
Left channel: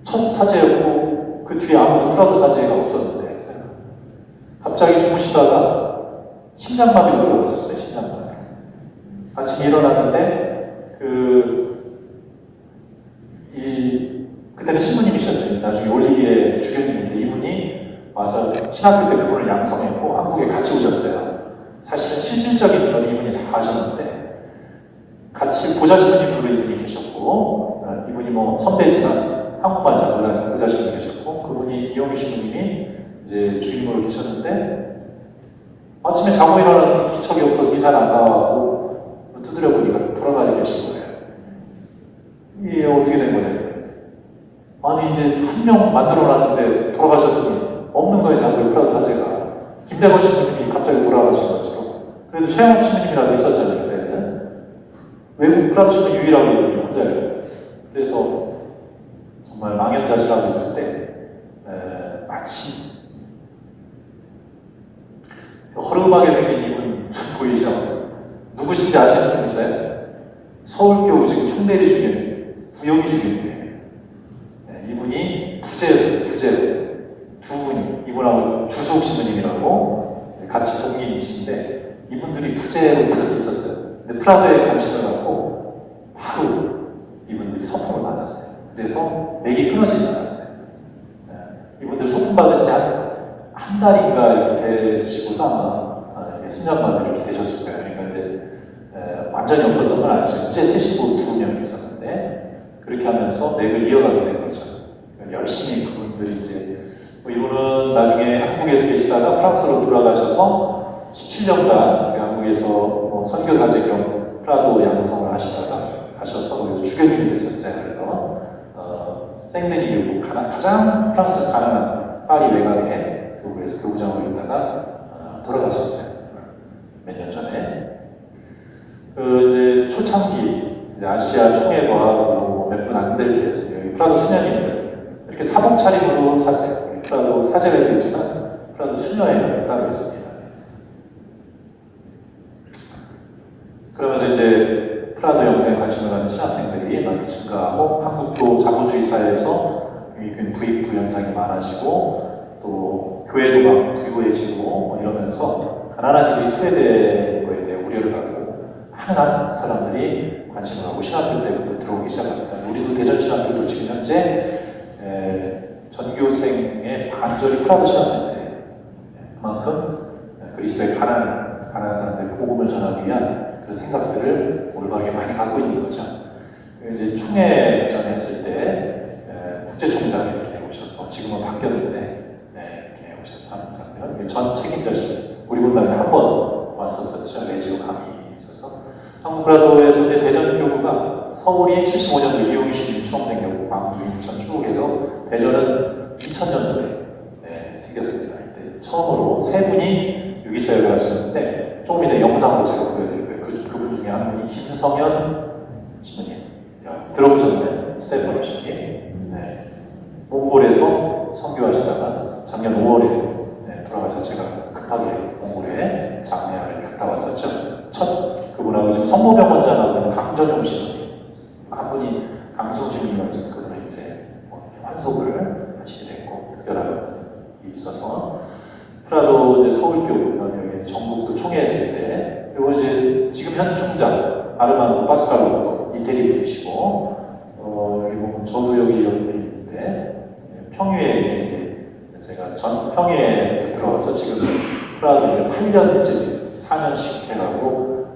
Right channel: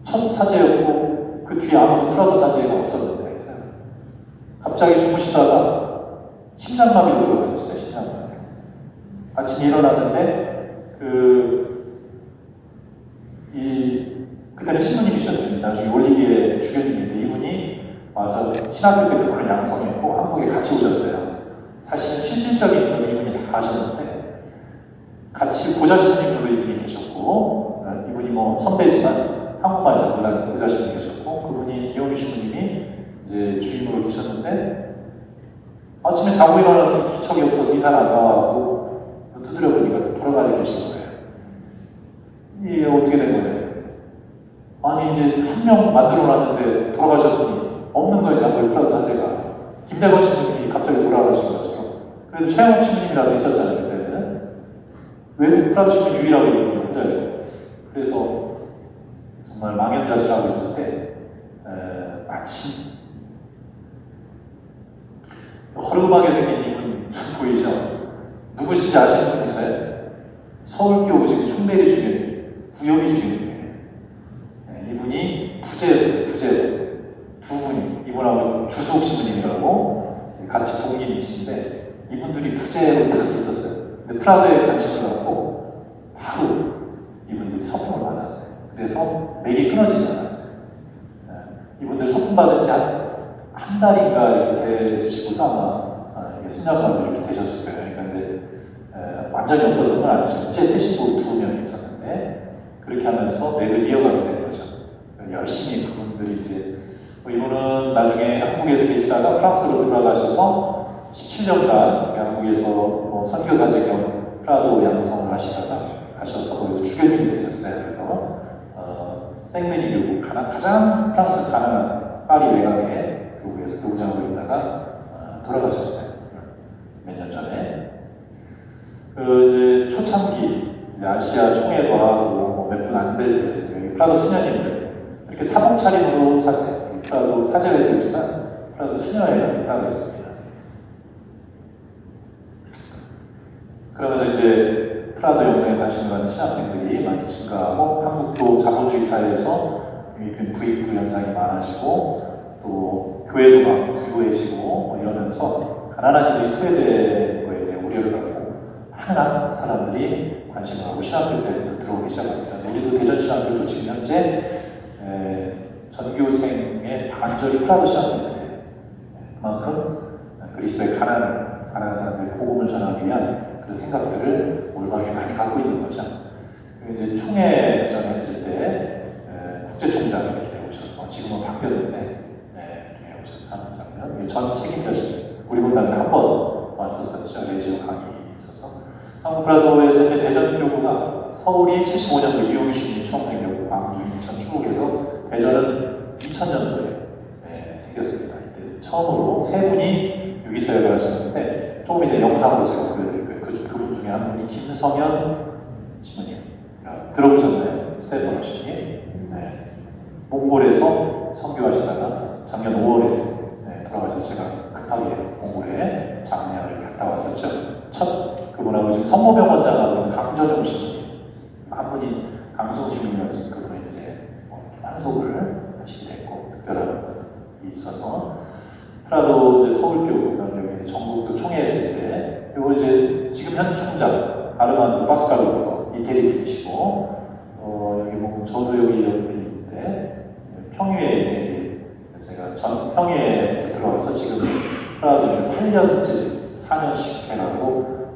첫 사제였고 그 뒤에 아무도 프라도 사제가 없었는데 갑자기 주무시다가 심장마비로 들어오셨어요. 심장마비. 아침에 일어났는데 그때는 신부님이셨는데 나중에 올리비에 주교님인데 이분이 와서 신학교 때 그분을 양성했고 한국에 같이 오셨어요. 사실은 실질적인 건 이분이 다 하셨는데 같이 보좌신부님으로 이분이 계셨고 이분이 선배지만 한국만 잘 몰라요. 보좌신부님 계셨고 그분이 이용희 신부님이 이제 주임으로 계셨는데 아침에 자고 일어났더니 기척이 없어 이사가 안 나와가고 두드려 보니까 돌아가게 계신 거예요. 이게 어떻게 된 거예요? 아니 이제 한 명 만들어놨는데 돌아가셨으니 없는 거예요. 프라도 사제가. 김대건 신부님이 갑자기 돌아가신 것처럼. 그래도 최영업 신부님이라고 있었잖아요. 그때는. 외국 프라도 신부 유일하고 있는 혼자예요. 그래서 정말 망연자실하고 있을 때 마침 허름하게 생긴 이분 보이죠? 누구신지 아시는 분 있어요? 서울교우 지금 흉내리 중에 부용이 중에 이분이 부제였어요. 부제 두 분이 이분하고 주석 신부님이라고 같이 동기이신데 이분들이 부제로 계속 있었어요. 근데 프라도에 관심을 갖고 바로 이분들이 소품을 받았어요. 그래서 맥이 끊어지지 않았어요. 이분들 소품 받은 지 한 달이 신자인가 이렇게 되시고서 아마 신자만 이렇게 되셨을 거예요. 그러니까 이제 완전히 없었던 건 아니죠. 이제 새 신부 2명이 있었는데 그렇게 하면서 맥을 이어가게 된 거죠. 열심히 그분들이 이제 이분은 나중에 한국에서 계시다가 프랑스로 돌아가셔서 17년간 한국에서 선교사제 겸 프라도 양성을 하시다가 가셔서 거기서 주교님이 되셨어요. 그래서 생데니유 가장 프랑스 가난한 파리 외곽에 교구에서 교구장으로 있다가 돌아가셨어요. 몇 년 전에. 이제 초창기 이제 아시아 총회과 몇 분 안 될 때였어요. 프라도 수녀님들 이렇게 사복 차림으로 사세요. 프라도 사제회도 있지만 프라도 수녀회가 따로 있습니다. 그러면서 이제 프라도 영상에 관심을 갖는 신학생들이 많이 증가하고 한국도 자본주의 사회에서 부익부 영상이 많아지고 또 교회도 막 부유해지고 이러면서 가난한 이들이 소외되는 거에 대해 우려를 갖고 많은 사람들이 관심을 갖고 신학교 때부터 들어오기 시작합니다. 우리도 대전신학교도 지금 현재 전교생의 반절이 프라도 신학생들이에요. 그만큼 그리스도의 가난한 사람들의 복음을 전하기 위한 그 생각들을 올바르게 많이 갖고 있는 거죠. 이제 총회전 했을 때 국제총장이 이렇게 오셔서 지금은 바뀌었는데 이렇게 오셔서 하는 장면. 전 책임자신 우리 분당에 한 번 왔었었죠. 레지오 강의 있어서 한국 프라도에서 이제 대전교구가 서울이 75년도 이용희 신이 처음 생겼고 광주, 인천, 충북에서 대전은 2000년도에 생겼습니다. 이때 처음으로 세 분이 유기사역을 하셨는데 조금 이따 영상으로 제가 보여드릴 거예요. 그분 중에 한 분이 김성현 신부님 들어보셨나요? 스테반 신부님. 몽골에서 선교하시다가 작년 5월에 돌아가셔서 제가 급하게 몽골에 장례를 갔다 왔었죠. 첫 그분하고 지금 성모병원장하고 강전용 신부님 한 분이 강성주님이어서 그분이 이제 환속을 하시게 됐고 특별한 일이 있어서 프라도 이제 서울교회 전국도 총회했을 때 그리고 이제 지금 현 총장 아르만도 파스칼로 이태리 분이시고 여기 보면 저도 여기 있는데 평유에 제가 전 평유에 들어와서 지금 프라도 8년째 4년씩 해가고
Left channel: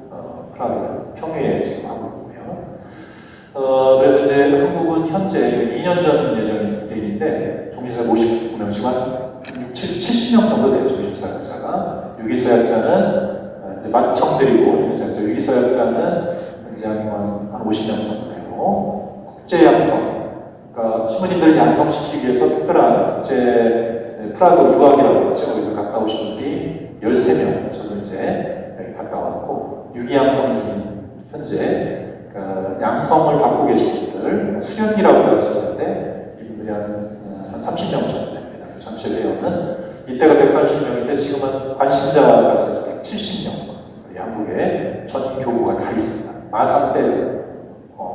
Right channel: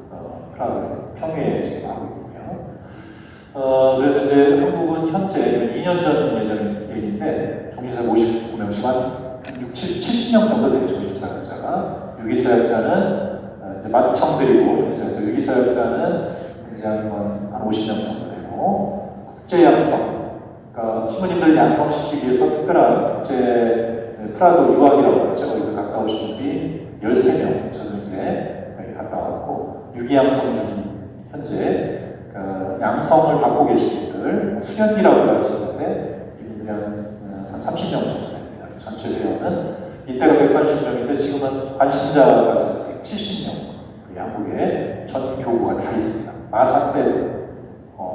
프라도 평유에 지금 하고 있고요. 그래서 이제 한국은 현재 2년 전 예정인데 종신사역 50명씩만 70명 정도 돼요. 종신사역자가 유기사역자는 이제 만청드리고 종신사역자 유기사역자는 이제 한 50명 정도 되고 국제양성 그러니까 신부님들 양성시키기 위해서 특별한 국제 프라도 유학이라고 하죠. 거기서 갔다 오신 분이 13명 저도 이제 여기 갔다 왔고 유기양성 중인 현재 양성을 받고 계신 분들 수련기라고 하셨는데 이분들이 한 30명 정도 됩니다. 전체 회원은 이때가 130명인데 지금은 관심자와 같이 170명 양국에 전 교구가 다 있습니다. 마산 때는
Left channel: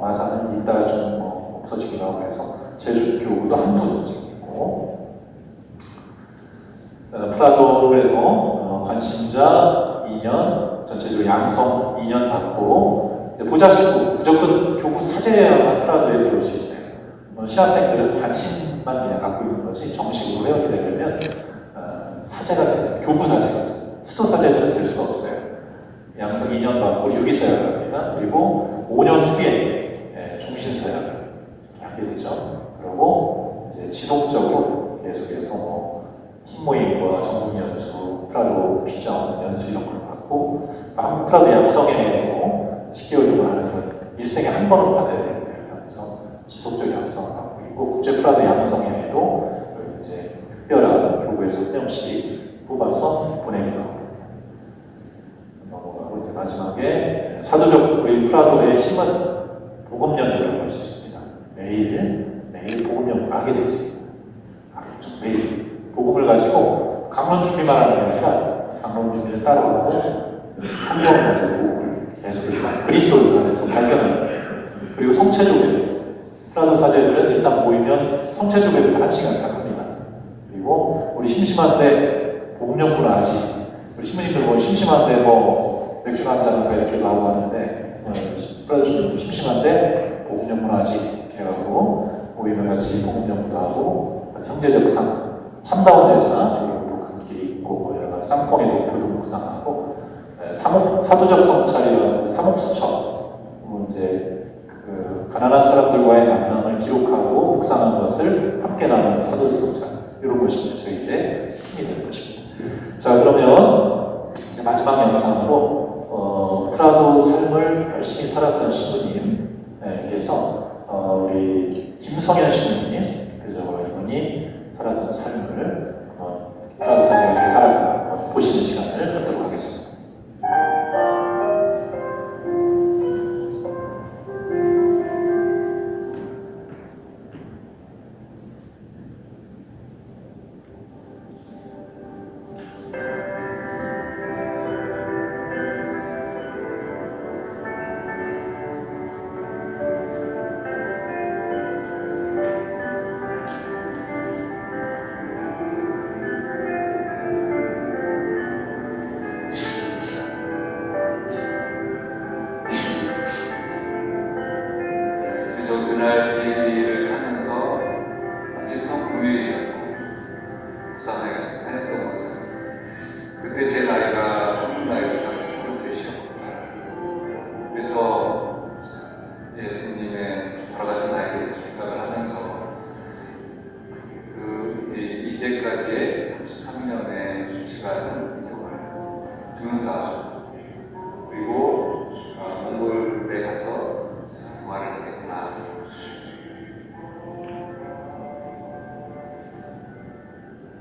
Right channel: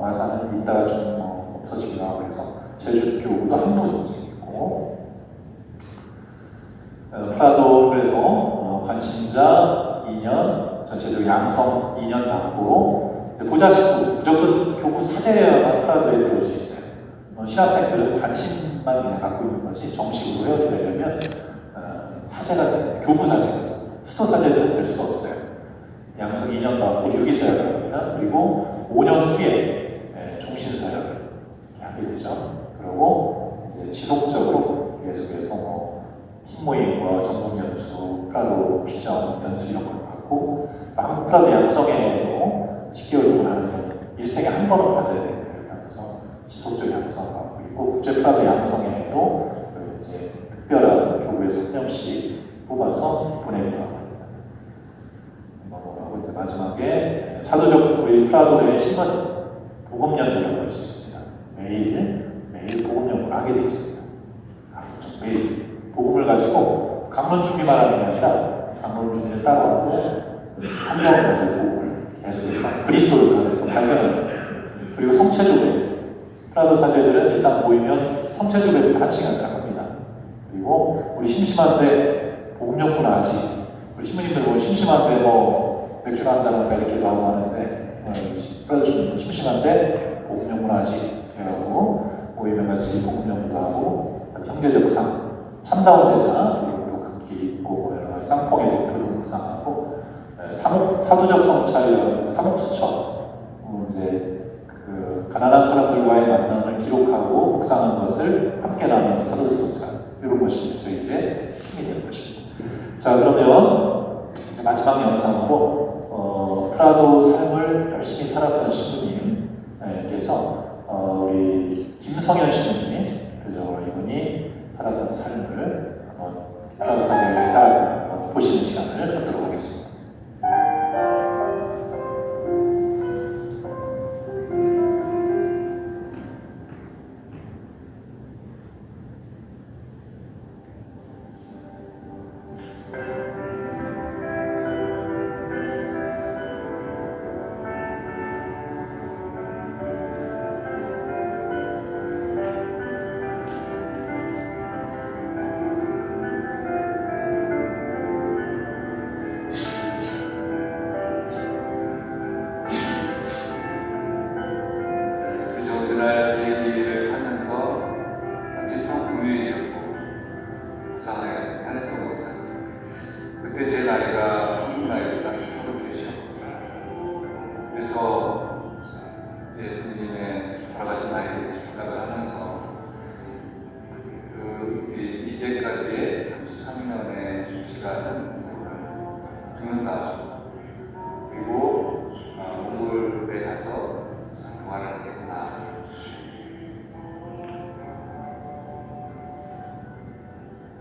마산은 이따가 좀 없어지기로 하고 해서 제주 교구도 한두 있고 프라도 그래서 관심자 2년 전체적으로 양성 2년 받고 보좌식구 무조건 교구 사제여야 프라도에 들어올 수 있어요. 신학생들은 관심만 그냥 갖고 있는 거지 정식으로 회원이 되려면 사제가 돼요. 교구 사제, 수도 사제들은 될 수가 없어요. 양성 2년 받고 유기사역을 합니다. 그리고 5년 후에 종신사역을 하게 되죠. 그리고 이제 지속적으로 계속해서 흰모임과 전국연수, 프라도 비전 연수 이런 걸 받고 한국 프라도 양성회에도 10개월 동안 일생에 한 번은 받아야 되는 거예요. 그래서 지속적인 양성을 받고 있고 국제 프라도 양성회에도 이제 특별한 교구에서 한 명씩 뽑아서 보내기도 합니다. 마지막에 사도적 우리 프라도의 힘은 복음연구라고 할 수 있습니다. 매일 복음연구를 하게 되어 있습니다. 매일 복음을 가지고 강론 준비만 하는 게 아니라 강론 준비를 따로 하고 성경을 복음을 계속해서 그리스도를 통해서 발견합니다. 그리고 성체조회 프라도 사제들은 일단 모이면 성체조회도 1시간 딱 합니다. 그리고 우리 심심한데 복음연구를 하지 우리 신부님들 보면 심심한데 맥주 한잔 이렇게도 하고 하는데 프라도 심심한데 복음연구를 하지 그래가지고 모이면 같이 복음연구도 하고 형제제사상 참다운 제사 그리고 상봉의 대표도 묵상하고 사도적 성찰이라는 사목수처 이제 그 가난한 사람들과의 만남을 기록하고 묵상한 것을 함께 나누는 사도적 성찰 이런 것이 저희의 힘이 되는 것입니다. 자 그러면 이제 마지막 영상으로 프라도 삶을 열심히 살았던 신부님께서 우리 김성현 신부님 그죠 이분이 살았던 삶을 프라도 삶을 살아가는 보시는 시간을 갖도록 하겠습니다. 그래서 그날 비행기를 타면서 마침 금요일이었고 부산에 가서 편했던 것은 그때 제 나이가 한국 나이로 33이었고 그래서 예수님의 돌아가신 나이를 생각을 하면서 이제까지의 33년의 시간은 세월을 죽는다. 그리고 몽골에 가서 부활을 하겠구나.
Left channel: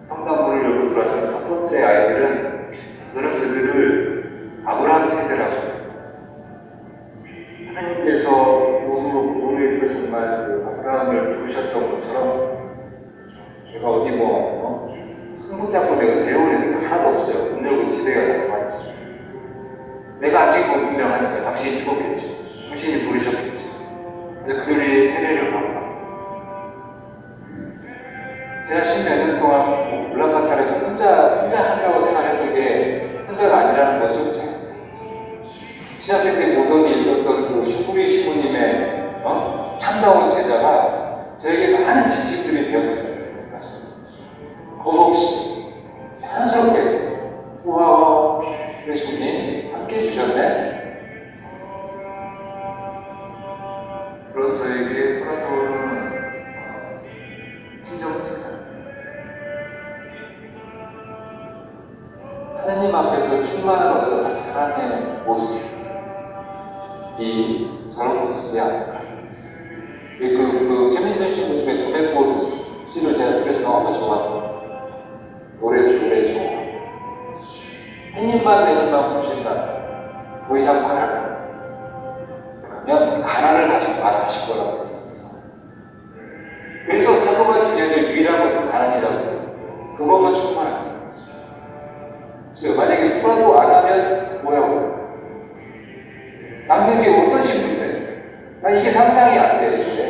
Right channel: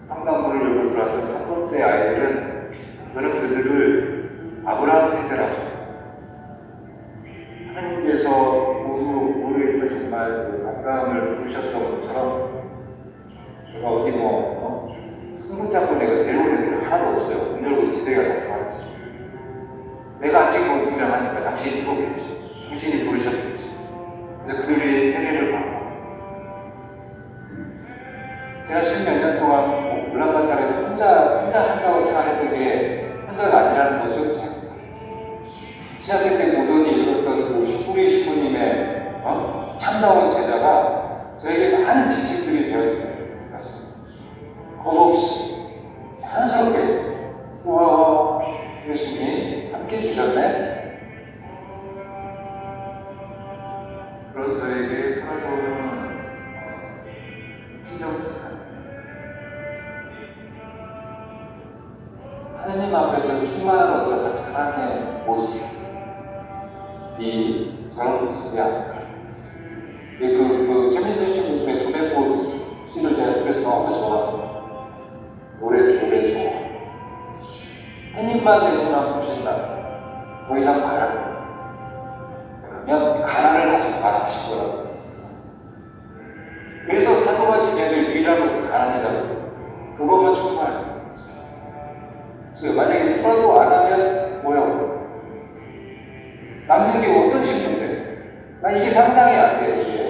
황당무를 돌아선 첫 번째 아이들은 저는 그들을 아브라함 세대라고 하나님께서 우리에서 정말 그 아브라함을 부르셨던 것처럼 제가 어디 성부 잡고 내가 데려오는 게 하나도 없어요. 문열고 지대가 다 같이. 내가 아직 못 분명하니까 당신이 들어오겠지. 당신이 부르셨겠지. 그래서 그들의 세례를 받고 제가 10몇 년 동안 울란바토르에서 혼자 한다고 생각했던 게 혼자가 아니라는 것을 신학생 때 보더니 읽었던 그 슈프리 시부님의 참다운 제자가 저에게 많은 지식들이 되었습니다. 거룩시 자연스럽게 우와 예수님이 함께 해주셨네. 그런 저에게 프라도는 친정집 하나님 앞에서 충만한 어떤 사랑의 모습이 저런 모습이야. 그 최민선 신부의 두메포 씨를 제가 그래서 너무 좋아하고 노래 좋아. 햇님만 내님만 보신다. 더 이상 말고 그러면 가난을 하실 거라고. 그래서 사도가 지내는 유일한 것은 가난이라고. 그거만 충만해. 그래서 만약에 풀어도 안 하면 뭐야? 남는 게 어떤 친구인데? 난 이게 상상이 안 돼, 이게.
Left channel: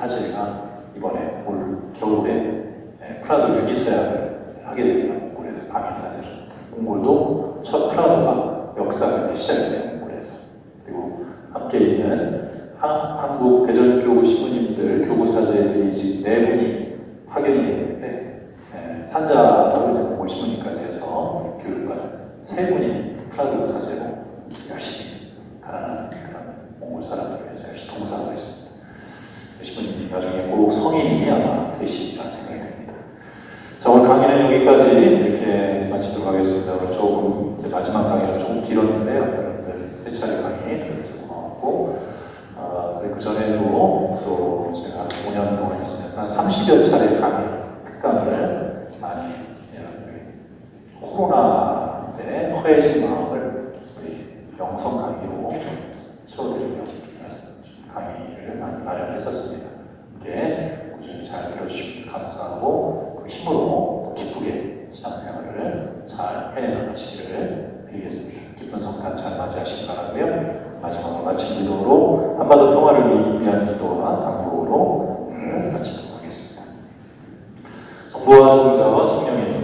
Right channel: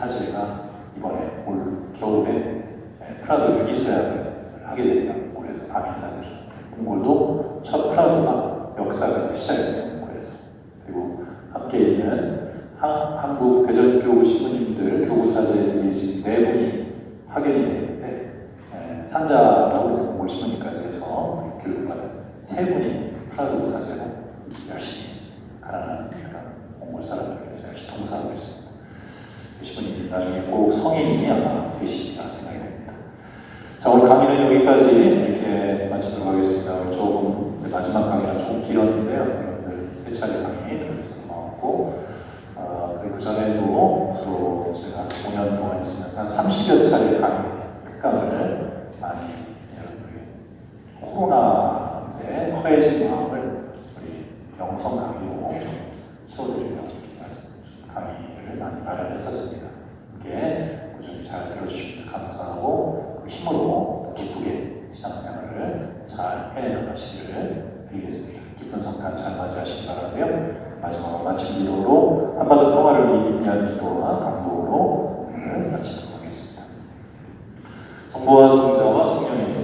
사제가 이번에 올 겨울에 프라도 유기서약을 하게 됩니다. 그래서 방인 사제로서 몽골도 첫 프라도가 역사가 이제 시작이 돼요. 그래서 그리고 함께 있는 한국 대전교구 신부님들 교구 사제들이 지금 4분이 파견이 되는데 산자라고 이제 몽골 신부님까지 해서 교육가 3분이 프라도 사제로 열심히 가난한 몽골 사람들을 위해서 열심히 봉사하고 있습니다. 신부님 나중에 꼭 성인이 아마 되시리라 생각이 됩니다. 자, 오늘 강의는 여기까지 이렇게 마치도록 하겠습니다. 조금 이제 마지막 강의가 조금 길었는데요. 여러분들 세 차례 강의 들어주셔서 고맙고 그 전에도 또 제가 5년 동안 있으면서 한 30여 차례 강의, 특강을 많이 여러분들에게 코로나 때 허해진 마음을 우리 영성 강의로 서로들과 강의를 많이 마련했었습니다. 이렇게 꾸준히 잘 들어주시면 감사하고 그 힘으로 기쁘게 신앙생활을 잘 해내나가시기를 드리겠습니다. 기쁜 성탄 잘 맞이하시기 바라고요. 마지막으로 마침 기도로 한반도 평화를 위한 기도와 강도로 오늘 마치도록 하겠습니다. 성부와 성자와 성령의